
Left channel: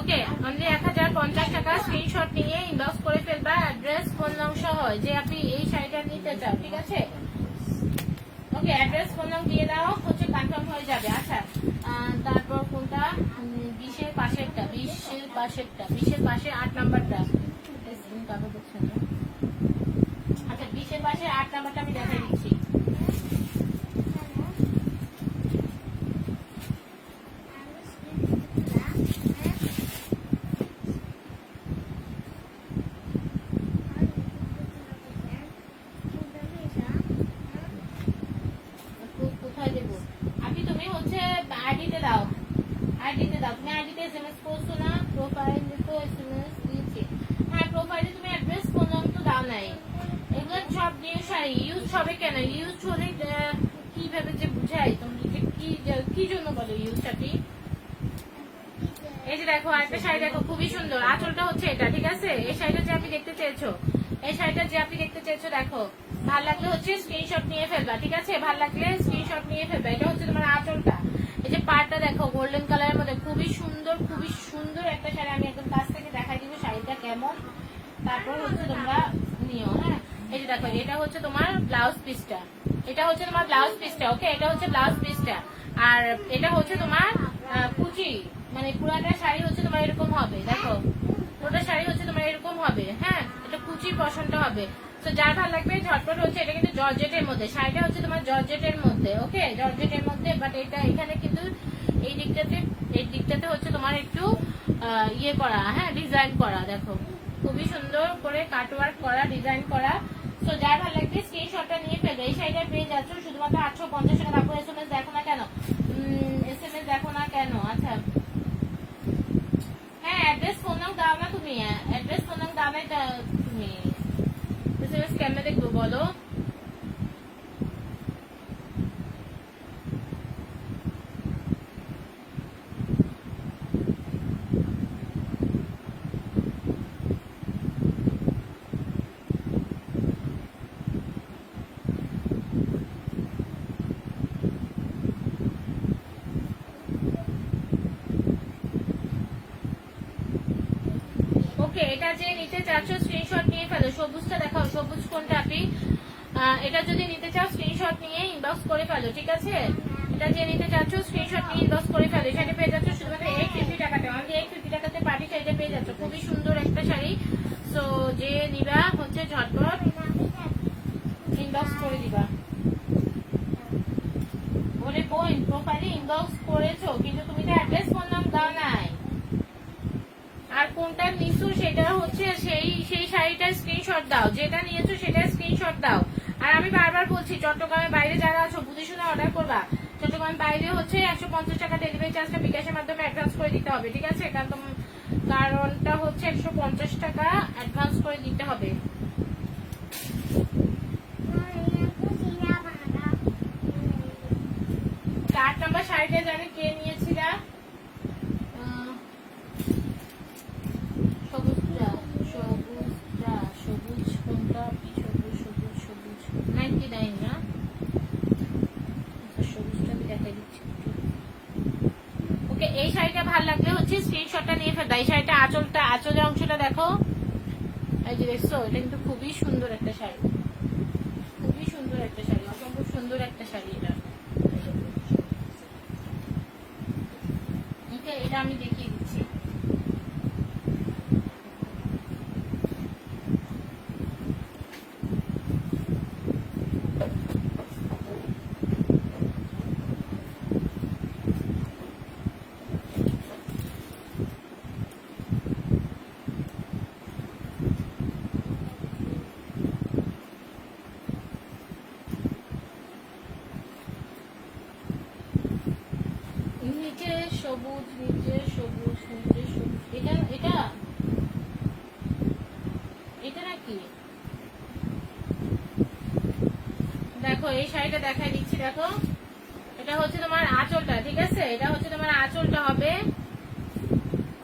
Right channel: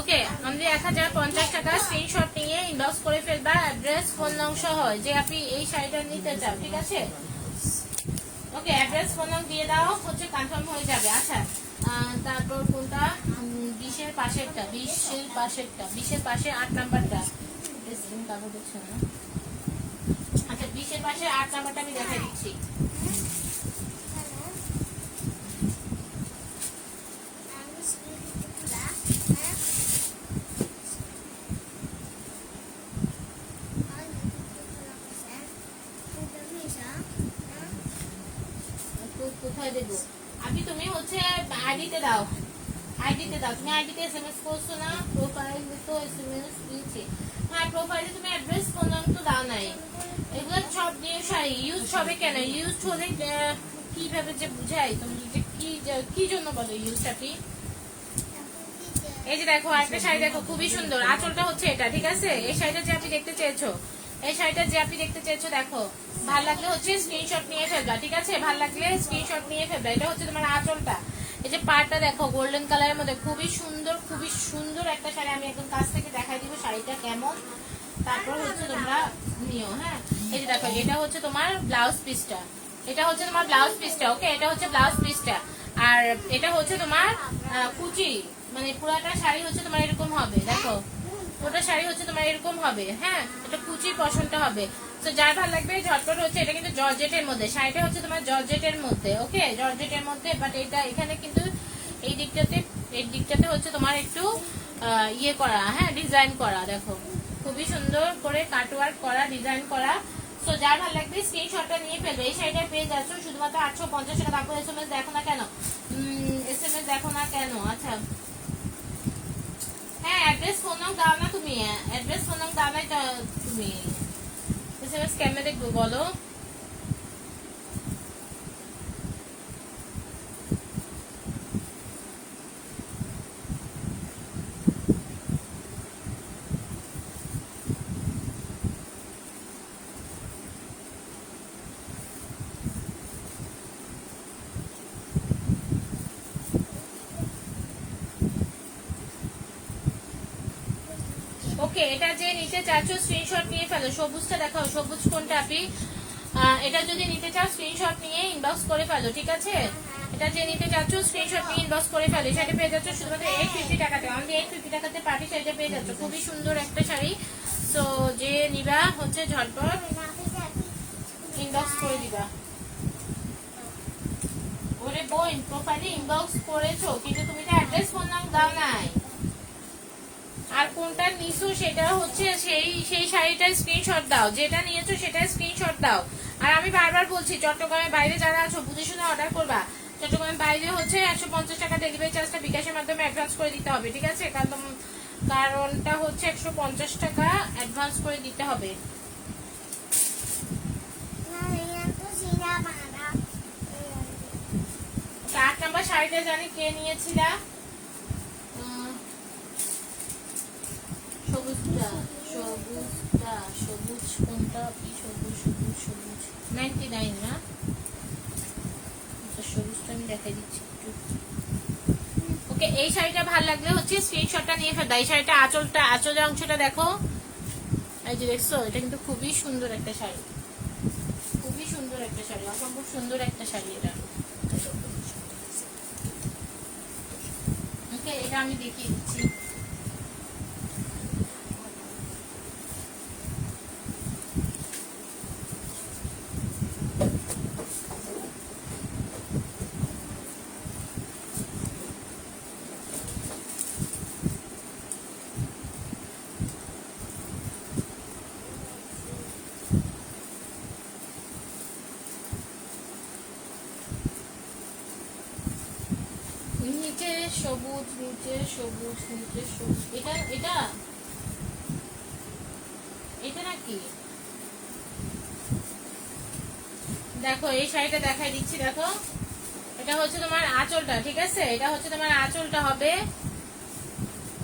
ওকে, অনলি 1050 টাকা, স্ক্রিনশট নিয়ে ইনবক্স করে ফেলবা, অ্যাড্রেস ফোন নাম সহ, যে আপনি এই শাড়িটা নিতে চাও, ঠিক আছে। ওকে, অ্যাড্রেস ফোন নাম দিয়ে দাও, হচ্ছে কনফার্ম হয়ে যাবে। আচ্ছা, তারপর কোনটা? 20-এর পাশেরটা, 20-এর পাশেরটা, 20-এর পাশে 8 নাম্বারটা, কাগজ হচ্ছে না। আচ্ছা, 20-এর পাশে 8 নাম্বারটা আমি দেখাই দিচ্ছি। কোথায় দেবো আপনি? তুমি হচ্ছে আইডিতে দাও, আইডিতে দাও, তুমি আইডিতে এসএমএস করছো না, প্রোফাইলে তো এসএমএস দিয়েছি, হ্যাঁ, প্রোফাইলে তুমি অ্যাড্রেস ফোন নাম তো দাও নাই। এগুলো সব নিউ শাড়ি, ইউজ হবে কেন? ইউজ হলে কিভাবে যে বুঝাই তুমি, যে কি জন্য বলে ইউজটা কি? এই যে দেখো, আরেকটা শাড়ি দেখো, খুবই সুন্দর, আঁচলটা হচ্ছে এটা, ঠিক আছে। এই শাড়িটা যে আপনি দেখতে চেয়েছো, এই শাড়িটা যে আপনি দেখতে চেয়েছো, দেখো, ভাল লাগলে হচ্ছে স্ক্রিনশট নিয়ে ফেলবা, ঠিক আছে, ভাল লাগলে স্ক্রিনশট নিয়ে ফেলবা। এটা হচ্ছে তোমার আঁচলটা, এই যে পাড়টা দেখো গোল্ডেন কালারের মধ্যে, খুবই সুন্দর, খুবই সুন্দর একটা শাড়ি। আমি একদম কাছ থেকে দেখাই দিব শাড়িটা কেমন, তারপর হচ্ছে তোমরা নিও, হ্যাঁ। এই যে দেখো, এটা হচ্ছে তোমার ব্লাউজ পিসটা, এটা হচ্ছে তোমার ব্লাউজ পিসটা, ওকে, এটা হচ্ছে ব্লাউজ পিসটা। আর এটা হচ্ছে তোমার কুচি, মানে পুরাটা শাড়ি হচ্ছে তোমার এরকম হবে, দেখো, পুরোটা শাড়ি হচ্ছে তোমার এরকম হবে, হ্যাঁ, এটা কুচির পশনটা হবে। তো যার ভালো লাগবে ঝটপট হচ্ছে, এটা কিন্তু জর্জেটের মধ্যে, শাড়িটা হচ্ছে তোমার জর্জেটের মধ্যে, ওকে, জর্জেটের মধ্যে। বাট এটা এখানে কিন্তু এই দিকটাতে হচ্ছে তোমার একটু ইয়ে করা, হ্যাঁ, ডিজাইন করা, দেখো, খুবই সুন্দর করে কাটওয়ার্ক করা, ডিজাইন করা। তো যার ভালো লাগবে স্ক্রিনশটটা নিয়ে ফেলবে। এই শাড়িটা পেয়ে যাচ্ছ শুধুমাত্র 850 টাকা। তারপর এসএমএস দেখো না কেন, এসএমএস দেখো না কেন? আচ্ছা, হ্যাঁ, অ্যাড্রেস ফোন নাম দাও না তুমি, অ্যাড্রেস ফোন নাম দাও না তুমি, এসএমএস কেমনে দেখবো বলো? ওকে, এটা যে নিতে চাচ্ছ স্ক্রিনশট নিয়ে ফেলো। সবুজটা দেখাও, সবুজ কোনটা আপনি? এটা যদি নিতে চাও স্ক্রিনশট নিয়ে ইনবক্স করে ফেলো, ঠিক আছে? এটা যে নিতে চাচ্ছ স্ক্রিনশট নিয়ে ইনবক্স করে ফেলো। শাড়ি পেয়ে যাচ্ছ শুধুমাত্র 850 টাকাতে, অনলি 850 টাকাতে পার্টি শাড়িটা পেয়ে যাচ্ছ। খুবই সুন্দর একটা শাড়ি। সো যে নিবা হচ্ছে ঝটপট ইনবক্স করে দিবা। ওরে বোন, প্রোফাইলে ইনবক্স করেছো কিন্তু তুমি তো অ্যাড্রেস ফোন নাম দাও নাই। আর কোনটা নিছো সেটা হচ্ছে সেই শাড়িটার স্ক্রিনশট দাও, যেটা নিয়েছো সেটার স্ক্রিনশট দাও। আর আমি বারবার বলছি, চট্টগ্রামের বাইরে যারা আছো বুঝে শুনে অর্ডার করবা। চট্টগ্রামের বাইরে হচ্ছে 150 টাকা ডেলিভারি চার্জটা বিকাশের মাধ্যমে অ্যাডভান্স করে দিতে হবে, ঠিক আছে? কারণটা হচ্ছে 150 টাকা অ্যাডভান্স করে দিতে হবে। 8 নাম্বার শাড়িটা জানি কে নিয়েছিলা? সবুজটা, সবুজটা, সবুজ কোনটা? সবুজ সবুজ সবুজ 99 না? সবুজটা আমি দেখাই দিচ্ছি। ওকে, এই শাড়িটা ভালো লাগলে হচ্ছে স্ক্রিনশটটা নিয়ে ফেলবা। এই শাড়িটা আঁচলের অংশটা দেখো, এই যে দেখছো, এটা কিন্তু খুবই সুন্দর একটা শাড়ি, খুবই সুন্দর একটা শাড়ি, অসম্ভব সুন্দর একটা শাড়ি এটা। ওকে, এটা আমি দেখিয়ে দিচ্ছি। নিচে সবুজ, নিচে সবুজ, নিচে সবুজ, এটা এটা এটা নাকি? দেখো এই শাড়িটা দেখাই দিচ্ছি, দেখো এটা হচ্ছে তোমার আঁচলটা, ঠিক আছে? এটা হচ্ছে তোমার আঁচলটা হবে,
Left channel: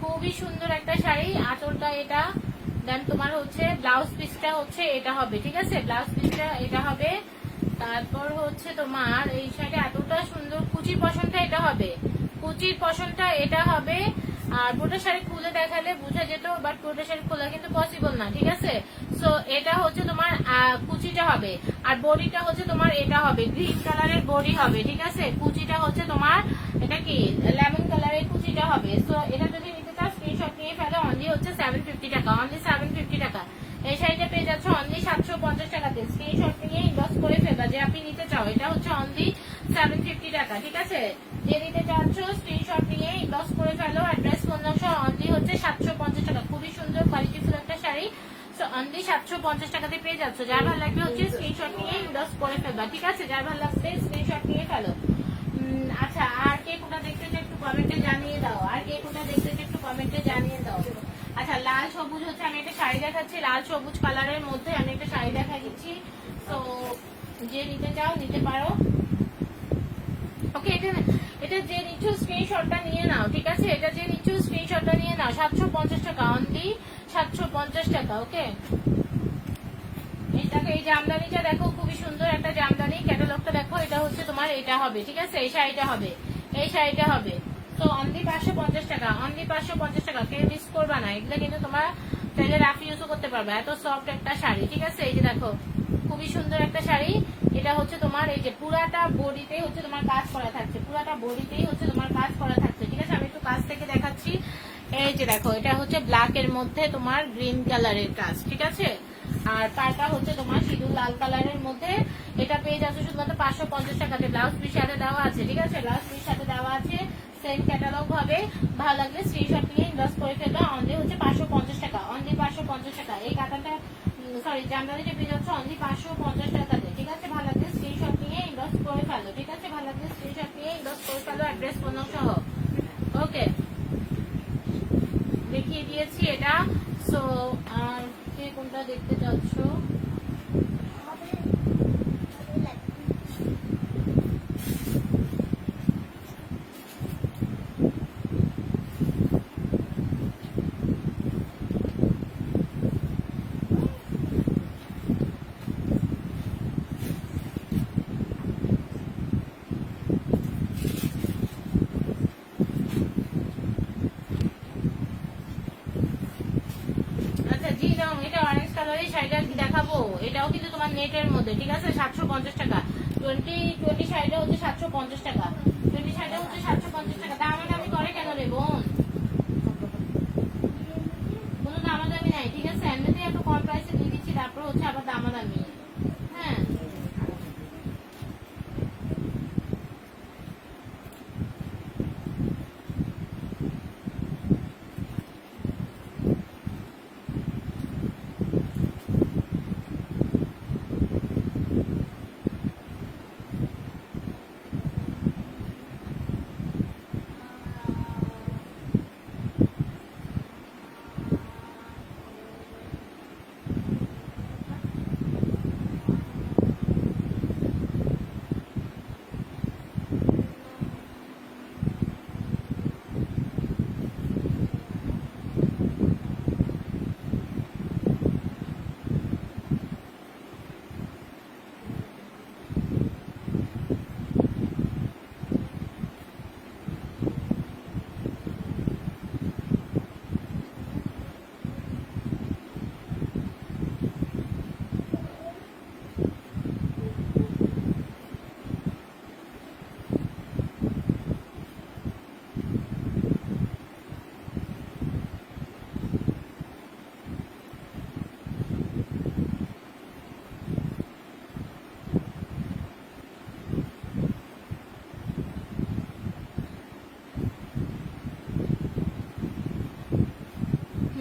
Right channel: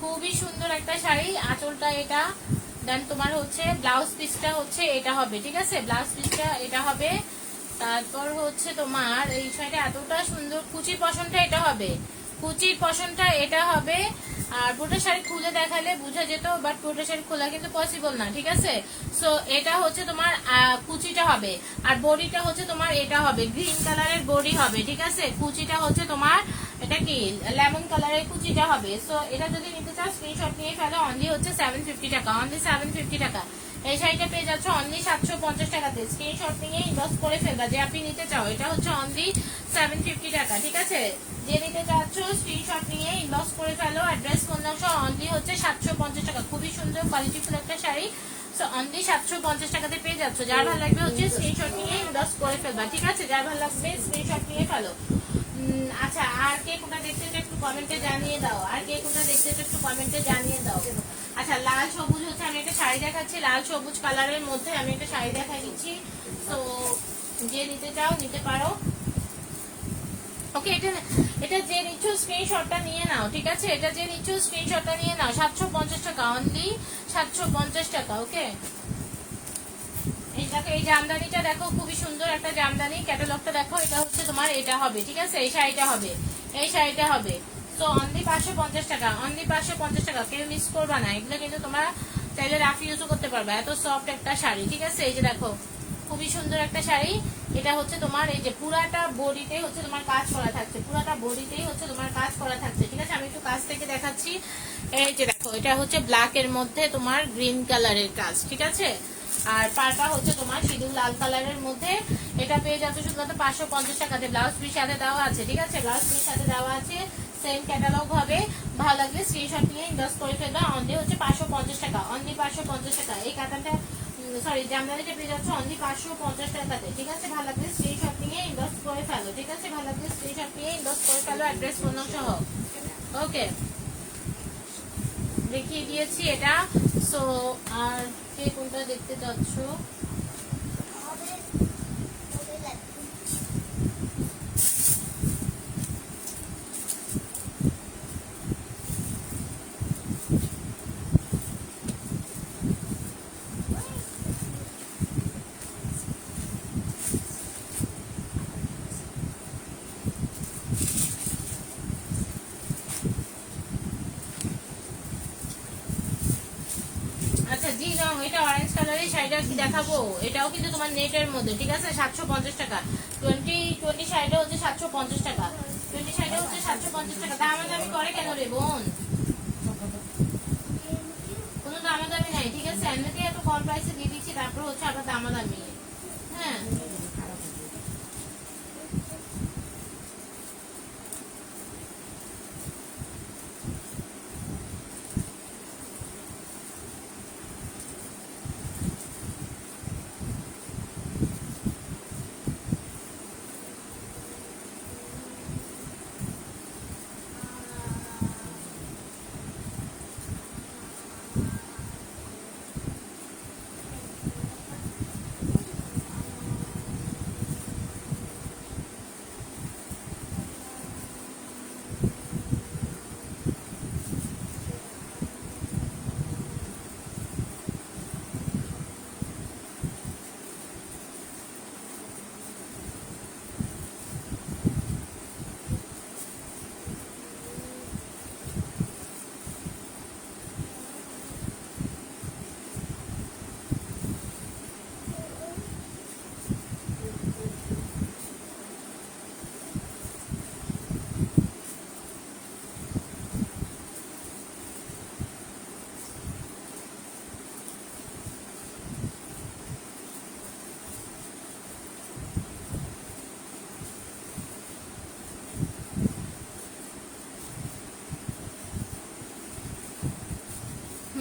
খুবই সুন্দর একটা শাড়ি। আঁচলটা এটা, দেন তোমার হচ্ছে ব্লাউজ পিসটা হচ্ছে এটা হবে, ঠিক আছে? ব্লাউজ পিসটা এটা হবে। তারপর হচ্ছে তোমার এই শাড়িটা এতটা সুন্দর, কুচির পশনটা এটা হবে, কুচির পশনটা এটা হবে। আর পুরোটা শাড়ি খুলে দেখালে বোঝা যেত, বাট পুরোটা শাড়ি খোলা কিন্তু পসিবল না, ঠিক আছে? সো এটা হচ্ছে তোমার কুচিটা হবে, আর বডিটা হচ্ছে তোমার এটা হবে, গ্রিন কালারের বডি হবে, ঠিক আছে? কুচিটা হচ্ছে তোমার এটা কি লেমন কালারের কুচিটা হবে। সো এটা যদি নিতে চাও স্ক্রিনশট নিয়ে ফেলো। অনলি হচ্ছে 750 টাকা, অনলি 750 টাকা। এই শাড়িটা পেয়ে যাচ্ছ অনলি 750 টাকাতে। স্ক্রিনশট নিয়ে ইনবক্স করে ফেলবা যে আপনি নিতে চাও। এটা হচ্ছে অনলি 750 টাকা, ঠিক আছে? যে নিতে চাচ্ছ স্ক্রিনশট নিয়ে ইনবক্স করে ফেলো। অ্যাড্রেস ফোন নাম্বার অনলি হচ্ছে 750 টাকা। খুবই সুন্দর কোয়ালিটিফুল একটা শাড়ি। সো অনলি 750 টাকাতে পেয়ে যাচ্ছ। যার ভালো লাগবে হচ্ছে স্ক্রিনশট নিয়ে ইনবক্স করে ফেলবা, ঠিক আছে? যার ভালো লাগবে স্ক্রিনশট নিয়ে ফেলো। আচ্ছা, আর কে কোনটা দেখতে একটু কমেন্টে জানিয়ে দাও। আর কে কোনটা দেখতে একটু কমেন্টে জানিয়ে দাও। আচ্ছা, লাল সবুজ হচ্ছে আমি একটা শাড়ি দেখাচ্ছি, লাল সবুজ কালারের মধ্যে আমি একটা শাড়ি দেখা দিচ্ছি। তো যে নিতে চাও নিতে পারো। ওকে, এটা যে নিচ্ছ স্ক্রিনশটটা নিয়ে নাও, ঠিক আছে? এটা যে নিচ্ছ স্ক্রিনশটটা নিয়ে নাও। 750 টাকা, অনলি 750 টাকা। ওকে, এইটাকে এই জামদানিটা দেখো, খুবই সুন্দর একটা জামদানি। ক্যাটালগটা দেখো, এটা হচ্ছে তোমার এটা হবে, ঠিক আছে? এই শাড়িটা হবে, এই শাড়িটা হবে। তো অনলি 550 টাকা, অনলি 550 টাকা। কেউ মিস করবা না, এগুলো কিন্তু তোমরা চাইলে রাফ ইউজও করতে পারবে। এত সফট একটা শাড়ি, ঠিক আছে? এই যে দেখো, খুবই সুন্দর একটা শাড়ি। এটা হচ্ছে তোমার এই যে পুরাটা বডিতেই হচ্ছে তোমার কাজ করা থাকছে, পুরাটা বডিতেই হচ্ছে তোমার কাজ করা থাকছে, ঠিক আছে? আমি একটু কাছ থেকে দেখাচ্ছি। এই যে দেখো, এটা হচ্ছে ব্ল্যাক এর মধ্যে তোমার গ্রিন কালারের কাজ, ঠিক আছে? আর পাটা হচ্ছে তোমার সিঁদুর লাল কালারের মধ্যে। এটা পেয়ে যাচ্ছে শুধুমাত্র 550 টাকাতে। ব্লাউজ পিস সাথে দেওয়া আছে, ঠিক আছে? ব্লাউজ পিস সাথে দেওয়া আছে, সেম ক্যাটালগ হবে। ভালো লাগলে স্ক্রিনশট নিয়ে ইনবক্স করে ফেলবা। অনলি হচ্ছে 550 টাকা, অনলি 550 টাকা। এই কাতানটা সরি জামদানিটা পেয়ে যাচ্ছে অনলি 550 টাকাতে, ঠিক আছে? ভালো লাগলে স্ক্রিনশট নিয়ে ইনবক্স করে ফেলো, ঠিক আছে? ভালো লাগলে স্ক্রিনশট নিয়ে ইনবক্স করে ফেলো, অ্যাড্রেস ফোন সহ। ওকে, দেখিয়ে দিয়েছি এটা। সো আর কে কোনটা দেখতে চাচ্ছ? আচ্ছা জি নাও, এটা অরেঞ্জ কালারের শাড়িটা কি দেখাবো, এটাও কিন্তু তোমার নেটের মধ্যে, ঠিক আছে? 750 টাকা। 20 শাড়িটা হচ্ছে 750 টাকা। 20 শাড়িটা হচ্ছে 750 টাকা। দামাদামি করে কেন রে বোন? কোনো দামাদামি নাই, ঠিক আছে? এমনিতেই একটু কম প্রাইসে দিয়ে দিচ্ছি, তারপর হচ্ছে আবার দামাদামি। হ্যাঁ,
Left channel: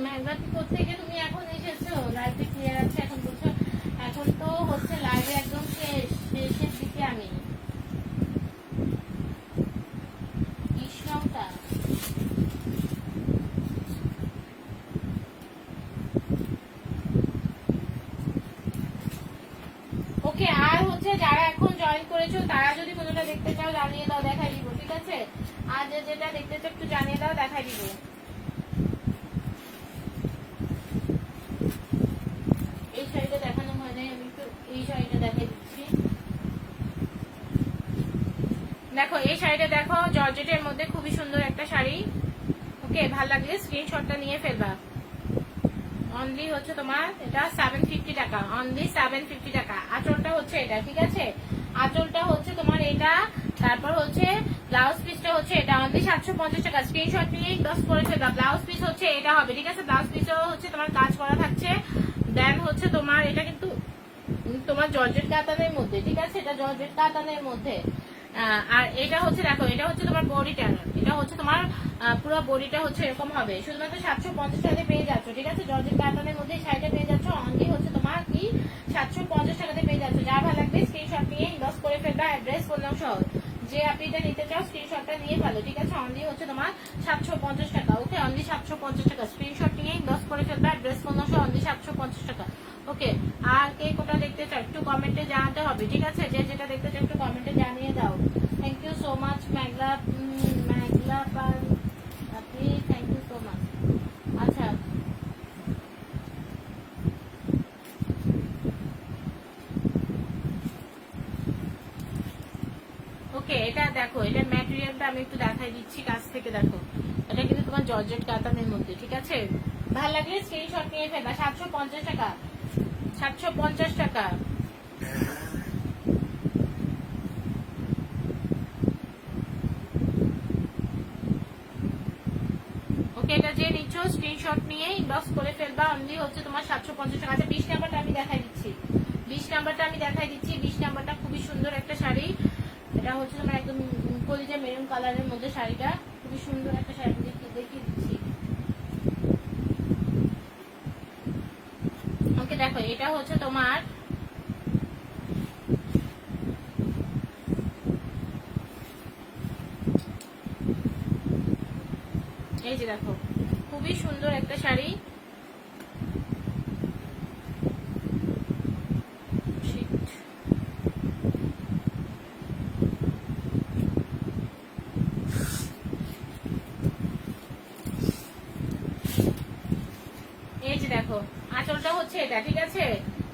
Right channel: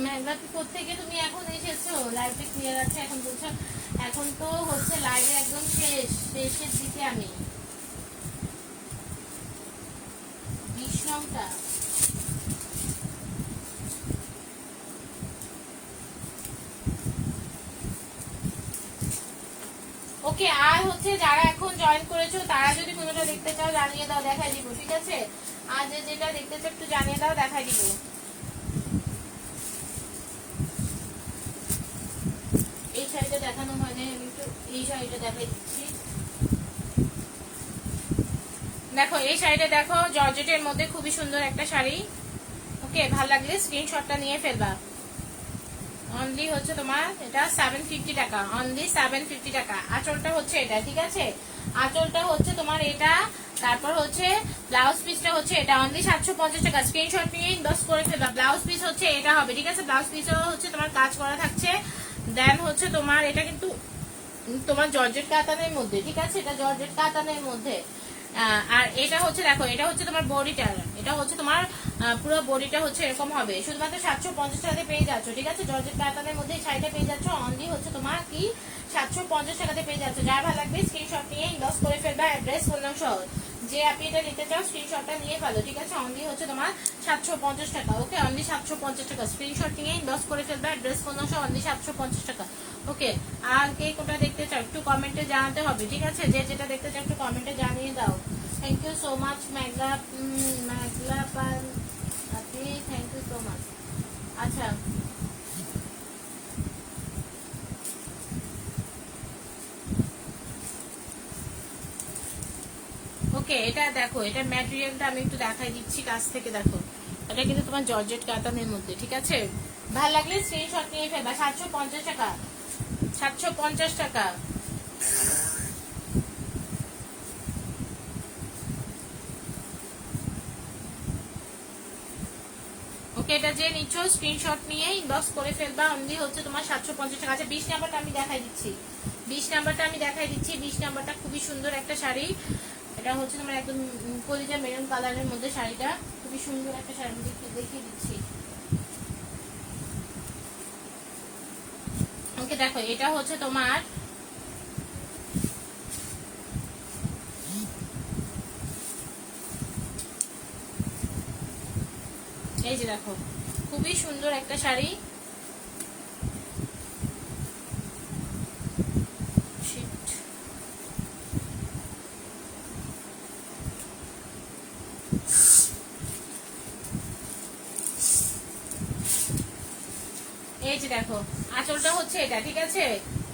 মেঘাপি কোথেকে তুমি এখন এসেছো? লাইভে ক্লিয়ার আছে এখন বলছো? এখন তো হচ্ছে লাইভে একদম শেষের দিকে আমি। বিশ্বমটা ওকে। আর হচ্ছে যারা এখন জয়েন করেছো তারা যদি কোনোটা দেখতে চাও জানিয়ে দাও, দেখাই দিব, ঠিক আছে? আর যেটা দেখতে চাও একটু জানিয়ে দাও, দেখাই দিব। এই শাড়িটা দেখানো হয়নি, আমি একটু এই শাড়িটা দেখাই দিচ্ছি। দেখো এই শাড়িটা দেখো, জর্জেটের মধ্যে খুবই সুন্দর একটা শাড়ি। ওকে, ভালো লাগলে স্ক্রিনশটটা নিয়ে ফেলবা। অনলি হচ্ছে তোমার এটা 750 টাকা, অনলি 750 টাকা। আঁচলটা হচ্ছে এটা, ঠিক আছে? আঁচলটা হচ্ছে তোমার এটা, তারপর হচ্ছে ব্লাউজ পিসটা হচ্ছে এটা, অনলি 750 টাকা। স্ক্রিনশট নিয়ে ইনবক্স করে ফেলবা। ব্লাউজ পিস হচ্ছে এটা হবে, ঠিক আছে? ব্লাউজ পিসও হচ্ছে তোমার কাজ করা থাকছে। দেন হচ্ছে তোমার এটা কিন্তু তোমার জর্জেট কাতানের মধ্যে, ঠিক আছে? এটা জর্জেট কাতানের মধ্যে। আর এটা হচ্ছে দেখো, এটা হচ্ছে তোমার বডিটা, এটা হচ্ছে তোমার পুরো বডিটা হচ্ছে এরকম হবে। শুধুমাত্র 750 টাকাতে পেয়ে যাচ্ছ, ঠিক আছে? জর্জেট প্যাটার্নের মধ্যে শাড়িটা পেয়ে যাচ্ছ, অনলি হচ্ছে তোমার কি 750 টাকাতে পেয়ে যাচ্ছ। যার ভালো লাগবে স্ক্রিনশট নিয়ে ইনবক্স করে ফেলবা, অ্যাড্রেস ফোন নাম সহ। যে আপনি এটা নিতে চাও স্ক্রিনশটটা নিয়ে ফেলো, ঠিক আছে? অনলি হচ্ছে তোমার 750 টাকা। ওকে, অনলি 750 টাকা। স্ক্রিনশট নিয়ে ইনবক্স করে ফেলবা, অ্যাড্রেস ফোন নাম সহ, অনলি 750 টাকা। ওকে, আর কে কোটা দেখতে চাও একটু কমেন্টে জানাতে হবে, ঠিক আছে? যে যেটা দেখতে চাও একটু কমেন্টে জানিয়ে দাও। থ্যাংক ইউ সো মাচ মেঘলা পাল আপনি, থ্যাংক ইউ সো মাচ। আচ্ছা, ওকে, এটা দেখো, এটা ম্যাটেরিয়ালটা আমি একটু দেখাই দিচ্ছি কাছ থেকে। দেখো, এটা কিন্তু তোমার জর্জেট কাতানের মধ্যে, ঠিক আছে? ভালো লাগলে স্ক্রিনশট নিয়ে ফেলবা। 750 টাকা, 750 টাকা। ওকে, এটা যে নিচ্ছ স্ক্রিনশট নিয়ে ইনবক্স করে ফেলবা, অনলি হচ্ছে তোমার 750 টাকা। আচ্ছা, 20 নাম্বারটা আমি দেখাই দিচ্ছি। 20 নাম্বারটা আমি দেখাই দিচ্ছি। 20 নাম্বারটা খুবই সুন্দর একটা শাড়ি। এটা হচ্ছে তোমার একদম কলিজা মেরুন কালারের মধ্যে শাড়িটা, খুবই সুন্দর একটা শাড়ি, দেখিয়ে দিচ্ছি। ওকে, দেখো এটা হচ্ছে তোমার এই যে দেখো, খুবই সুন্দর একটা শাড়ি। এই যে দেখো আঁচলটা হচ্ছে এটা, ঠিক আছে।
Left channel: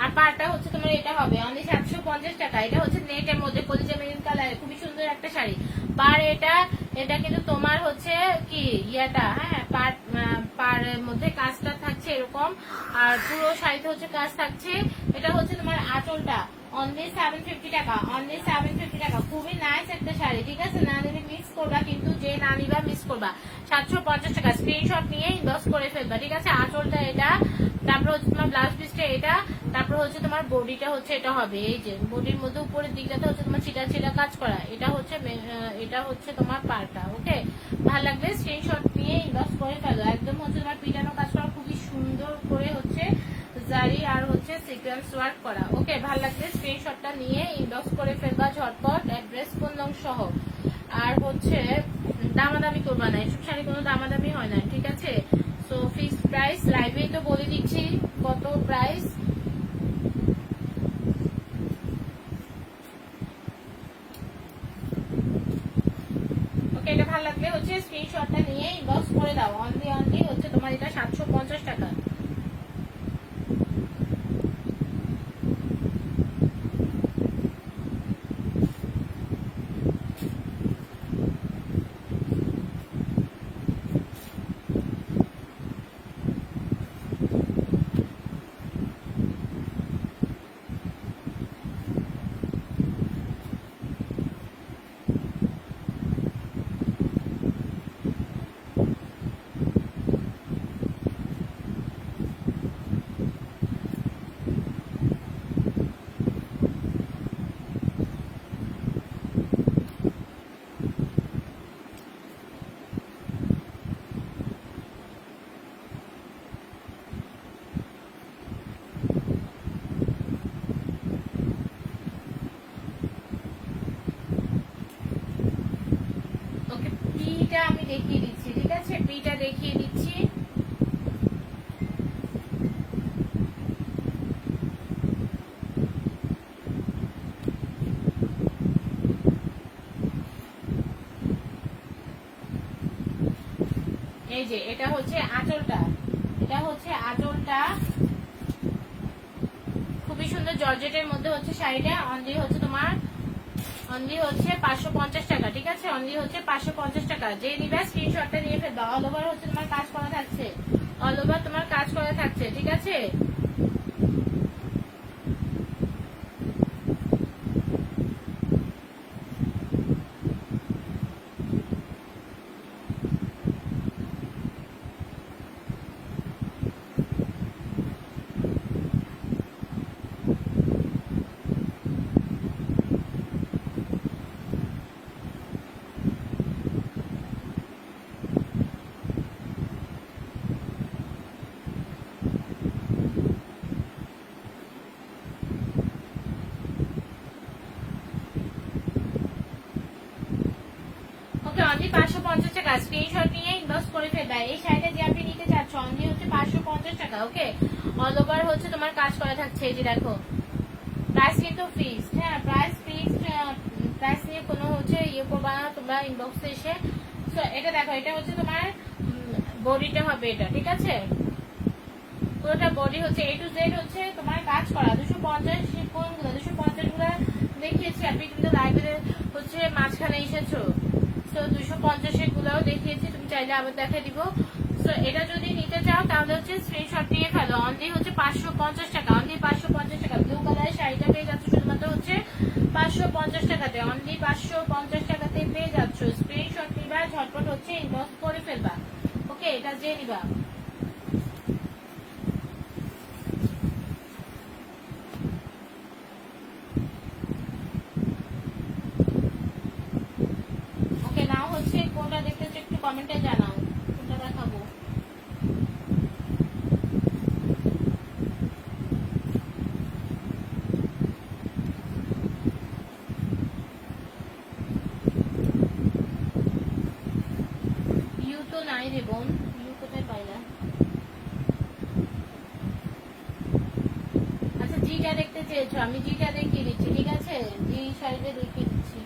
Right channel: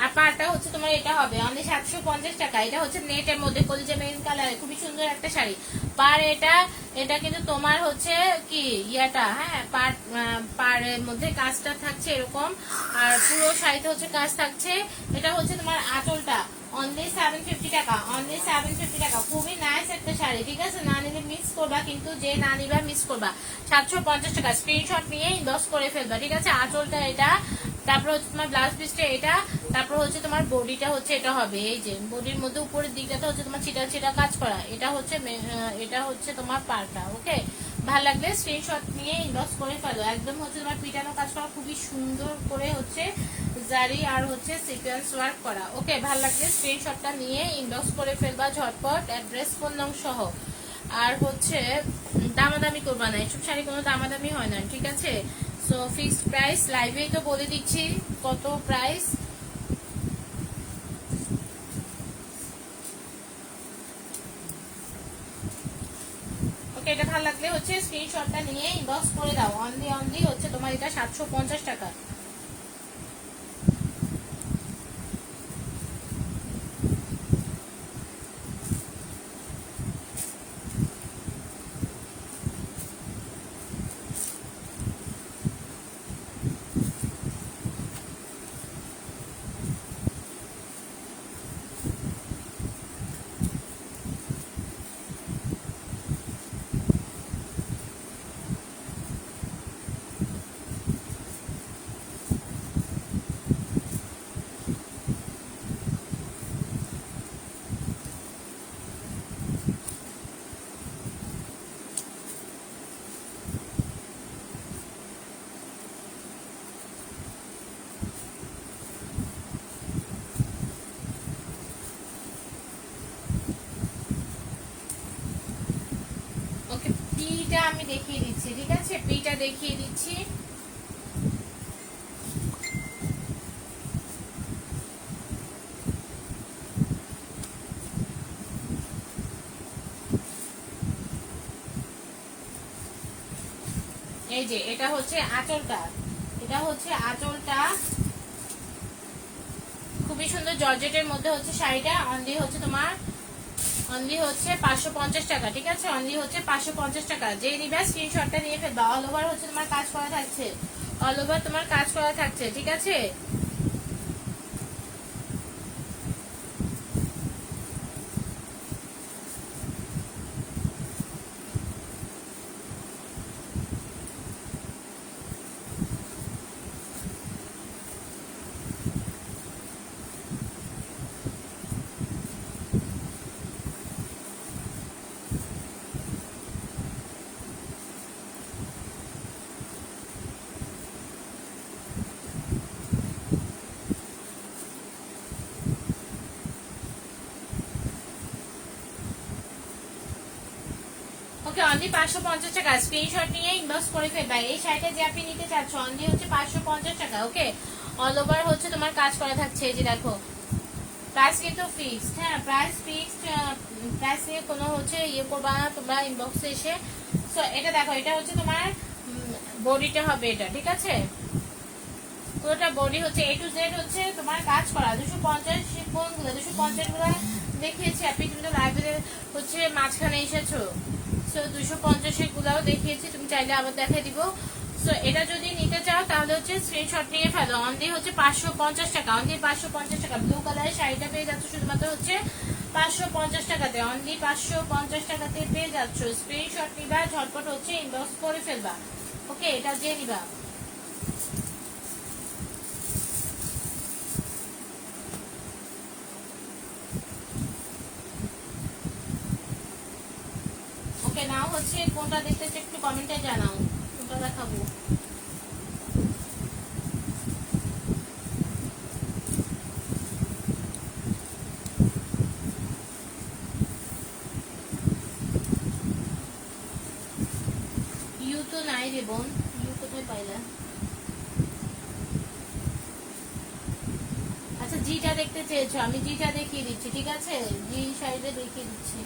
আর পাড়টা হচ্ছে তোমার এটা হবে অনলি 750 টাকা। এটা হচ্ছে নেটের মধ্যে কলিজা মেরুন কালারে, খুবই সুন্দর একটা শাড়ি। পার এটা এটা কিন্তু তোমার হচ্ছে কি ইয়াটা, হ্যাঁ পাড়ের মধ্যে কাজটা থাকছে এরকম, আর পুরো শাড়িতে হচ্ছে কাজ থাকছে। এটা হচ্ছে তোমার আঁচলটা অনলি 750 টাকা, অনলি 750 টাকা। খুবই নাইস একটা শাড়ি, ঠিক আছে। না নিলে মিস করবা, কিন্তু যে না নিবা মিস করবা। 750 টাকা, স্ক্রিনশট নিয়ে ইনবক্স করে ফেলবা, ঠিক আছে। আঁচলটা এটা, তারপর হচ্ছে তোমার ব্লাউজ পিসটা এটা, তারপর হচ্ছে তোমার বডিটা হচ্ছে এটা হবে। এই যে বডির মধ্যে উপরের দিকটা হচ্ছে তোমার ছিটা ছিটা কাজ করা, এটা হচ্ছে এটা হচ্ছে তোমার পার্টটা। ওকে, ভালো লাগবে স্ক্রিনশট নিয়ে ইনবক্স করে ফেলো। একদম হচ্ছে তোমার পিটানো কাজ করা, খুবই সুন্দর করে হচ্ছে জারি আর হচ্ছে সিকোয়েন্স ওয়ার্ক করা। ওকে, ভালো লাগবে স্ক্রিনশটটা নিয়ে ইনবক্স করে ফেলবা ঝটপট, অ্যাড্রেস ফোন নং সহ। আর হচ্ছে দামাদামি করবা না, এইসব শাড়ি কোনো দামাদামি হয় না, ঠিক আছে। সো ফিক্সড প্রাইস, লাইভেই তো বলে দিচ্ছি কত প্রাইস। ওকে, এটা ভালো লাগলে হচ্ছে স্ক্রিনশটটা নিয়ে ইনবক্স করে দাও। অনলি হচ্ছে তোমার এটা 750 টাকা। ওকে, পিটা আমি দেখিয়ে দিচ্ছি, ঠিক আছে। পিটা দেখিয়ে দিচ্ছি। এই যে এটা হচ্ছে আঁচলটা, এটা হচ্ছে আঁচলটা, খুবই সুন্দর জর্জেটের মধ্যে হচ্ছে শাড়িটা। অনলি হচ্ছে তোমার অনলি হচ্ছে 550 টাকা, ঠিক আছে। অনলি হচ্ছে 550 টাকা। যে নিবা স্ক্রিনশটটা নিয়ে ফেলবা। অল ওভার হচ্ছে তোমার কাজ করা থাকছে, অল ওভার তোমার কাজ করা থাকছে, ঠিক আছে। ওকে, অনলি 550 টাকা। স্ক্রিনশট নিয়ে ইনবক্স করে ফেলবা। এই শাড়িটা যে আপনি নিতে চাচ্ছ অনলি হচ্ছে 550 টাকা। ওকে, অল ওভার হচ্ছে তোমার কাজ করা থাকছে। এই যে দেখো, প্রাইস কিন্তু ফিক্সড, হ্যাঁ প্রাইস ফিক্সড। প্রাইস নিয়ে কোনো হচ্ছে ইয়ে করবা না তোমরা ইনবক্সে এসে। সো এটা দেখো, এটা হচ্ছে তোমার বডিটা হবে এটা, ঠিক আছে। পুরোটা বডি হচ্ছে A to Z হচ্ছে তোমার কাজ করা। 250 গুলো 250 গুলো দেখিয়েছি, আপনি কিন্তু লাইব্রেরি হচ্ছে মাঝখানে এসেছো। সো 250 গুলাও দেখিয়েছি, তুমি চাইলে আবার দেখা দিব। সো এটা যদি নিতে চাও তাহলে হচ্ছে স্ক্রিনশট নিয়ে ফেলো। অনলি হচ্ছে 550 টাকা, অনলি 550 টাকা। ব্লু কালারের শাড়িটা পেয়ে যাচ্ছ শুধুমাত্র হচ্ছে 550 টাকাতে, অনলি 550 টাকাতে পেয়ে যাচ্ছ। স্ক্রিনশট নিবা ঝটপট হচ্ছে ইনবক্স করে ফেলবা। ওকে, এটা যে নিবা। ওকে, নাও হচ্ছে কোনটা দেখতেছে একটু কমেন্টে জানাও, কোনটা দেখাবো। ইউ তো নাই রে বোন, ইউ কোথায় পাইলা? আচ্ছা, জিটা দেখতে চেয়েছো, আমি জিটা দেখিয়ে দিচ্ছি, ঠিক আছে। জি শাড়িটা দেখিয়ে দিচ্ছি।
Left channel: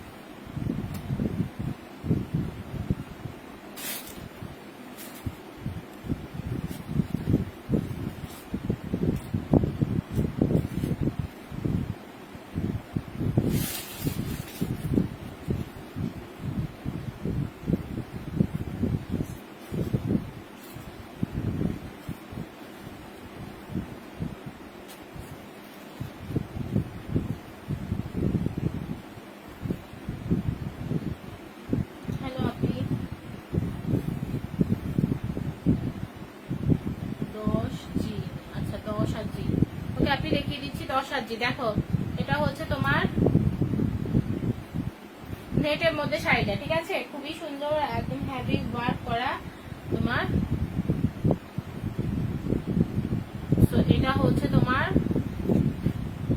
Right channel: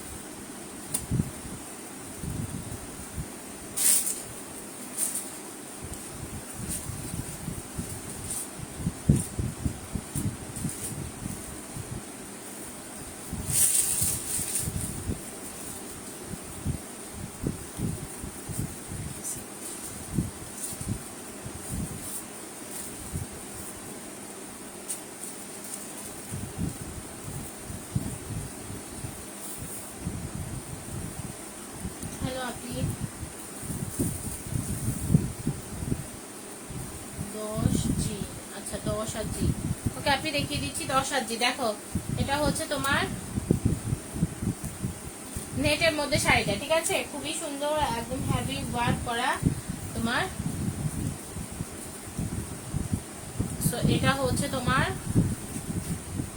আচ্ছা 10 আর জি। ওকে আপনি দেখিয়ে দিচ্ছি 10 আর জি। দেখো এটা হচ্ছে তোমার নেটের মধ্যে শাড়িটা, ঠিক আছে, খুবই সুন্দর, একদম হেভি ওয়ার্ক করা তোমার। সো এটা হচ্ছে তোমার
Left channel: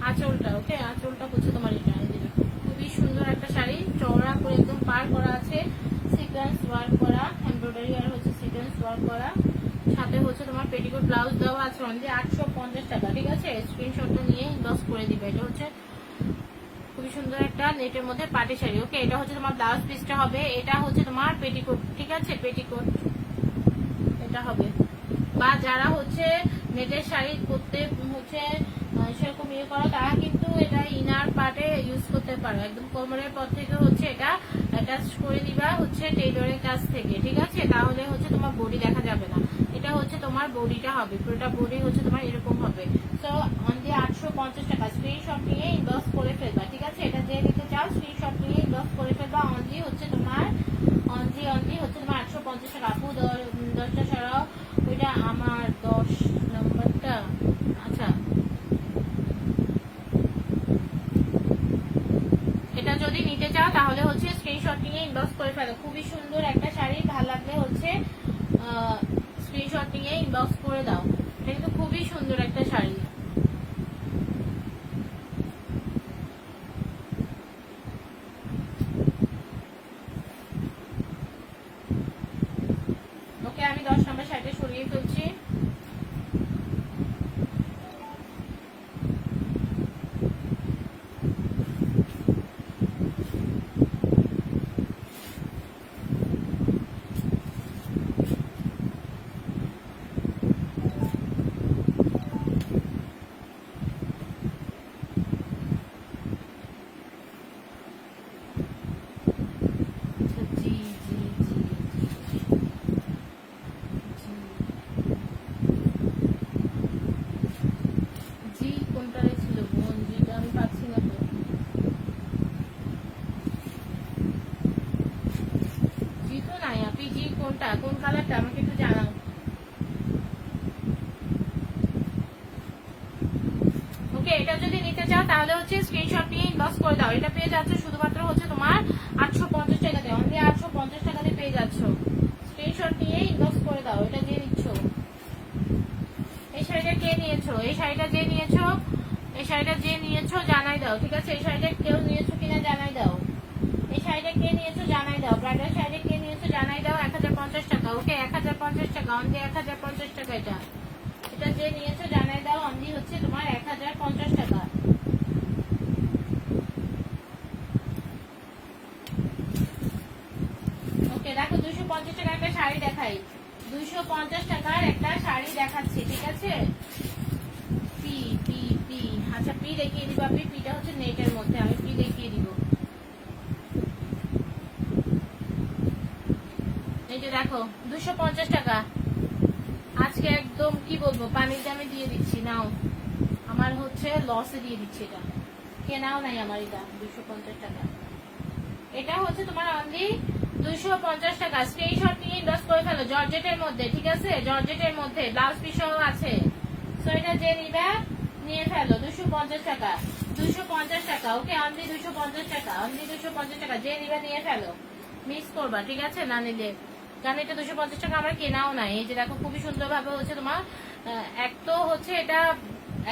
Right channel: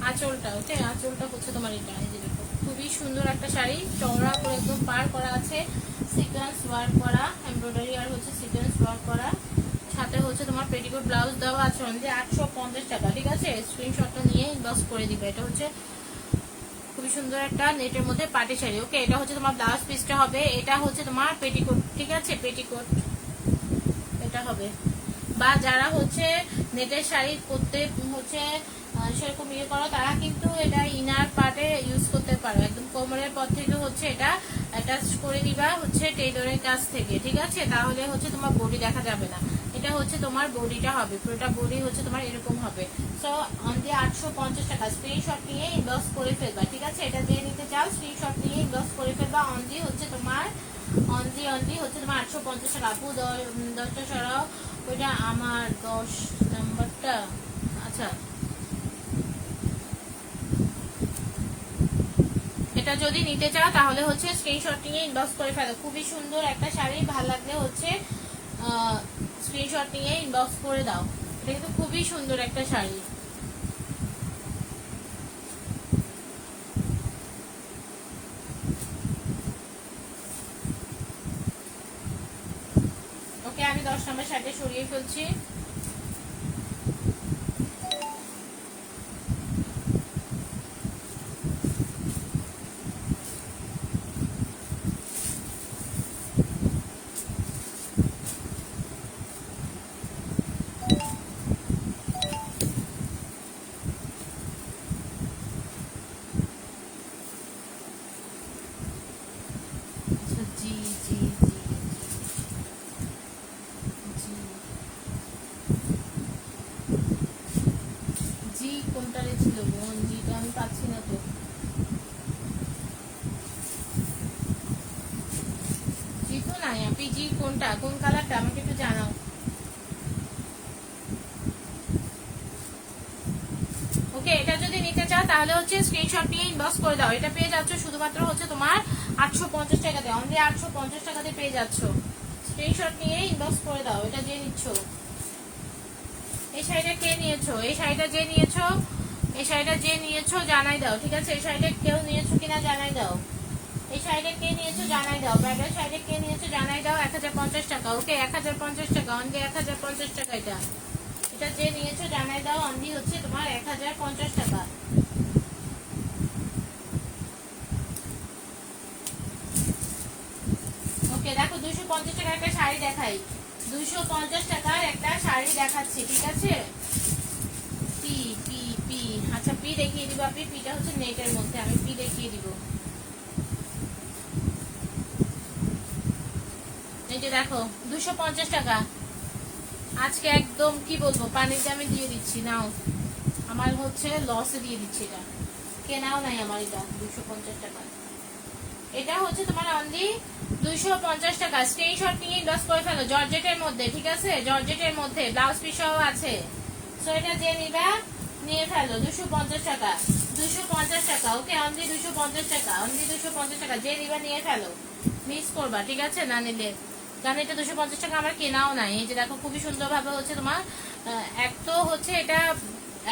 আঁচলটা। ওকে আঁচলটা হচ্ছে তোমার এটা, খুবই সুন্দর একটা শাড়ি, চওড়া করে একদম পার করা আছে, সিকোয়েন্স ওয়ার্ক করা, এমব্রয়ডারি আর হচ্ছে সিকোয়েন্স ওয়ার্ক করা, সাথে হচ্ছে তোমার পেটিকোট ব্লাউজ দেওয়া আছে অনলি 850 টাকা, ঠিক আছে। স্ক্রিনশটটা নিয়ে ইনবক্স করে দিবে। এটা হচ্ছে খুবই সুন্দর একটা নেটের মধ্যে পাটি শাড়ি। ওকে এটা হচ্ছে তোমার ব্লাউজ পিসটা হবে, এটা হচ্ছে তোমার পেটিকোট, ঠিক আছে, পেটিকোট এটা হবে। বা যারা হচ্ছে নেটের শাড়ি করতে হচ্ছে সেরকম ইয়ে করো, তারা কিন্তু এটা ইনার পার্টে ইউজ করতে পারো। একদম কোমরের পর থেকে হচ্ছে এটা অ্যাটাচ করে দিবা হচ্ছে টেইলরের কাছ থেকে, ঠিক আছে, তাহলে হচ্ছে তোমার বডি দেখা যাবে না। এটা হচ্ছে তোমার বডিটা হবে, পুরোটা বডি হচ্ছে তোমার এরকম হবে। সো অনলি 850 টাকা। স্ক্রিনশট নিয়ে ইনবক্স করে ফেলবা, ঠিক আছে। এটা যে নিতে চাও স্ক্রিনশট নিয়ে ইনবক্স করে ফেলবা। অনলি হচ্ছে তোমার অনলি হচ্ছে তোমার 850 টাকা। আপু 10টা সরাও, ওইটা আমার 10 নাম্বারটা। আচ্ছা এটা যদি নিতে চাও তাহলে হচ্ছে স্ক্রিনশট নিয়ে ইনবক্স করে ফেলো। খুবই সুন্দর একটা শাড়ি, ভালো লাগলে হচ্ছে স্ক্রিনশট নিয়ে ইনবক্স করে দাও। এটা কিন্তু খুবই সুন্দর একটা শাড়ি। ওকে আমি 10 নম্বর শাড়িটা সরিয়ে ফেলছি। কোনটারে ছিল বোন, জিটা আমি পাচ্ছি না তো। জি তো নাই, আপনি জি কোনটা, কোন কালারটা আমাকে একটু জানাও। ওকে এটা যদি নিতে চাও তাহলে হচ্ছে স্ক্রিনশট নিয়ে ইনবক্স করে দাও। এটা পেয়ে যাচ্ছ শুধুমাত্র হচ্ছে তোমার 850 টাকাতে, অনলি 850 টাকাতে পেয়ে যাচ্ছ। স্ক্রিনশট নিয়ে ইনবক্স করে দাও। এটা যে নিচ্ছ, এই শাড়িটা কে নিয়েছো, এই শাড়িটা যে নিয়েছো, এই শাড়িটা যে নিয়েছো জানাই দাও, ঠিক আছে। এই শাড়িটা কেউ নিয়েছো কিনা জানাই দাও। এই শাড়িটা কে নিয়েছো জানাই দাও। ব্রাইডাল শাড়িটা কে নিয়েছো জানাই দাও। 1050 টাকা। ওকে 1050 টাকা, অনলি 1050 টাকা। এটা এটা যে নিয়েছো জানাই দাও। অনলি হচ্ছে তোমার 1050 টাকা। ওকে দেখো 250 টাকার একটা শাড়ি দেখাই, 250 টাকার একটা শাড়ি দেখাচ্ছি, ঠিক আছে। পি পি পি, আচ্ছা পি দেখিয়ে দিব। আপনি পিটা হচ্ছে নেটের মধ্যে, আমি পি দেখিয়ে দিব। এই যে দেখো 250 টাকা। আজকে একদম কি বলবো, পানির দামে দিয়ে দিচ্ছি। নাও, আমার হচ্ছে লসে দিয়ে দিচ্ছি। এটা কেনাও নাই আমার, এটা 250 টাকা। এটা হচ্ছে তোমার অনলি 250 টাকা। স্ক্রিনশট নিয়ে ইনবক্স করে ফেলো। জর্জেটের মধ্যে, ঠিক আছে, জর্জেটের মধ্যে ব্লাউজ পিসও আছে। সো এটা যে নিবে নিয়ে ফেলো। 250 টাকা, 250 টাকা। ওকে অনলি 250 টাকা, অনলি 250 টাকা। যে নিবে নিয়ে ফেলো, মিস করবা, ঠিক আছে না নিলে। কারণ এটা 250 টাকা আমার কেনাও নাই। এই যে দেখো খুবই সুন্দর ভাবে হচ্ছে তোমার এক তো হচ্ছে এটা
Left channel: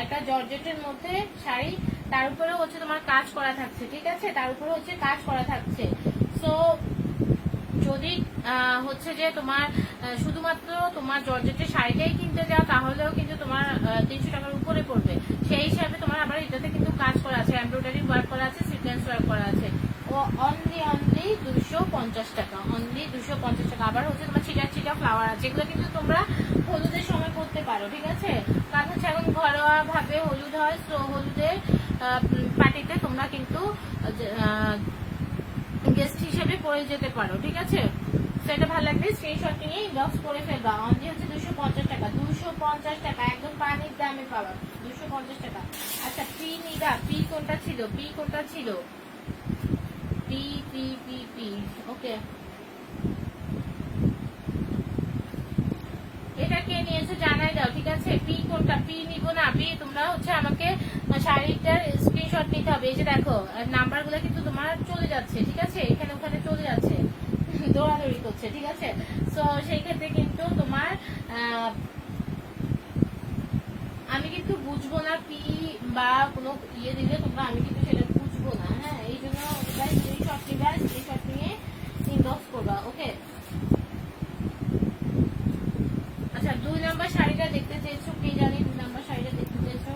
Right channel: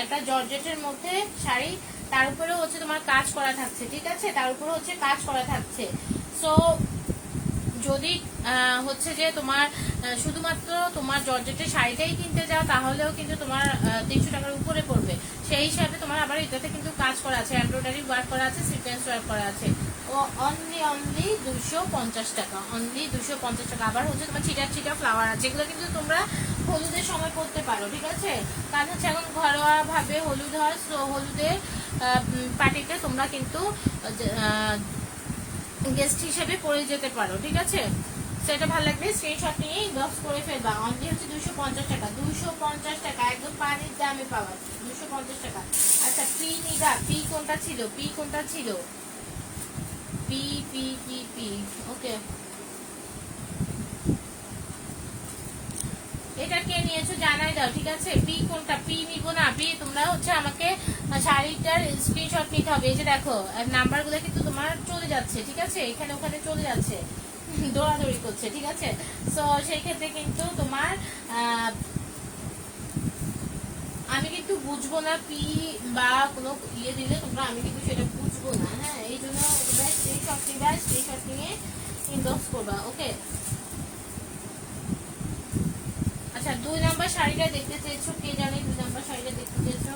একটা জর্জেটের মধ্যে শাড়ি, তার উপরে হচ্ছে তোমার কাজ করা থাকছে, ঠিক আছে, তার উপরে হচ্ছে কাজ করা থাকছে। সো যদি হচ্ছে যে তোমার শুধুমাত্র তোমার জর্জেটের শাড়িটাই কিনতে যাও তাহলেও কিন্তু তোমার 300 টাকার উপরে পড়বে। সেই হিসাবে তোমার আবার এটাতে কিন্তু কাজ করা আছে, এমব্রয়ডারি ওয়ার্ক করা আছে, সিকোয়েন্স ওয়ার্ক করা আছে। ও অনলি 250 টাকা, অনলি 250 টাকা। আবার হচ্ছে তোমার ছিটা ছিটা ফ্লাওয়ার আছে, এগুলো কিন্তু তোমরা হলুদের সময় করতে পারো, ঠিক আছে। কারণ হচ্ছে এখন ঘরোয়া ভাবে হলুদ হয়, তো হলুদের পার্টিতে তোমরা কিন্তু গেস্ট হিসেবে পরে যেতে পারো, ঠিক আছে। সেটা ভালো লাগবে, স্ক্রিনশট নিয়ে ইনবক্স করে ফেলবা। অনলি হচ্ছে 250 টাকা, 250 টাকা, একদম পানির দামে পাবা 250 টাকা। আচ্ছা পি নিবা, পি কোনটা ছিল, পি কোনটা ছিল, পি পি পি পি। ওকে এটা কে নিয়ে নিয়েছো জানাই দাও, ঠিক আছে? পি কোনটা, পি নিব না পি, তোমরা হচ্ছে আমাকে শাড়িটার স্ক্রিনশট নিতে হবে। এই যে দেখো নাম্বার গুলো কিন্তু তোমার চলে যাচ্ছে, ঠিক আছে? এখানে ওখানে চলে যাচ্ছে, দৌড়াদৌড়ি করছে, ঠিক আছে? তো সেই ক্ষেত্রে কিন্তু তোমার আমি কিন্তু বুঝবো না পি বা কোনো ইয়ে দিলে তোমরা, আমি কিন্তু সেটা বুঝবো না। হ্যাঁ, এই জন্য স্ক্রিনশট নিয়ে ইনবক্স করবা, ওকে? আচ্ছা, 2 নাম্বার শাড়িটা দেখতে চেয়েছো, কে জানে 2 নাম্বার শাড়িটা দেখতে চেয়েছো?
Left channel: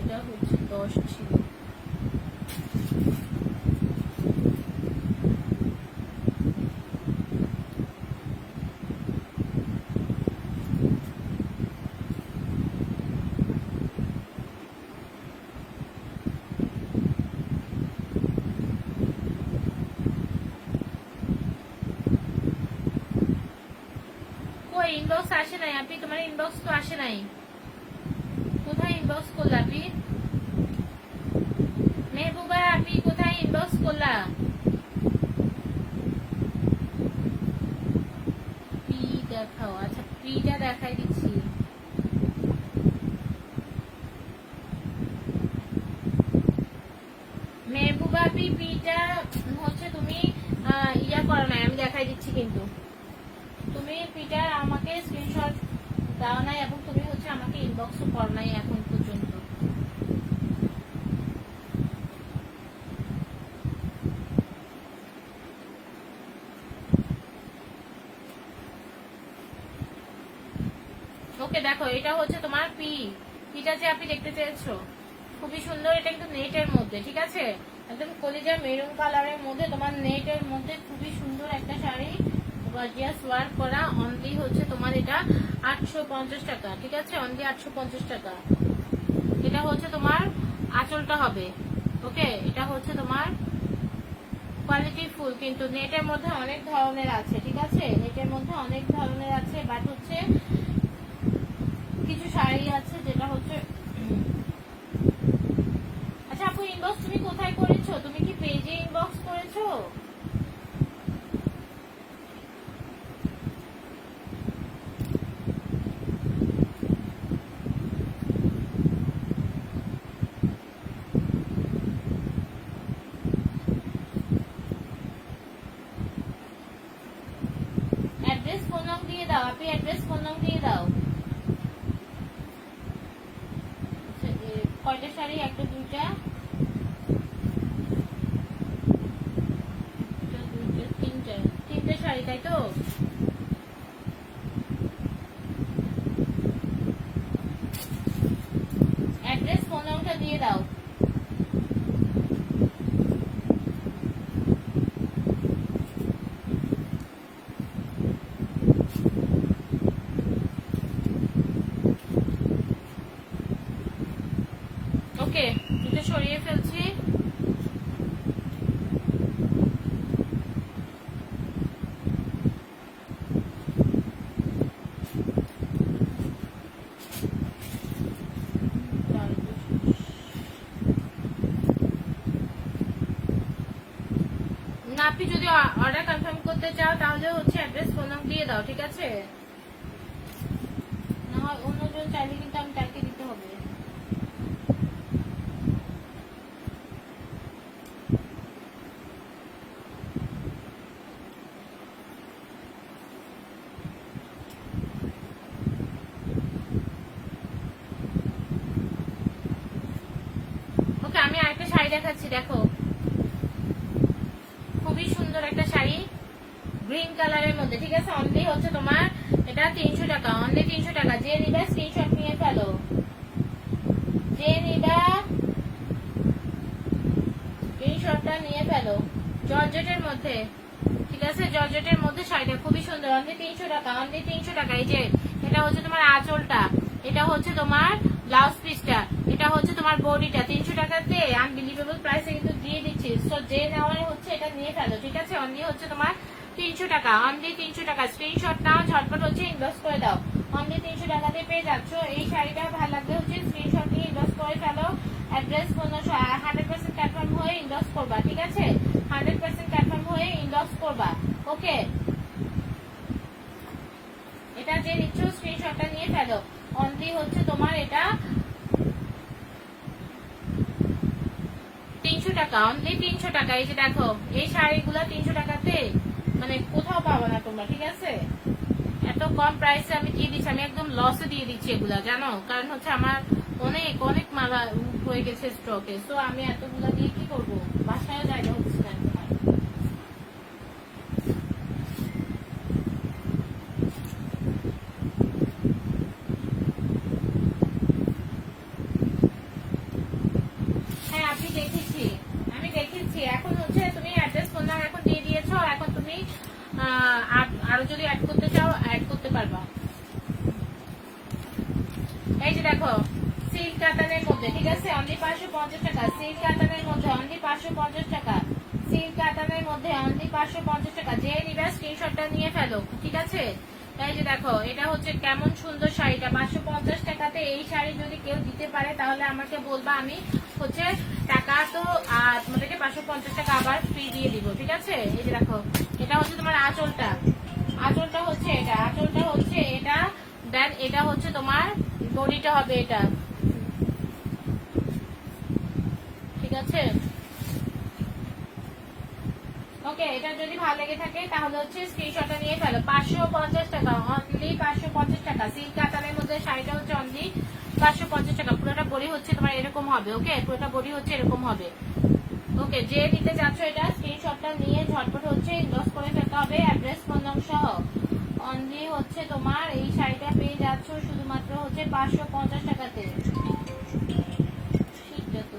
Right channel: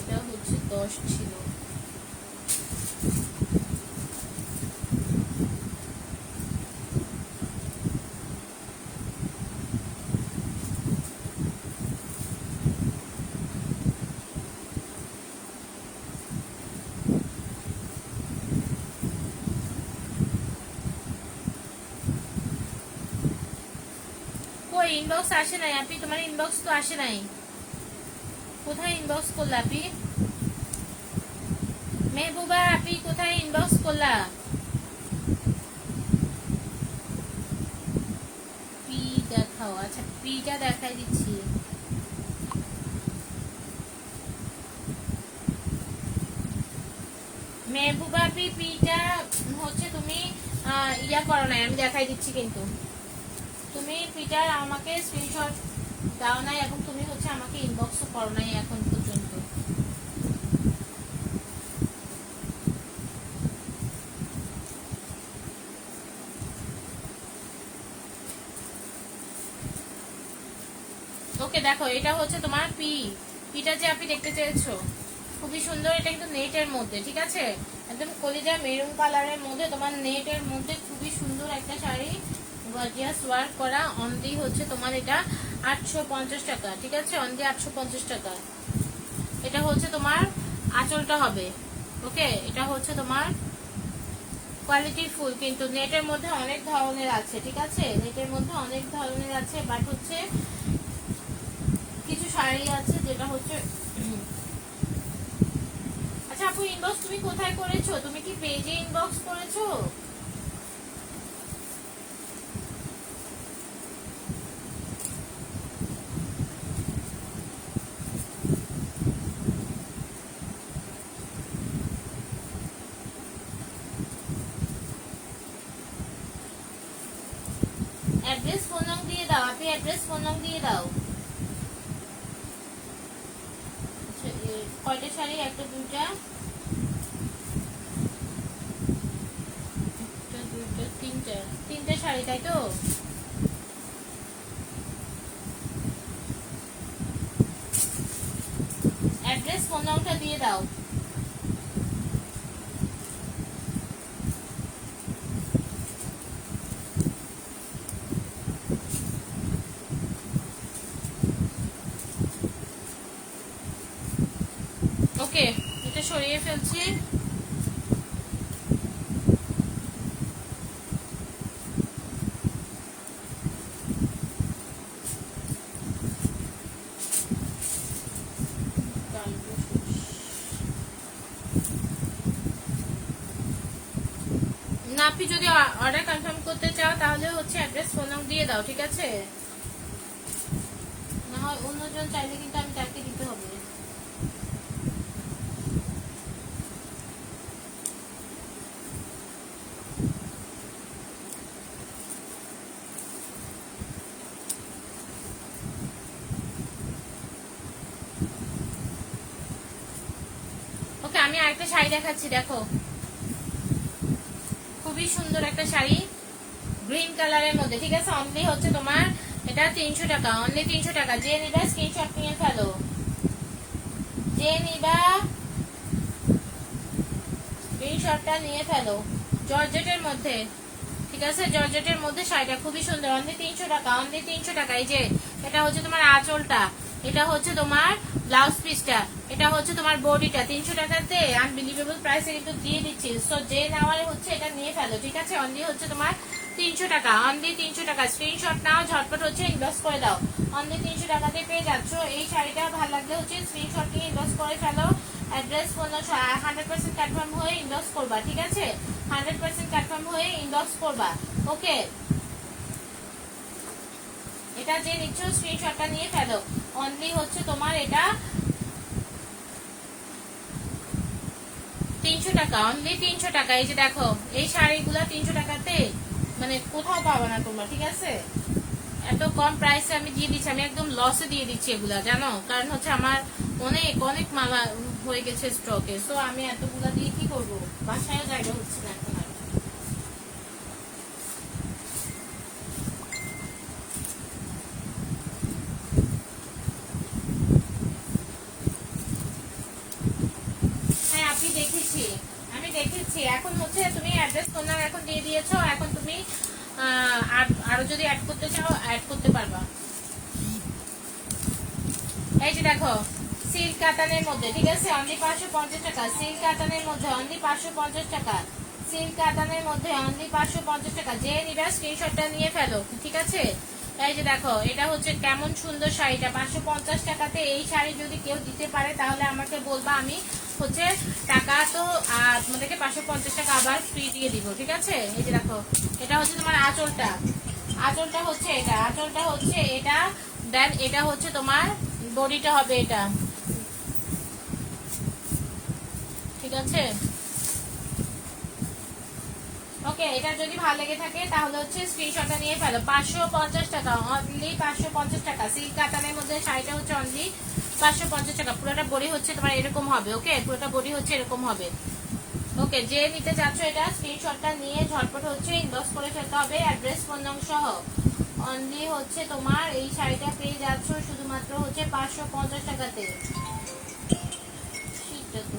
এটা হচ্ছে 10 ছিল। কই ইনবক্স আসে নাই আপনি? তোমার ইনবক্স তো আসে নাই, কোথায় ইনবক্স করলা আপনি? মেহবুবা আপনি কোথায় ইনবক্স করলা? পি দেখাও। আচ্ছা, পিটা দেখাই দিচ্ছি। মেহবুবা আপনি পিটা হচ্ছে তুমি ইয়া করো নাই, আমি দেখাই দিচ্ছি। কিন্তু তুমি পিটার আমাকে স্ক্রিনশট দাও নাই এবং তুমি হচ্ছে আমাকে ইনবক্সও করো নাই এখন পর্যন্ত। ওকে, দেখো এটা হচ্ছে তোমার পি, পিটা যে আপনি দেখতে চেয়েছো, খুবই সুন্দর। এটা কিন্তু নেটের মধ্যে, ঠিক আছে? একদম কলিজা মেরুন কালারের মধ্যে, তোমার নেটের মধ্যে খুবই সুন্দর একটা শাড়ি, গর্জিয়াস ওয়ার্ক করা। অনলি হচ্ছে তোমার এটা 850 টাকা, ঠিক আছে? অনলি 850 টাকা। এটা হচ্ছে তোমার আঁচলটা হবে, ওকে? এটা হচ্ছে তোমার কোয়ালিটি ফুল, কিন্তু নেটের মধ্যে অনেক ধরনের আছে, ঠিক আছে? নেটের মধ্যে অনেক ধরনের আছে, বাট হচ্ছে কিছু শাড়ি আছে যেটা হচ্ছে আচ্ছা আপু, ইনবক্স তুমি কোথায় করেছো? তুমি কি পেজে ইনবক্স করেছো? অ্যাড্রেস ফোন নং দিয়ে দাও আপনি, অ্যাড্রেস ফোন নং দিয়ে দাও। কয়টা শাড়ি? একটা, দুইটা, তিনটা, তিনটে শাড়ি, তাই তো? অ্যাড্রেস ফোন নংটা দিয়ে দাও। ওকে, এটা সরিয়ে ফেলছি। না, আপনি যদি অর্ডার কনফার্ম করতে চাও তাহলে হচ্ছে অ্যাড্রেস ফোন নাম্বার দিয়ে দাও, ঠিক আছে? না হয় অন্যজন চাইলে কিন্তু আমি তাকে দিতে হবে। ওকে, আমি আরেকটা শাড়ি দেখাচ্ছি, দেখো খুবই সুন্দর একটা শাড়ি গ্রিন কালারের মধ্যে, ঠিক আছে? অনলি হচ্ছে তোমার এটা 300 টাকা, অনলি 300 টাকা। যে নিবা স্ক্রিনশট নিয়ে ফেলো, যে নিবা স্ক্রিনশটটা নিয়ে ফেলো। জর্জেটের মধ্যে, ঠিক আছে? জর্জেটের মধ্যে শাড়িটা খুবই সুন্দর, অনলি 300 টাকা, অনলি 300 টাকা। এই যে এটা হচ্ছে তোমার আঁচলটা, এটা হচ্ছে তোমার ব্লাউজ পিসটা, এটা হচ্ছে তোমার বডিটা। 300 টাকাতে আনবিলিভেবল প্রাইসে কিন্তু দিয়ে দিচ্ছি। সো যে নেওয়ার হচ্ছে এটা নিয়ে ফেলো, ঠিক আছে? অনলি হচ্ছে তোমার 300 টাকা, অনলি 300 টাকা। স্ক্রিনশট নাও, ঝটপট হচ্ছে ইনবক্স করে দাও। অনলি 300 টাকাতে পেয়ে যাচ্ছ এই শাড়িটা। ভালো লাগলে হচ্ছে স্ক্রিনশট নিয়ে ইনবক্স করে ফেলো। অ্যাড্রেস ফোন 100% কনফার্ম হয়ে ইনবক্স করবা, ঠিক আছে? 100% কনফার্ম হয়ে ইনবক্স করবা। ওকে, এটা যে নিচ্ছ স্ক্রিনশটটা নিয়ে ফেলো। অনলি হচ্ছে তোমার এটা 300 টাকা, অনলি 300 টাকা। এই যে দেখো এই শাড়িগুলো 300 টাকাতে মানে কোথাও পাবো না তোমরা, ঠিক আছে? এত কম প্রাইসে আমি দিয়ে দিচ্ছি, আমি একদম লসে দিয়ে দিচ্ছি এগুলা, জানো? কারণ হচ্ছে আমার অনেক অনেক মালা হয়ে গেছে স্টকে, সো আমি এতগুলা দিয়ে কি করবো, বাসায় জায়গা হচ্ছে না এখন আর। হ্যাঁ আপনি দেখেছি, আমি দেখেছি। এখন হচ্ছে তুমি অ্যাড্রেস ফোন নাম্বার এখন দিয়ে দিয়েছো, এখন তুমি আরো যদি অ্যাড করতে চাও অ্যাড করতে পারবা। এই যে দেখো সিল্ক কাতানের মধ্যে, ঠিক আছে? অনলি 550 টাকা। সিল্ক কাতানের মধ্যে অনলি 550 টাকা। সিল্ক কাতানের মধ্যে অনলি 550 টাকা। যে নিবা স্ক্রিনশটটা নিয়ে ফেলো, ঠিক আছে? এই যে দেখো এটা হচ্ছে কেমন সুন্দর শাড়িটা, 550 টাকাতে এই শাড়ি যদি কেউ দিতে পারে তাহলে আমাকে বলবা, আমি হচ্ছে টাকা তো তোমাদেরকে 550 টাকা আবার ফ্রি দিয়ে দিব, ঠিক আছে? এই যে দেখো এটা হচ্ছে তোমার আঁচলটা, আঁচলটা হচ্ছে এটা, আঁচলটা হচ্ছে এটা, দেন এটা হচ্ছে তোমার বডিটা হবে এটা, ঠিক আছে? ওকে, এটা যদি ভালো লেগে থাকে তাহলে হচ্ছে স্ক্রিনশটটা নিয়ে ফেলো। 550 টাকা, অনলি 550 টাকা। সিল্ক কাতানের মধ্যে শাড়িটা হচ্ছে অনলি 550 টাকা। পুরোটা বডি হচ্ছে তোমার এরকম হবে, ওকে? পুরোটা বডি হচ্ছে এরকম হবে। ওকে, যে নিতে যাচ্ছ এটা স্ক্রিনশটটা নিয়ে ঝটপট হচ্ছে ইনবক্স করে ফেলতে হবে অ্যাড্রেস ফোন নম্বর সহ। অনলি হচ্ছে তোমার এই শাড়িটা পেয়ে যাচ্ছ শুধুমাত্র হচ্ছে 550 টাকাতে। শীতটা তো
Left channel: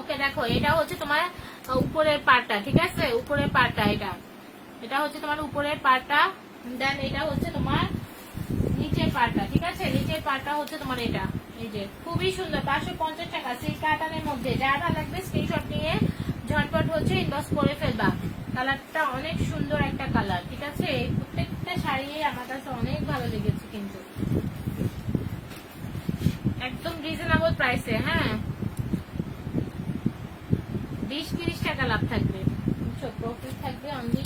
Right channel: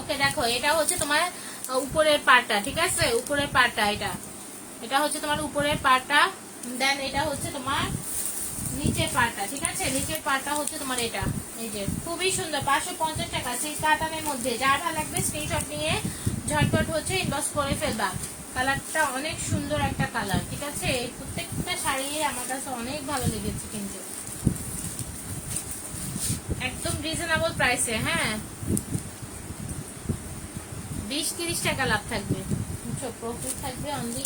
ওকে, দেখো এটা হচ্ছে তোমার উপরের পাটটা, ঠিক আছে? উপরের পাটটা এটা, এটা হচ্ছে তোমার উপরের পাটটা, দেন এটা হচ্ছে তোমার নিচের পাটটা, ঠিক আছে? নিচের পাটটা হচ্ছে তোমার এটা। এই যে খুবই সুন্দর, 550 টাকা সিল্ক কাতানের মধ্যে। যার ভালো লাগবে স্ক্রিনশট নিয়ে ঝটপট হচ্ছে ইনবক্স করে ফেলবা। কালারটা অনেক সুন্দর একটা কালার, ঠিক আছে? এই প্রত্যেকটা শাড়ি আমার কাছে অনেক ভালো লেগেছে, কিন্তু একদম রিজনেবল প্রাইসে। হ্যাঁ, 20-30 টাকা লাভ থাকবে, বুঝছো? প্রফিট থাকবে অনলি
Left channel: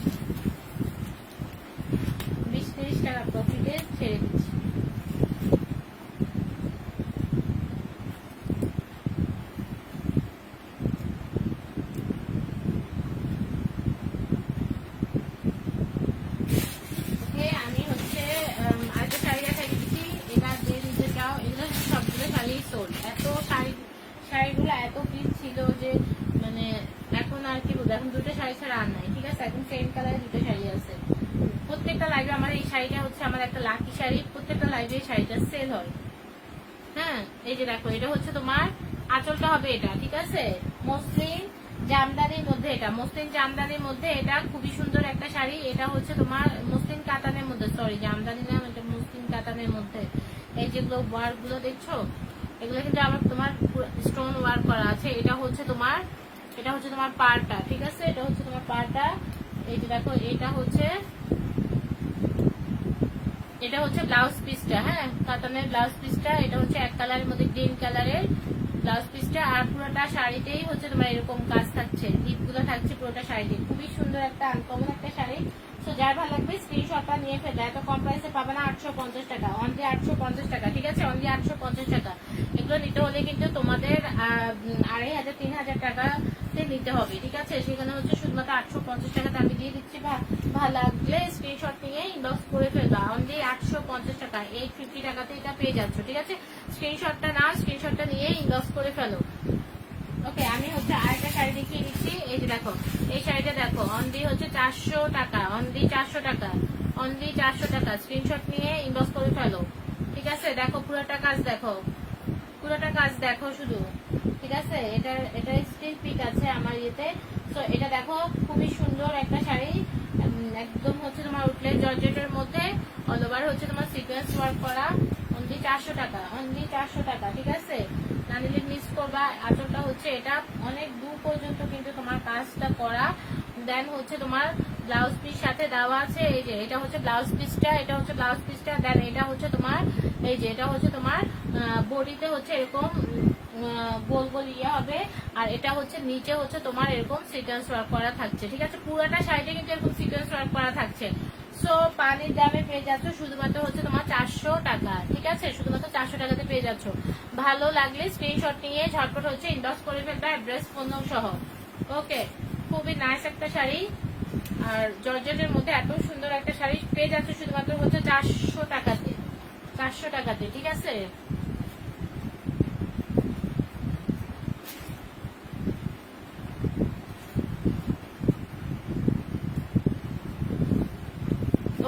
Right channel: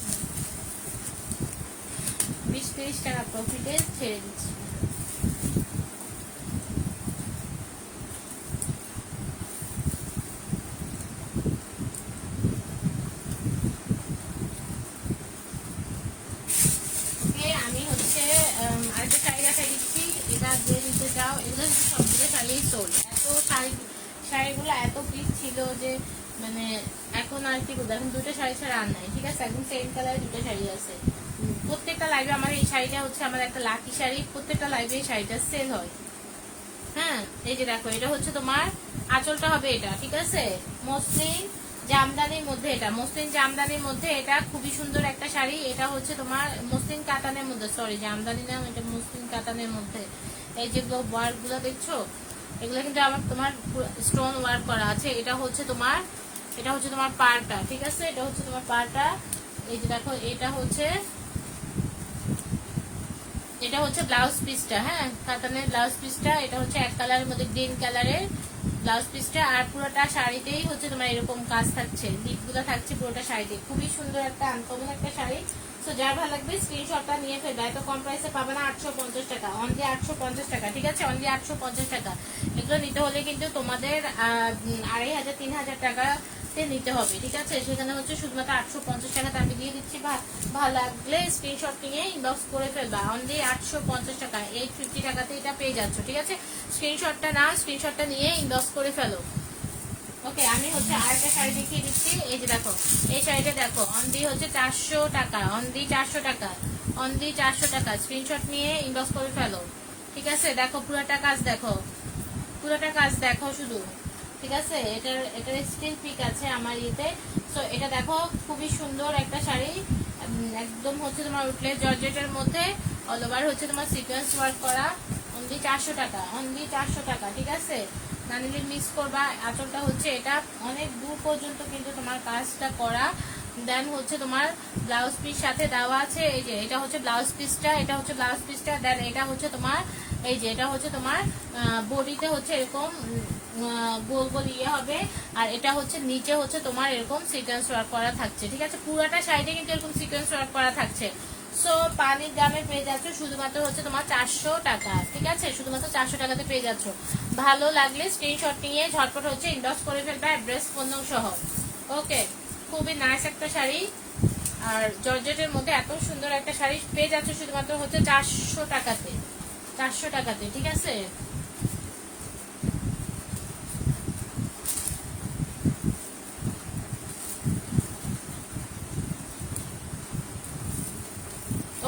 20-30 টাকা প্রফিটে ছেড়ে দিচ্ছি। আমি হচ্ছে আরেকটা শাড়ি দেখাই দিচ্ছি, এবার যে নিতে চাও। এগুলো সবগুলো শাড়ি সোল্ড। এত শাড়িগুলো এত পিস ছিল যে মানে এখন আর কি বলবো, এখন দুটো শাড়ি ছাড়া আর নাই, ঠিক আছে? এখন সেম কালারে দুটো শাড়ি আছে। প্রত্যেকটা লাইভে আমার এই শাড়িটা হচ্ছে আমার একটা লাকি শাড়ি, প্রত্যেকটা লাইভে এই শাড়িটা সেল হয়। হ্যাঁ, এই যে দেখো এটা হচ্ছে তোমার আঁচলটা হবে এটা, ঠিক আছে? মসলিন জামদানির মধ্যে, এটা মসলিন জামদানির মধ্যে, এটা খুবই সুন্দর একটা শাড়ি। এটা হচ্ছে তোমার মসলিন কাতানের মধ্যে, সরি জামদানি নাম, এটা মসলিন কাতানের মধ্যে। এই যেগুলো ওয়ার্ক গুলো দেখছো, এগুলো কিন্তু আমার তোমার স্টোন ওয়ার্ক করা আছে। এটা হচ্ছে তোমার, এটা হচ্ছে তোমার পাড়টা, ঠিক আছে? এটা হচ্ছে তোমার পাড়টা। এই যে দেখো এটা হচ্ছে, এটা হচ্ছে ব্লাউজ পিসটা। হ্যাঁ, কাতানের ব্লাউজ পিসটা, এটা হচ্ছে এক কালারের মধ্যে গ্রিন কালারের ব্লাউজ পিসটা। আর পুরোটা শাড়িতেই হচ্ছে তোমার এরকম কাজ থাকছে, দিকগুলো থাকছে পুরোটা শাড়িতে। খুবই সুন্দর একটা আনকমন একটা শাড়ি। তো যার ভালো লাগবে স্ক্রিনশটটা নিয়ে ফেলবে। এত কম প্রাইসে পাবে না, 850 টাকা, অনলি 850 টাকা, ঠিক আছে? অনলি 850 টাকা। এগুলো নিতে হলে কিন্তু তোমাদের 2500-3000 টাকাতে নিতে হবে, ঠিক আছে? সেখানে হচ্ছে শুধুমাত্র 850 টাকাতে আমি দিয়ে দিচ্ছি। ভালো লাগলে স্ক্রিনশট নিয়ে ইনবক্স করে ফেলবা। অনলি 850 টাকা, 850 টাকাতে এটা পেয়ে যাচ্ছ, ঠিক আছে? স্ক্রিনশটটা না, স্ক্রিনশটটা নিয়ে ইনবক্স করে ফেলো। ওকে, আমি হচ্ছে আরেকটা শাড়ি দেখিয়ে দিচ্ছি। এই যে দেখো এই শাড়িটা দেখো, অনলি হচ্ছে 400 টাকা, অনলি 400 টাকা, অনলি 400 টাকা। স্ক্রিনশট নিয়ে ইনবক্স করে ফেলো, ঠিক আছে? দেখো পুরোটা কাজ দেখো, পুরোটা কাজ দেখো শুধু, ঠিক আছে? এটার স্টিল পিক আছে আমার ইয়েতে। তো এটা দেখো খুবই সুন্দর একটা শাড়ি, একদম হচ্ছে তোমার উইটলেস জর্জেটের মধ্যে অল ওভার হচ্ছে তোমার সিকোয়েন্স ওয়ার্ক করা, অনলি 400 টাকা, অনলি 400 টাকা। ঠিক আছে, না নিলে মিস করবা। আঁচলটা হচ্ছে এটা অনেক দূর পর্যন্ত কিন্তু তোমার কাজটা করা। দেন হচ্ছে তোমার ব্লাউজ পিস সাথে দেওয়া আছে। এই যে এটা হচ্ছে ব্লাউজ পিসটা, এটা হচ্ছে ব্লাউজ পিসটা। দেন এটা হচ্ছে তোমার এই যে এটা হচ্ছে তোমার বডিতে হচ্ছে এরকম গোল গোল ইয়ে হবে, আর এটা হচ্ছে নিচে হচ্ছে তোমার এরকম সিকোয়েন্স ওয়ার্ক করা থাকছে। ঠিক আছে, পুরোটা সাইডে কিন্তু এরকম সিকোয়েন্স ওয়ার্ক করা থাকছে। সো পানির দামে পেয়ে যাচ্ছ শুধুমাত্র হচ্ছে তোমার 400 টাকা। ঠিক আছে, শুধুমাত্র 400 টাকাতে পেয়ে যাচ্ছ। ভালো লাগলে স্ক্রিনশট নিয়ে ঝটপট হচ্ছে ইনবক্স করে ফেলবে অ্যাড্রেস ফোন সহ। ওকে, খুবই নাইস একটা শাড়ি, আর জর্জেটের মধ্যে এত সুন্দর একটা শাড়ি পেয়ে যাচ্ছ শুধুমাত্র হচ্ছে 400 টাকাতে, 400 টাকাতে। ঠিক আছে,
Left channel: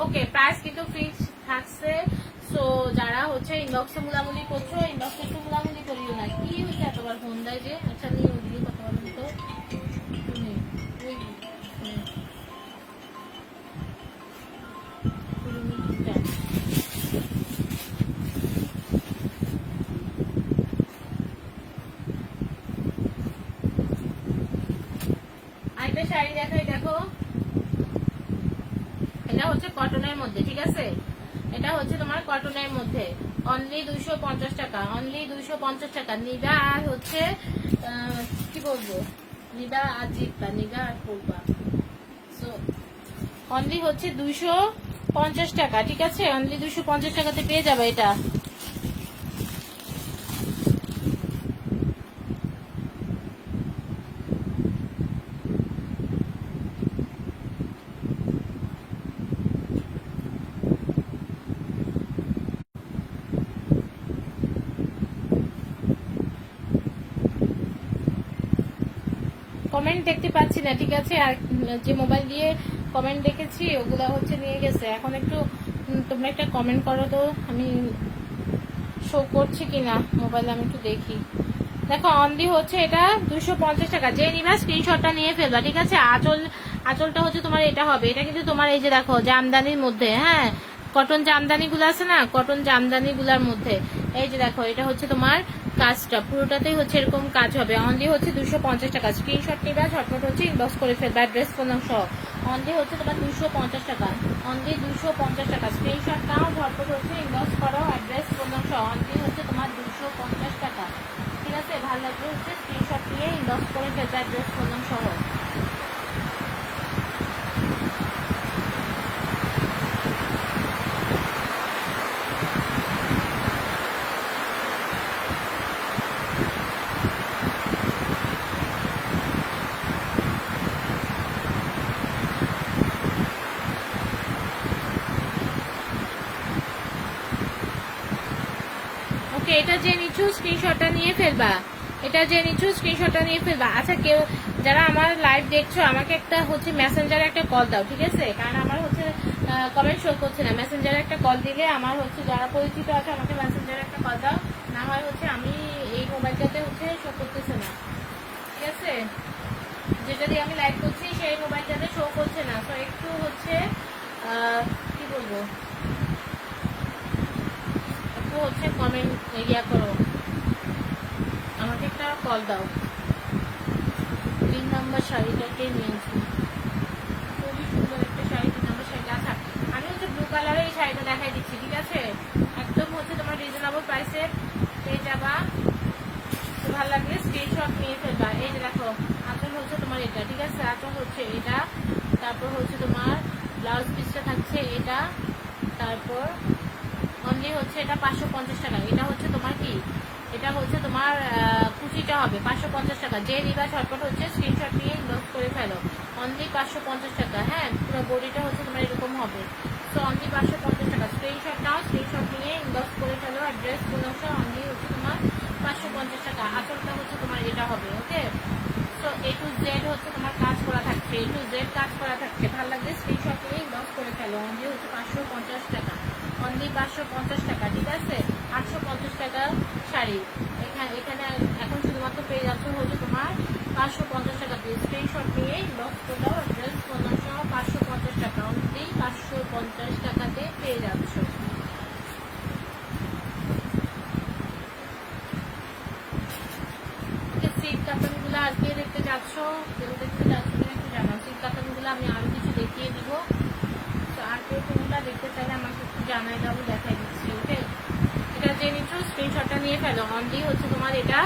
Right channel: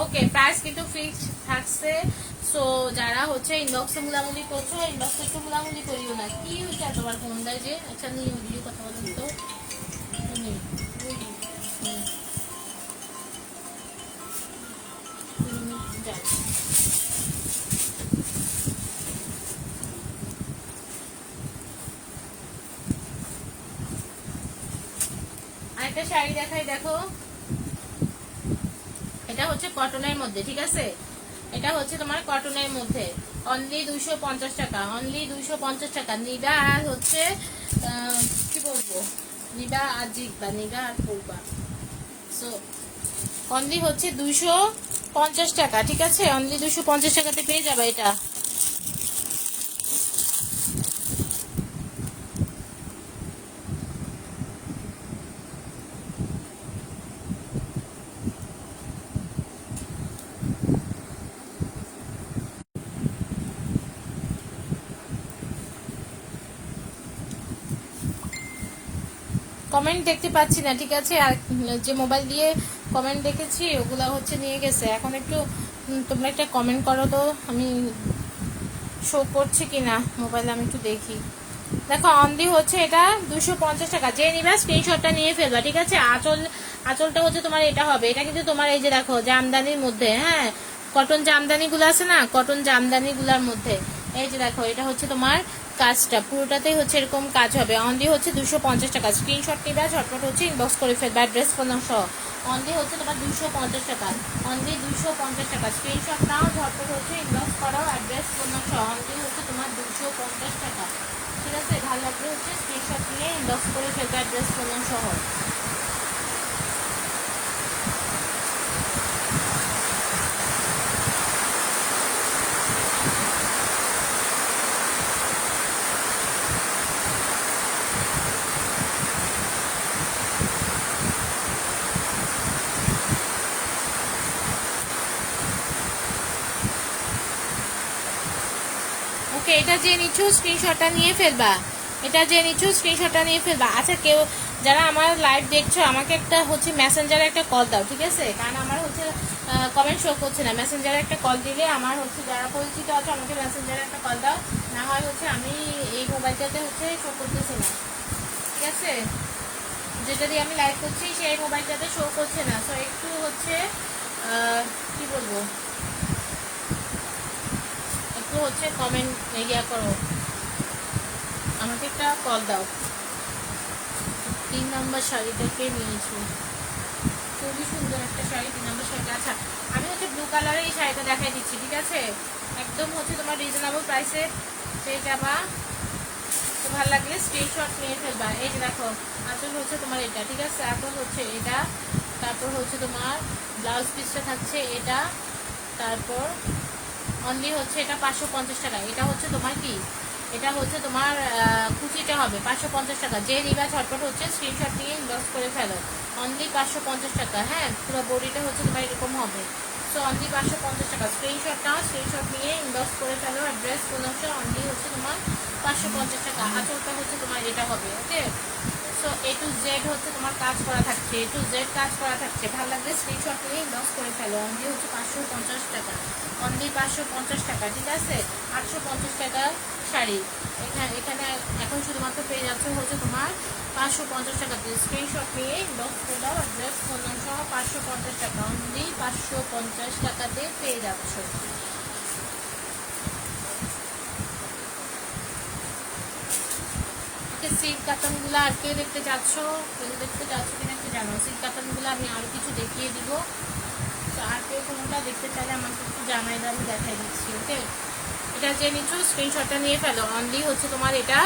ওকে, প্রাইস কিন্তু ফিক্স থাকছে। সো যারা হচ্ছে ইনবক্সে মুলামুলি করছো, ইনবক্সে একটু মুলামুলি করিও না। কি হচ্ছে এতবার ফোন দেয় যে? আচ্ছা নিয়ে ওদিকে কথা বলেন তো। আরেকটা শাড়ি দেখাই, দেখো এটা হচ্ছে কটনের মধ্যে। ঠিক আছে, এটা হচ্ছে তোমার কটনের মধ্যে অনলি 250 টাকা, অনলি 250 টাকা। নিদা আর হচ্ছে কি বলবো, নিদা আর জিতবা, নিদা আর পড়বা। সো অনলি হচ্ছে 250 টাকা। ঠিক আছে, অনলি 250 টাকাতে পেয়ে যাবে এটা। কমেন্ট দেখতে পাচ্ছি না। ঠিক আছে, আর যে মোবাইল দিয়ে কমেন্ট দেখেছি ওগুলা হচ্ছে নিয়ে গেছে। এখন একটু তোমরা একটা কমেন্ট করো তো, আমি শো করছি কিনা মোবাইলে, আমি একটু দেখি। দেখো অনলি হচ্ছে এটা 250 টাকা। যে নিবা স্ক্রিনশটটা নিয়ে ফেলবা। ঠিক আছে, আঁচলটা হচ্ছে তোমার এটা হবে। এটা কিন্তু তোমার এই যে দেখো জামদানির মধ্যে, হ্যাঁ কটন জামদানি গুলো আছে না, কটন জামদানি গুলার মধ্যে এই যে দেখো এটা হচ্ছে তোমার কাজটা পুরোটাতেই হচ্ছে এরকম কাজ হবে। অনলি হচ্ছে 250 টাকা। স্ক্রিনশট নিবা, ঝটপট হচ্ছে ইনবক্স করে ফেলবা অ্যাড্রেস ফোন সহ। অনলি হচ্ছে তোমার 250 টাকা, অনলি 250 টাকা। স্ক্রিনশট নাও, ঝটপট হচ্ছে ইনবক্স করো অ্যাড্রেস ফোন সহ। অনলি হচ্ছে তোমার 250 টাকা। ঠিক আছে, ভালো লাগলে হচ্ছে স্ক্রিনশট নিয়ে ইনবক্স করে ফেলবে অ্যাড্রেস ফোন সহ। ওকে, এটা যে নিচ্ছ স্ক্রিনশটটা নিয়ে ফেলবা, এটা যে নিচ্ছ স্ক্রিনশটটা নিয়ে ফেলবা। আচ্ছা কেউ যারা আমার লাইভ দেখছো আমাকে একটা হচ্ছে মেসেঞ্জারে একটা কল দাও। ঠিক আছে, কারণ আমার হচ্ছে কমেন্ট শো করছে না। মেসেঞ্জারে একটা কল দিলে আমার হচ্ছে যারা পরিচিত আছে আমাকে মেসেঞ্জারে একটা কল দাও, না হয় হচ্ছে আমি এই মোবাইলটাতে হচ্ছে শো করতেছে না। ঠিক আছে, যেটা দিয়ে আমি লাইভ করছি সেই মোবাইলটাতে শো করছে না। তো একটু হচ্ছে কি বলবো, একটু হচ্ছে কমেন্ট ইয়া করো, আমাকে একটা কল দাও। 3 নাম্বার শাড়িটাকে নিয়েছি, খুবই সুন্দর একটা শাড়ি। 3 নাম্বার শাড়িটা, আচ্ছা আমি হচ্ছে ব্লু কালারের এই শাড়িটা দেখাই দিচ্ছি। ঠিক আছে, একদম হচ্ছে তোমার রিজনেবল প্রাইসে পেয়ে যাবা। তো ভালো লাগলে স্ক্রিনশট নিয়ে ফেলবা। এই যে দেখো আঁচল হচ্ছে তোমার এটা। ঠিক আছে, আঁচল হচ্ছে এটা, তারপর হচ্ছে তোমার ব্লাউজ পিসটা থাকছে এটা, তারপর অনলি হচ্ছে এটা 550 টাকা। এটা হচ্ছে তোমার কি, এটা হচ্ছে তোমার কুচিটা হবে 550 টাকা। যে নিবা ঝটপট হচ্ছে স্ক্রিনশট নিয়ে ইনবক্স করে ফেলো। অনলি 550 টাকা। হ্যাঁ, পুরো বডিটা হচ্ছে তোমার এরকম হবে। সো অনলি 550 টাকা। স্ক্রিনশট নাও, স্ক্রিনশট নিয়ে ইনবক্স করে ফেলো অ্যাড্রেস বলছে। অনলি হচ্ছে তোমার 550 টাকা। আঁচলটা হচ্ছে তোমার এটা হবে। ওকে, সো A to Z হচ্ছে তোমার কাজ করা থাকছে, A to Z কাজ করা থাকছে। ভালো লাগলে স্ক্রিনশট নিয়ে ইনবক্স করে ফেলো। অনলি হচ্ছে 550 টাকা, অনলি 550 টাকা। ঠিক আছে, 850 টাকা শাড়ি, এখানে এখন শুধুমাত্র পেয়ে যাচ্ছ হচ্ছে তোমার 550 টাকা দিয়ে। স্ক্রিনশট নিয়ে ইনবক্স করে দাও, অ্যাড্রেস ফোন নাম্বার সহ 550 টাকা, অনলি 550 টাকাতে পেয়ে যাচ্ছ। সিল্ক কাতানগুলো আর কে দেখতে চাচ্ছ, কেউ দেখতে চাচ্ছ কিনা একটু জানাও। সিল্ক কাতানগুলো আমি আরো কিছু দেখিয়ে দিব, তো আর কেউ কোনটা দেখতে চাইলে আমাকে একটু জানাই দাও, আমি দেখাই দিচ্ছি। ওকে, এটা যে নিচ্ছ স্ক্রিনশটটা নিয়ে ফেলো। অনলি হচ্ছে তোমার এটা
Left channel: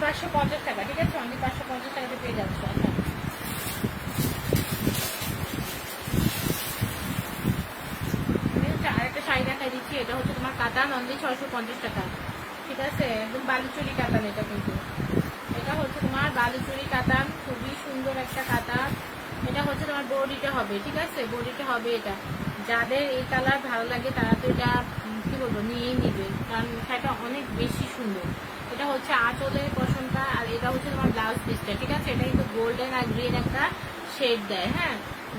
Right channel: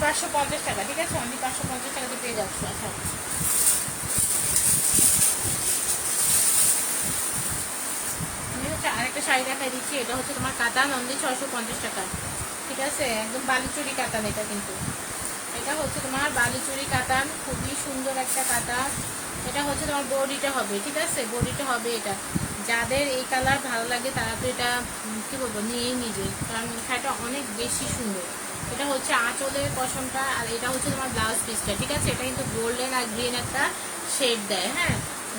550 টাকা, ঠিক আছে? অনলি 550 টাকাতে পেয়ে যাচ্ছ। আচ্ছা, আমি হচ্ছে আরেকটা শাড়ি দেখাই দিচ্ছি। এটা হচ্ছে তোমার কাতান, অনলি 650 টাকা, ঠিক আছে? একদম বালিচুরি কাতান এটা, কিন্তু এটা হচ্ছে তোমার বালিচুরি কাতান, খুবই সুন্দর একটা কাতান। এটা হচ্ছে তোমার বডিটা হবে, ঠিক আছে? বডিটা হবে এটা। যাদের এই কালার ভালো লাগে তারা তো এটা কি বলবো নিয়েই নিবে, কারণ শাড়িটা অনেক বেশি সুন্দর। এটা হচ্ছে আঁচলের পশমটা, আর এটা হচ্ছে তোমার ব্লাউজ পিসটা, ঠিক আছে? এটা কিন্তু গোল্ডেন আর গ্রিন একটা শেড দেয়, হ্যাঁ,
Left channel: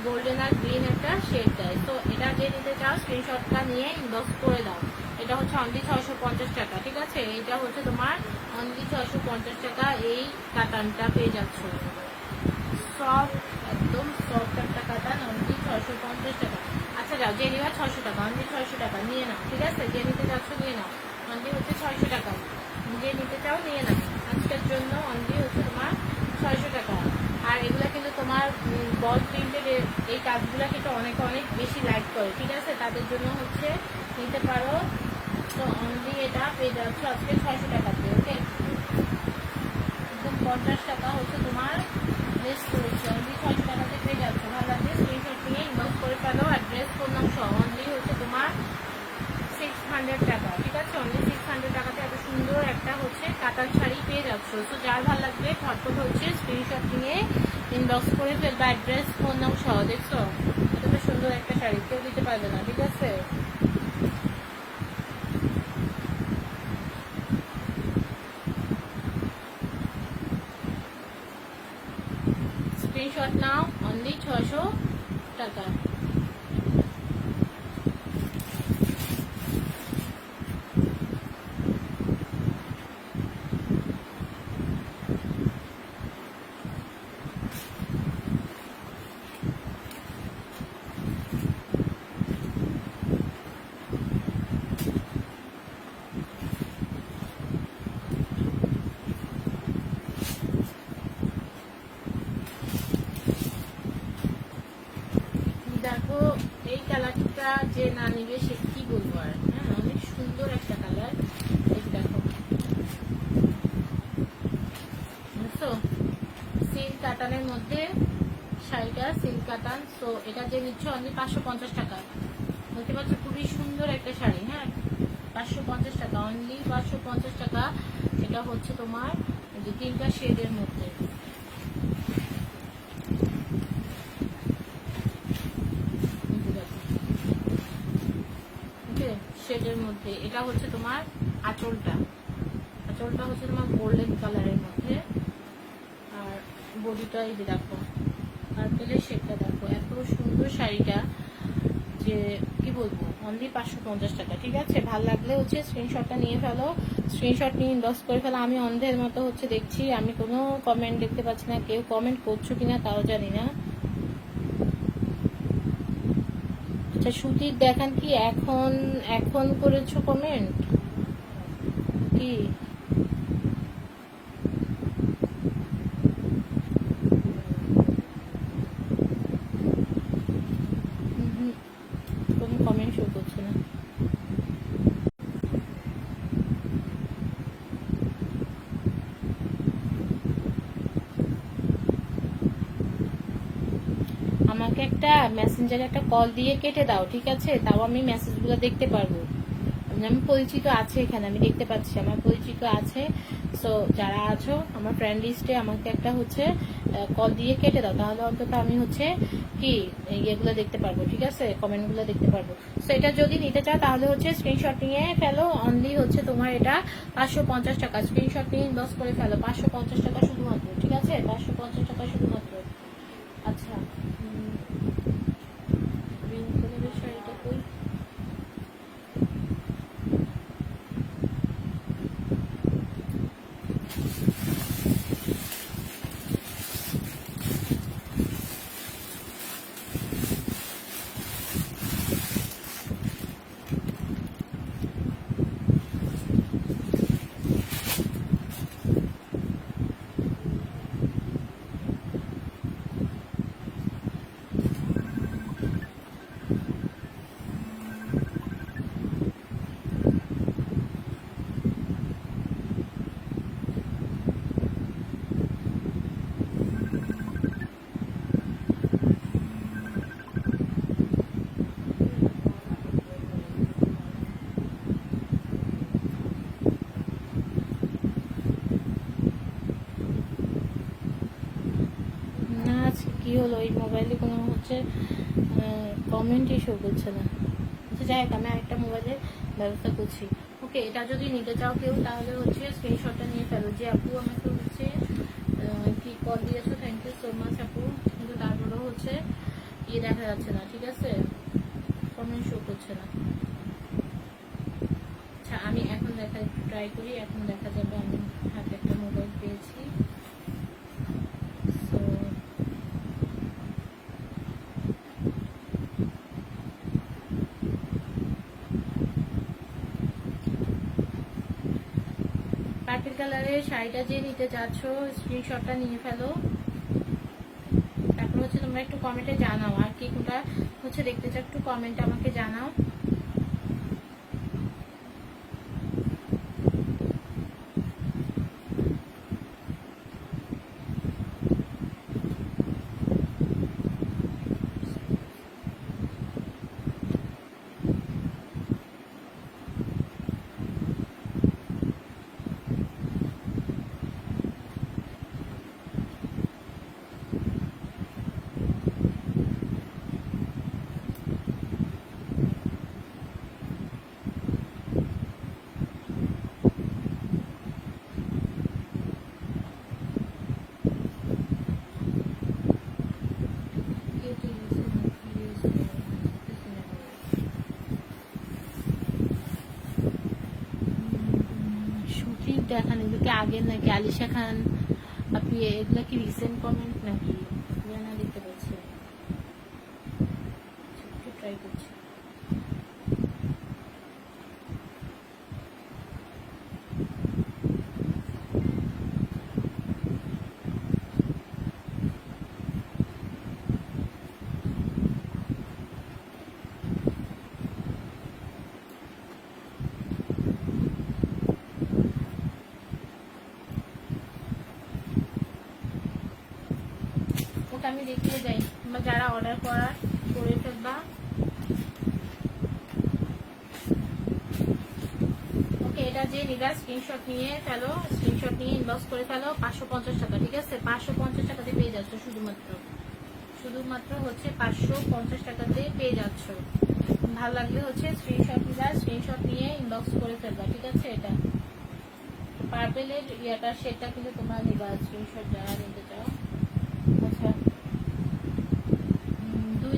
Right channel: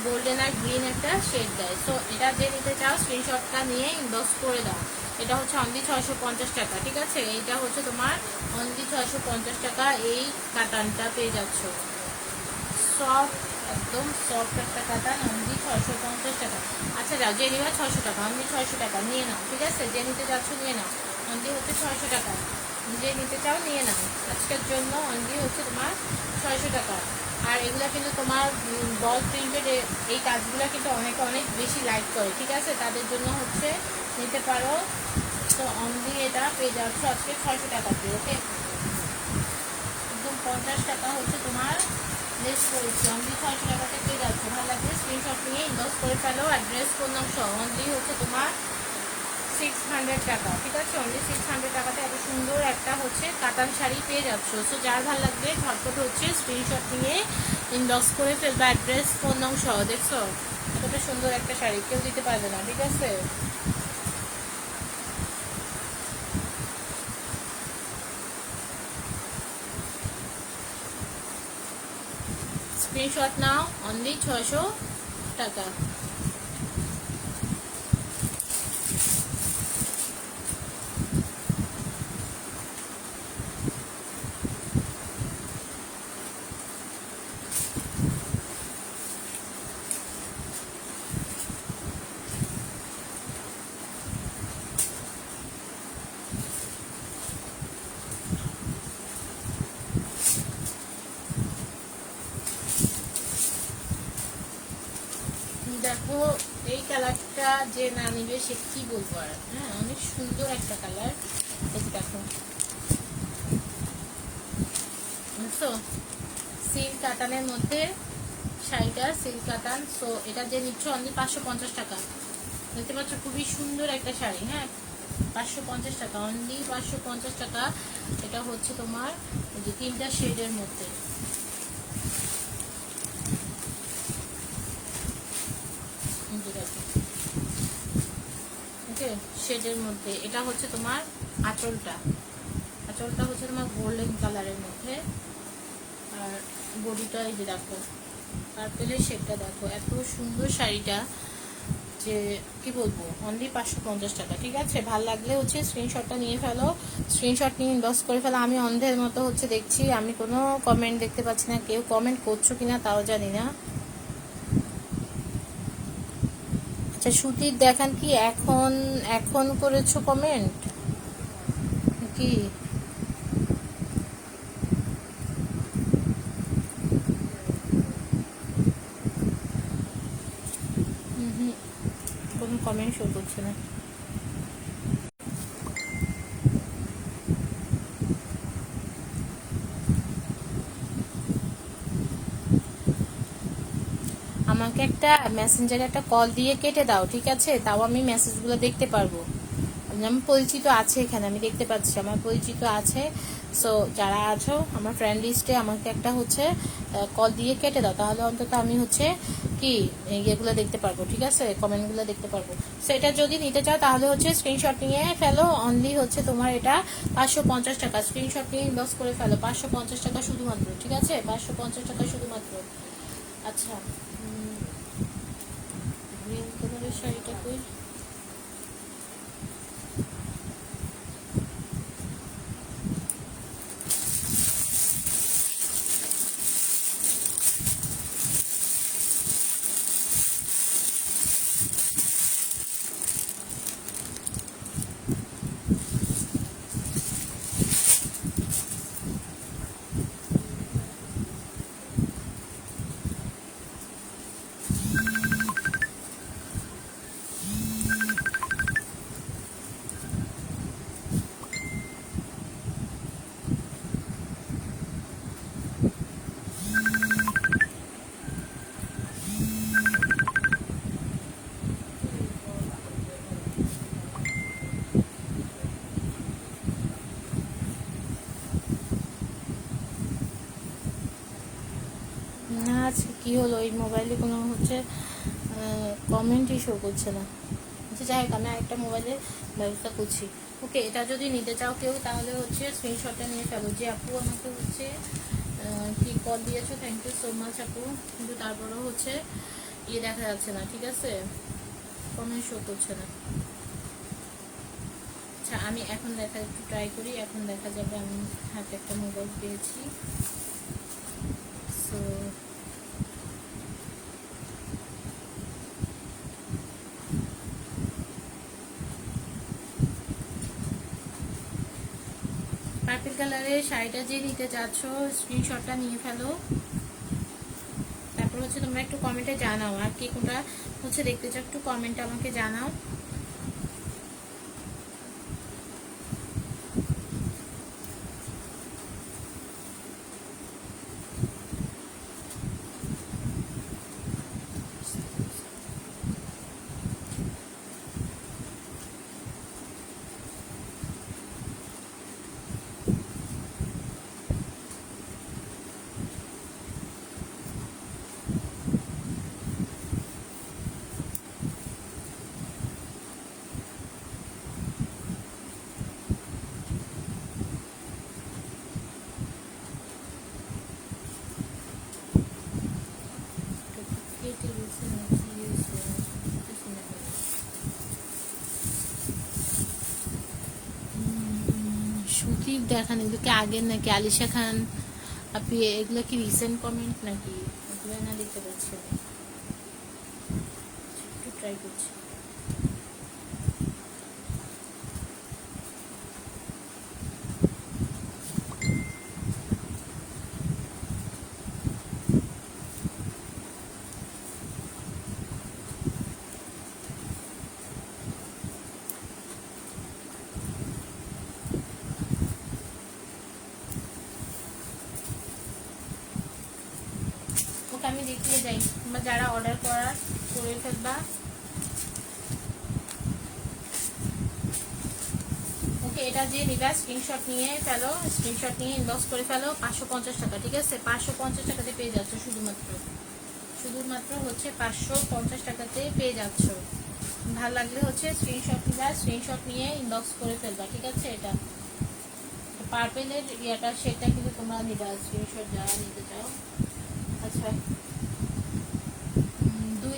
গোল্ডেন আর গ্রিন একটা শেড দেয়। তো এটা যে নিতে চাও স্ক্রিনশটটা নিয়ে ইনবক্স করে দাও। এটা হচ্ছে অনলি 650 টাকা, ঠিক আছে? এটা হচ্ছে তোমার অনলি 650 টাকা এই কাতানটা পেয়ে যাচ্ছ। সফট, একদম সফট একটা কাতান, অনলি 650 টাকা। আচ্ছা যাও, যে নিবা 600 টাকা, অনলি 600 টাকা নিয়ে নাও, ঠিক আছে? যে নিতে চাচ্ছ নিয়ে নাও, অনলি হচ্ছে 600 টাকা। যে নিতে চাও নিয়ে নাও, আজকের জন্য অনলি হচ্ছে তোমার 600 টাকা। আর এগুলা কিন্তু তোমার বল প্রিন্টেড, এই কাজগুলো কিন্তু অনেকে অনেক বেশি লাইক করে, ঠিক আছে? তাদের জন্য হচ্ছে নিতে পারো। তো অনলি এটা পেয়ে যাচ্ছ আজকে 600 টাকাতে। ওকে, একদম 50 টাকা হচ্ছে তোমার লেস করেছি, অনলি 600 টাকাতে পেয়ে যাচ্ছ। ভালো লাগবে স্ক্রিনশট নিয়ে ইনবক্স করে ফেলো, অ্যাড্রেস ফোন নাম্বার সহ। অনলি হচ্ছে তোমার 600 টাকা, ঠিক আছে? অনলি 600 টাকাতে এত সুন্দর একটা হচ্ছে কাতান শাড়ি পেয়ে যাচ্ছ। সো যার ভালো লাগবে ঝটপট হচ্ছে স্ক্রিনশট নিয়ে ইনবক্স করে ফেলবা, অ্যাড্রেস ফোন নাম্বার সহ। দেখছো এতটা সুন্দর একটা শাড়ি কেউ দিতে পারবে না, ঠিক আছে? স্ক্রিনশট নাও, অনলি 600 টাকা। দেখো এই কালারটা যে না নিবে সে কি বলবো আর, হ্যাঁ, অনেক সুন্দর একটা কালার। এই দেখো, বুঝছো? সিল্ক কাতানের মধ্যে শাড়িটা, সিল্ক কাতান। সো এটা যে নিচ্ছ অনলি 550 টাকা, দেখতে পাচ্ছ খুবই সুন্দর একটা শাড়ি, হ্যাঁ, 550 টাকা, অনলি 550 টাকা। এটা হচ্ছে তোমার যে 3টা শেডের মধ্যে, শেডের মধ্যে। এটা হচ্ছে তোমার আঁচলটা, আঁচলটা হচ্ছে তোমার গোল্ডেন কালারের মধ্যে, আর বডিটা এই যে দেখো পার্পেলের শেডটা দেখো, এত সুন্দর শাড়িটা যে কি বলবো, অনলি 550 টাকা, ঠিক আছে? ভাল লাগলে হচ্ছে স্ক্রিনশটটা নিয়ে ফেলো, স্ক্রিনশট নিয়ে ইনবক্স করে ফেলো। আমি অন্ধের মতো হচ্ছে দেখছি, আমি কোনো কমেন্ট দেখতে পাচ্ছি না, কেউ কমেন্ট করছো কিনা তাও জানি না। আচ্ছা সুতির দেখান কি এখন, এখন করেছো কমেন্ট কি? কোনো কমেন্ট শো করছে না। আমাকে একটা মেসেঞ্জারে একটা কল দিয়ে কেটে দাও, ঠিক আছে? তাও আমি মেসেজগুলো দেখতে পারবো। আমার পরিচিত আছে এখানে, আমি দেখতে পাচ্ছি আমার পরিচিত আছে। সো যারা আছো আমার ফ্রেন্ড লিস্টে আমাকে একটা হচ্ছে কল দিয়ে কেটে দাও, তাহলে অন্তত আমি হচ্ছে কি ইয়েগুলো দেখতে পারবো, ঠিক আছে? কমেন্টগুলো দেখতে পারবো। সেটা যদি নিতে চাও তাহলে হচ্ছে স্ক্রিনশট নিয়ে ফেলো, অনলি হচ্ছে তোমার এটা 550 টাকা। স্ক্রিনশট নিয়ে ইনবক্স করে ফেলো, 550 টাকা শুধুমাত্র, ঠিক আছে? 550 টাকা শুধুমাত্র। আচ্ছা, গ্রিন কালারের শাড়িটাকে কি হলো, এই মোবাইলে কোনো হচ্ছে কমেন্টই শো করছে না। আচ্ছা যাই হোক, আমি আরেকটা মোবাইলের ব্যবস্থা করছি। ওকে, এটা যদি নিতে চাও কেউ তাহলে হচ্ছে স্ক্রিনশটটা নিয়ে ফেলো। যে আপু আমাকে হচ্ছে কি কল দিয়েছো, থ্যাংক ইউ সো মাচ আপু, কিন্তু তারপরেও হচ্ছে দেখা যাচ্ছে না, ঠিক আছে, কমেন্ট শো করছে না। আচ্ছা আমি এখন একটু ট্রাই করি, এখন দেখা যাবে আমি হাতে একটা মোবাইল পেয়েছি। সো পার্পল কালারের শাড়িটা যে নিতে চাচ্ছ স্ক্রিনশটটা নিয়ে ফেলো। তারপর হচ্ছে তোমরা একটু কমেন্টে জানাও আর কি কোনটা হচ্ছে দেখতে চাও, একটু কমেন্টে আমাকে জানাও। সুতির দেখান, এগুলো কি আগের নাকি? আলিশা খান আপনি এগুলো কি রিসেন্ট কমেন্ট নাকি? এগুলো না দেখতে পাচ্ছি, একটু ট্রাই করছি। আমি দেখিয়ে যাই, তোমরা যারা অর্ডার করে ফেলবা। ওকে, এটা যে নিবা স্ক্রিনশট নিয়ে ফেলো, স্ক্রিনশট নিয়ে ইনবক্স করে ফেলো। 550 টাকা, ঠিক আছে? 550 টাকাতে পেয়ে যাচ্ছ, শুধুমাত্র হচ্ছে 550 টাকাতে পেয়ে যাচ্ছ। ভালো লাগলে হচ্ছে স্ক্রিনশট নিবা, স্ক্রিনশট নিয়ে ইনবক্স করে ফেলবা, ঠিক আছে? এটা পার্পেলের ইয়াটা সেটা কিন্তু তোমরা নিবা স্ক্রিনশট যারা নিতে চাও। আচ্ছা দুই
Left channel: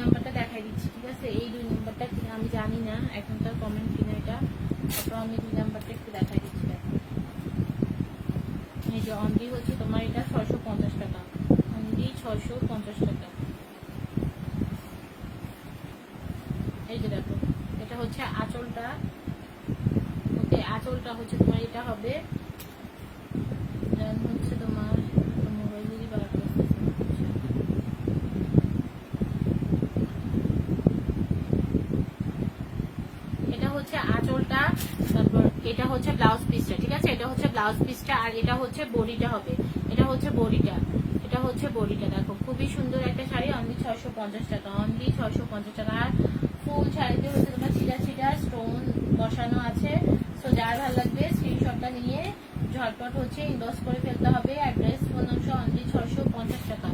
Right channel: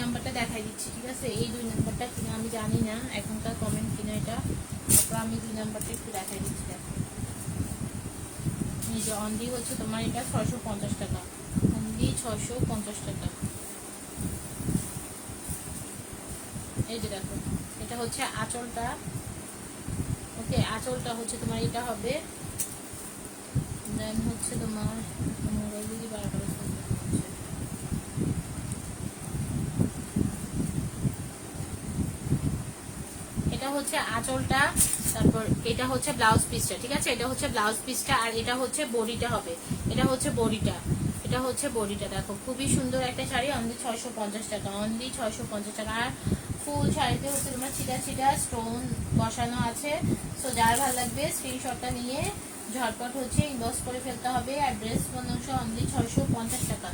নাম্বারটা দেখাই দিচ্ছি, ঠিক আছে? এই 2 নাম্বারটা কিনা আমি জানি না, এখনকার কমেন্ট কিনা এটা, তারপর আমি 2 নাম্বারটা একটু দেখাই দিচ্ছি। দেখো এই যে অনলি হচ্ছে তোমার এটা 650 টাকা, অনলি 650 টাকা। এই যে দেখো, এটা হচ্ছে আঁচলটা। ওকে, আঁচলটা হচ্ছে তোমার এটা হবে, দেন হচ্ছে তোমার মোবাইল যদি বার করে হচ্ছে আঁচলটা, তারপর এটা হচ্ছে ব্লাউজ পিসটা, ঠিক আছে? এটা হচ্ছে ব্লাউজ পিসটা, আর এটা হচ্ছে বডিটা হবে, এটা হচ্ছে বডিটা, এটা হচ্ছে বডিটা। দেখো খুবই সুন্দর একটা শাড়ি, অনলি 650 টাকা, অনলি 650 টাকা। আর ফুল শাড়িতে হচ্ছে তোমার ছিটা স্টোন বসানো আছে। সো যার ভালো লাগবে স্ক্রিনশটটা নিয়ে ঝটপট হচ্ছে ইনবক্স করে ফেলতে হবে। অ্যাড্রেস ফোন নম্বর অনলি 650 টাকা,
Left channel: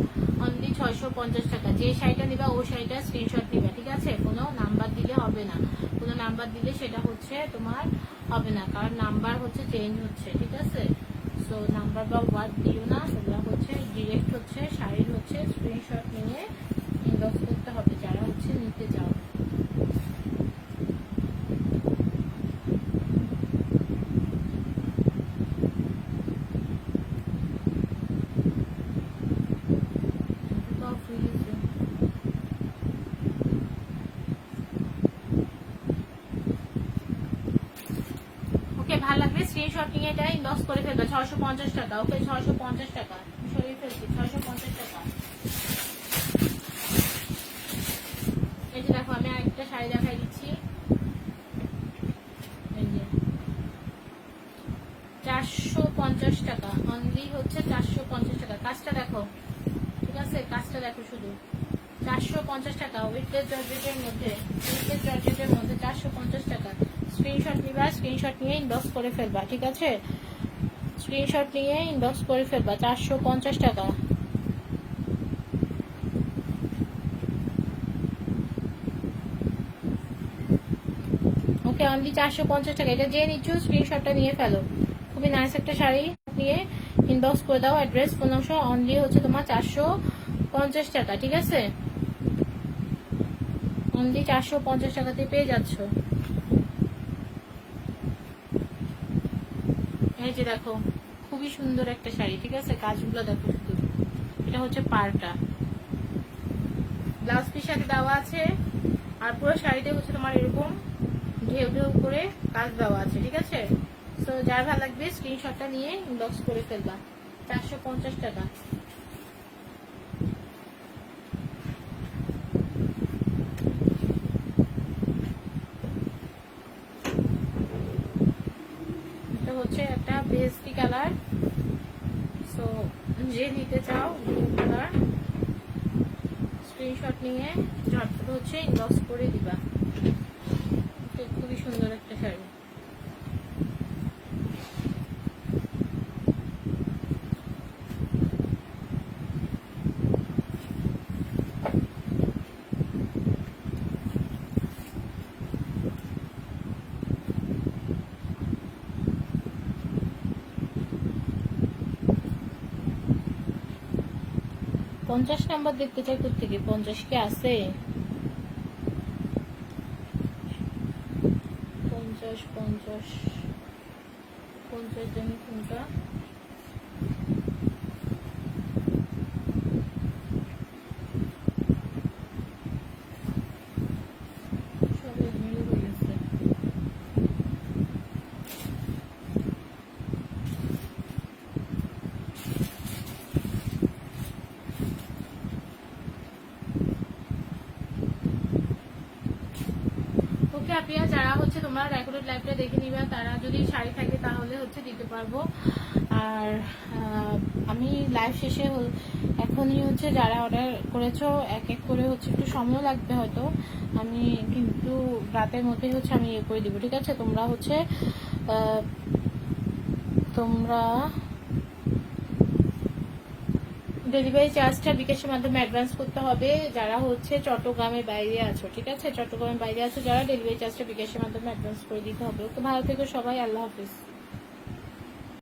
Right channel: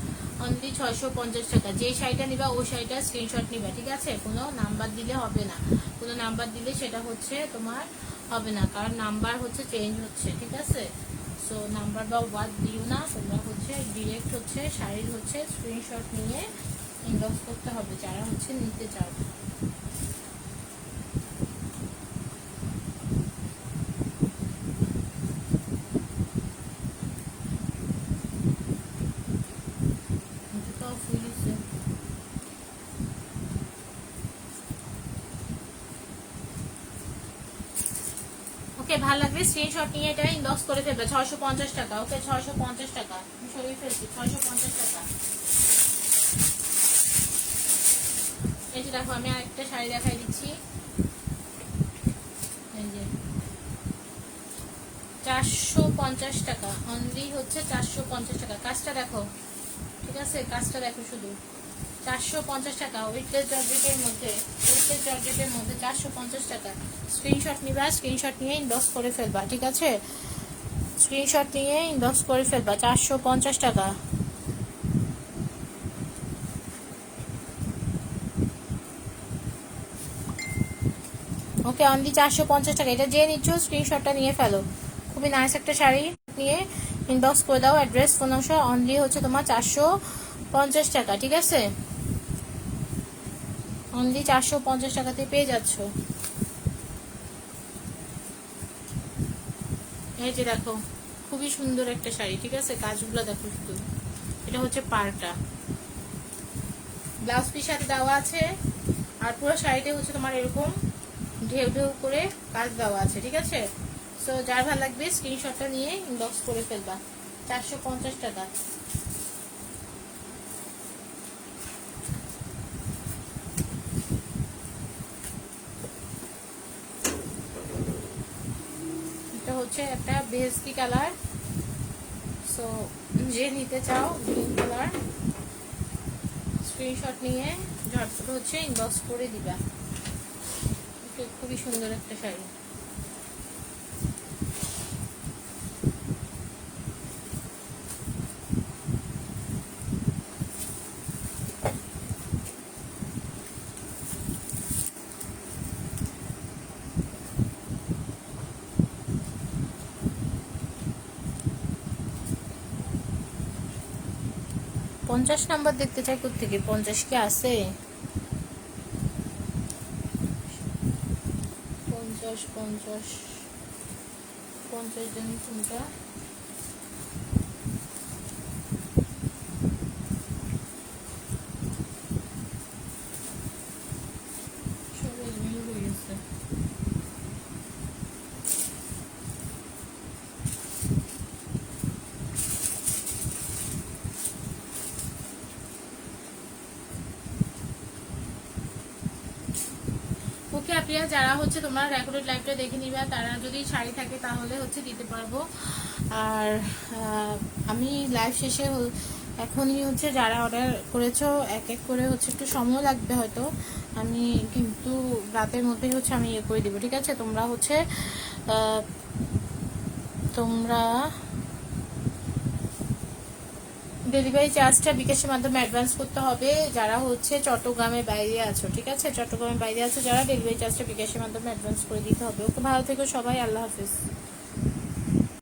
অনলি 650 টাকা। যে শাড়িটা নিবা ও শাড়িটা স্ক্রিনশট নিবা, ঠিক আছে? কোনো নাম্বার দিলে হবে না, কোনো নাম্বার দিলে সেটা হচ্ছে তোমার হবে না, কারণ নাম্বার হচ্ছে চেঞ্জ হচ্ছে, ঠিক আছে? সো নাম্বার বা ওয়ার্ড দিও না, তোমরা হচ্ছে ডিরেক্ট হচ্ছে শাড়ির হচ্ছে স্ক্রিনশট নিয়ে ইনবক্স করতে হবে যারা হচ্ছে নিতে চাও। ভালো লাগবে স্ক্রিনশট নিয়ে এটা ইনবক্স করে ফেলবে। 650 টাকা, ওকে 650 টাকা সরিয়ে ফেলছি, 650 টাকা। এই যে দেখো আমি আরেকটা শাড়ি দেখাই দিচ্ছি, এই যে 450 টাকা, অনলি হচ্ছে 450 টাকা। কাজটা দেখো, ঠিক আছে? কাজটা দেখো শুধু, 450 টাকা উইথলেস জর্জেটের মধ্যে, 450 টাকা। স্ক্রিনশট নিবা, স্ক্রিনশট নিয়ে ইনবক্স করে ফেলবা, ঠিক আছে? স্ক্রিনশট নিয়ে ইনবক্স করে ফেলবা, 450 টাকা। ওকে অনলি 450 টাকা। এটা যে নিচ্ছ স্ক্রিনশটটা নিয়ে ফেলো, খুবই নাইস একটা শাড়ি। নিয়ে ইনবক্স করে দাও, অ্যাড্রেস ফোন নম্বর অনলি হচ্ছে তোমার 450 টাকা, ঠিক আছে? অনলি 450 টাকাতে পেয়ে যাচ্ছ। এই যে দেখো খুবই সুন্দর একটা শাড়ি, ঠিক আছে? কাজগুলো দেখো শুধু, এটা হচ্ছে পাড়টা, ব্লাউজ পিস সাথে দেওয়া আছে, আর পুরো শাড়িটা হচ্ছে তোমার এরকম ঢেউ ঢেউ করে কাজ দেওয়া আছে, ঠিক আছে? সো যার ভালো লাগবে স্ক্রিনশটটা নিয়ে ইনবক্স করে ফেলবা। 450 টাকা। এটা হচ্ছে একটা বেস্টি কালার, সো যে নিতে চাও গ্রিন কালার স্ক্রিনশট নিয়ে ঝটপট হচ্ছে ইনবক্স করে দিবা। খুবই সুন্দর একটা শাড়ি। পঞ্চাশ নাম্বার দেখতে চাই, কোথেকে 50 কি আছে? 50 50 50 জানি কোনটা। সব এলোমেলো হয়ে গেছে। ওকে আপিয়া, যারা হচ্ছে তোমরা রেকর্ডেড লাইভটা দেখে নিবা, তারা যদি শাড়ি থাকে তাহলে হচ্ছে দিতে পারবো। আর আমি লাইভ শেষে এখনই হচ্ছে যারা অর্ডার করেছো এক এক করে হচ্ছে একটু সময় লাগবে হয়তো, আমি কিন্তু রাতের মধ্যেই হচ্ছে আমি ইয়ে করে দিব, ঠিক আছে? তোমরা হচ্ছে তোমরা ডেলিভারি চার্জটা বিকাশের মাধ্যমে অ্যাডভান্স করতে হবে যারা হচ্ছে চট্টগ্রামের বাইরে আছো, ঠিক আছে? চট্টগ্রামের বাইরে আছো যারা, ডেলিভারি চার্জটা বিকাশের মাধ্যমে অ্যাডভান্স করে দিতে হবে। ওকে, ভালো থেকো সবাই, আল্লাহ হাফিজ।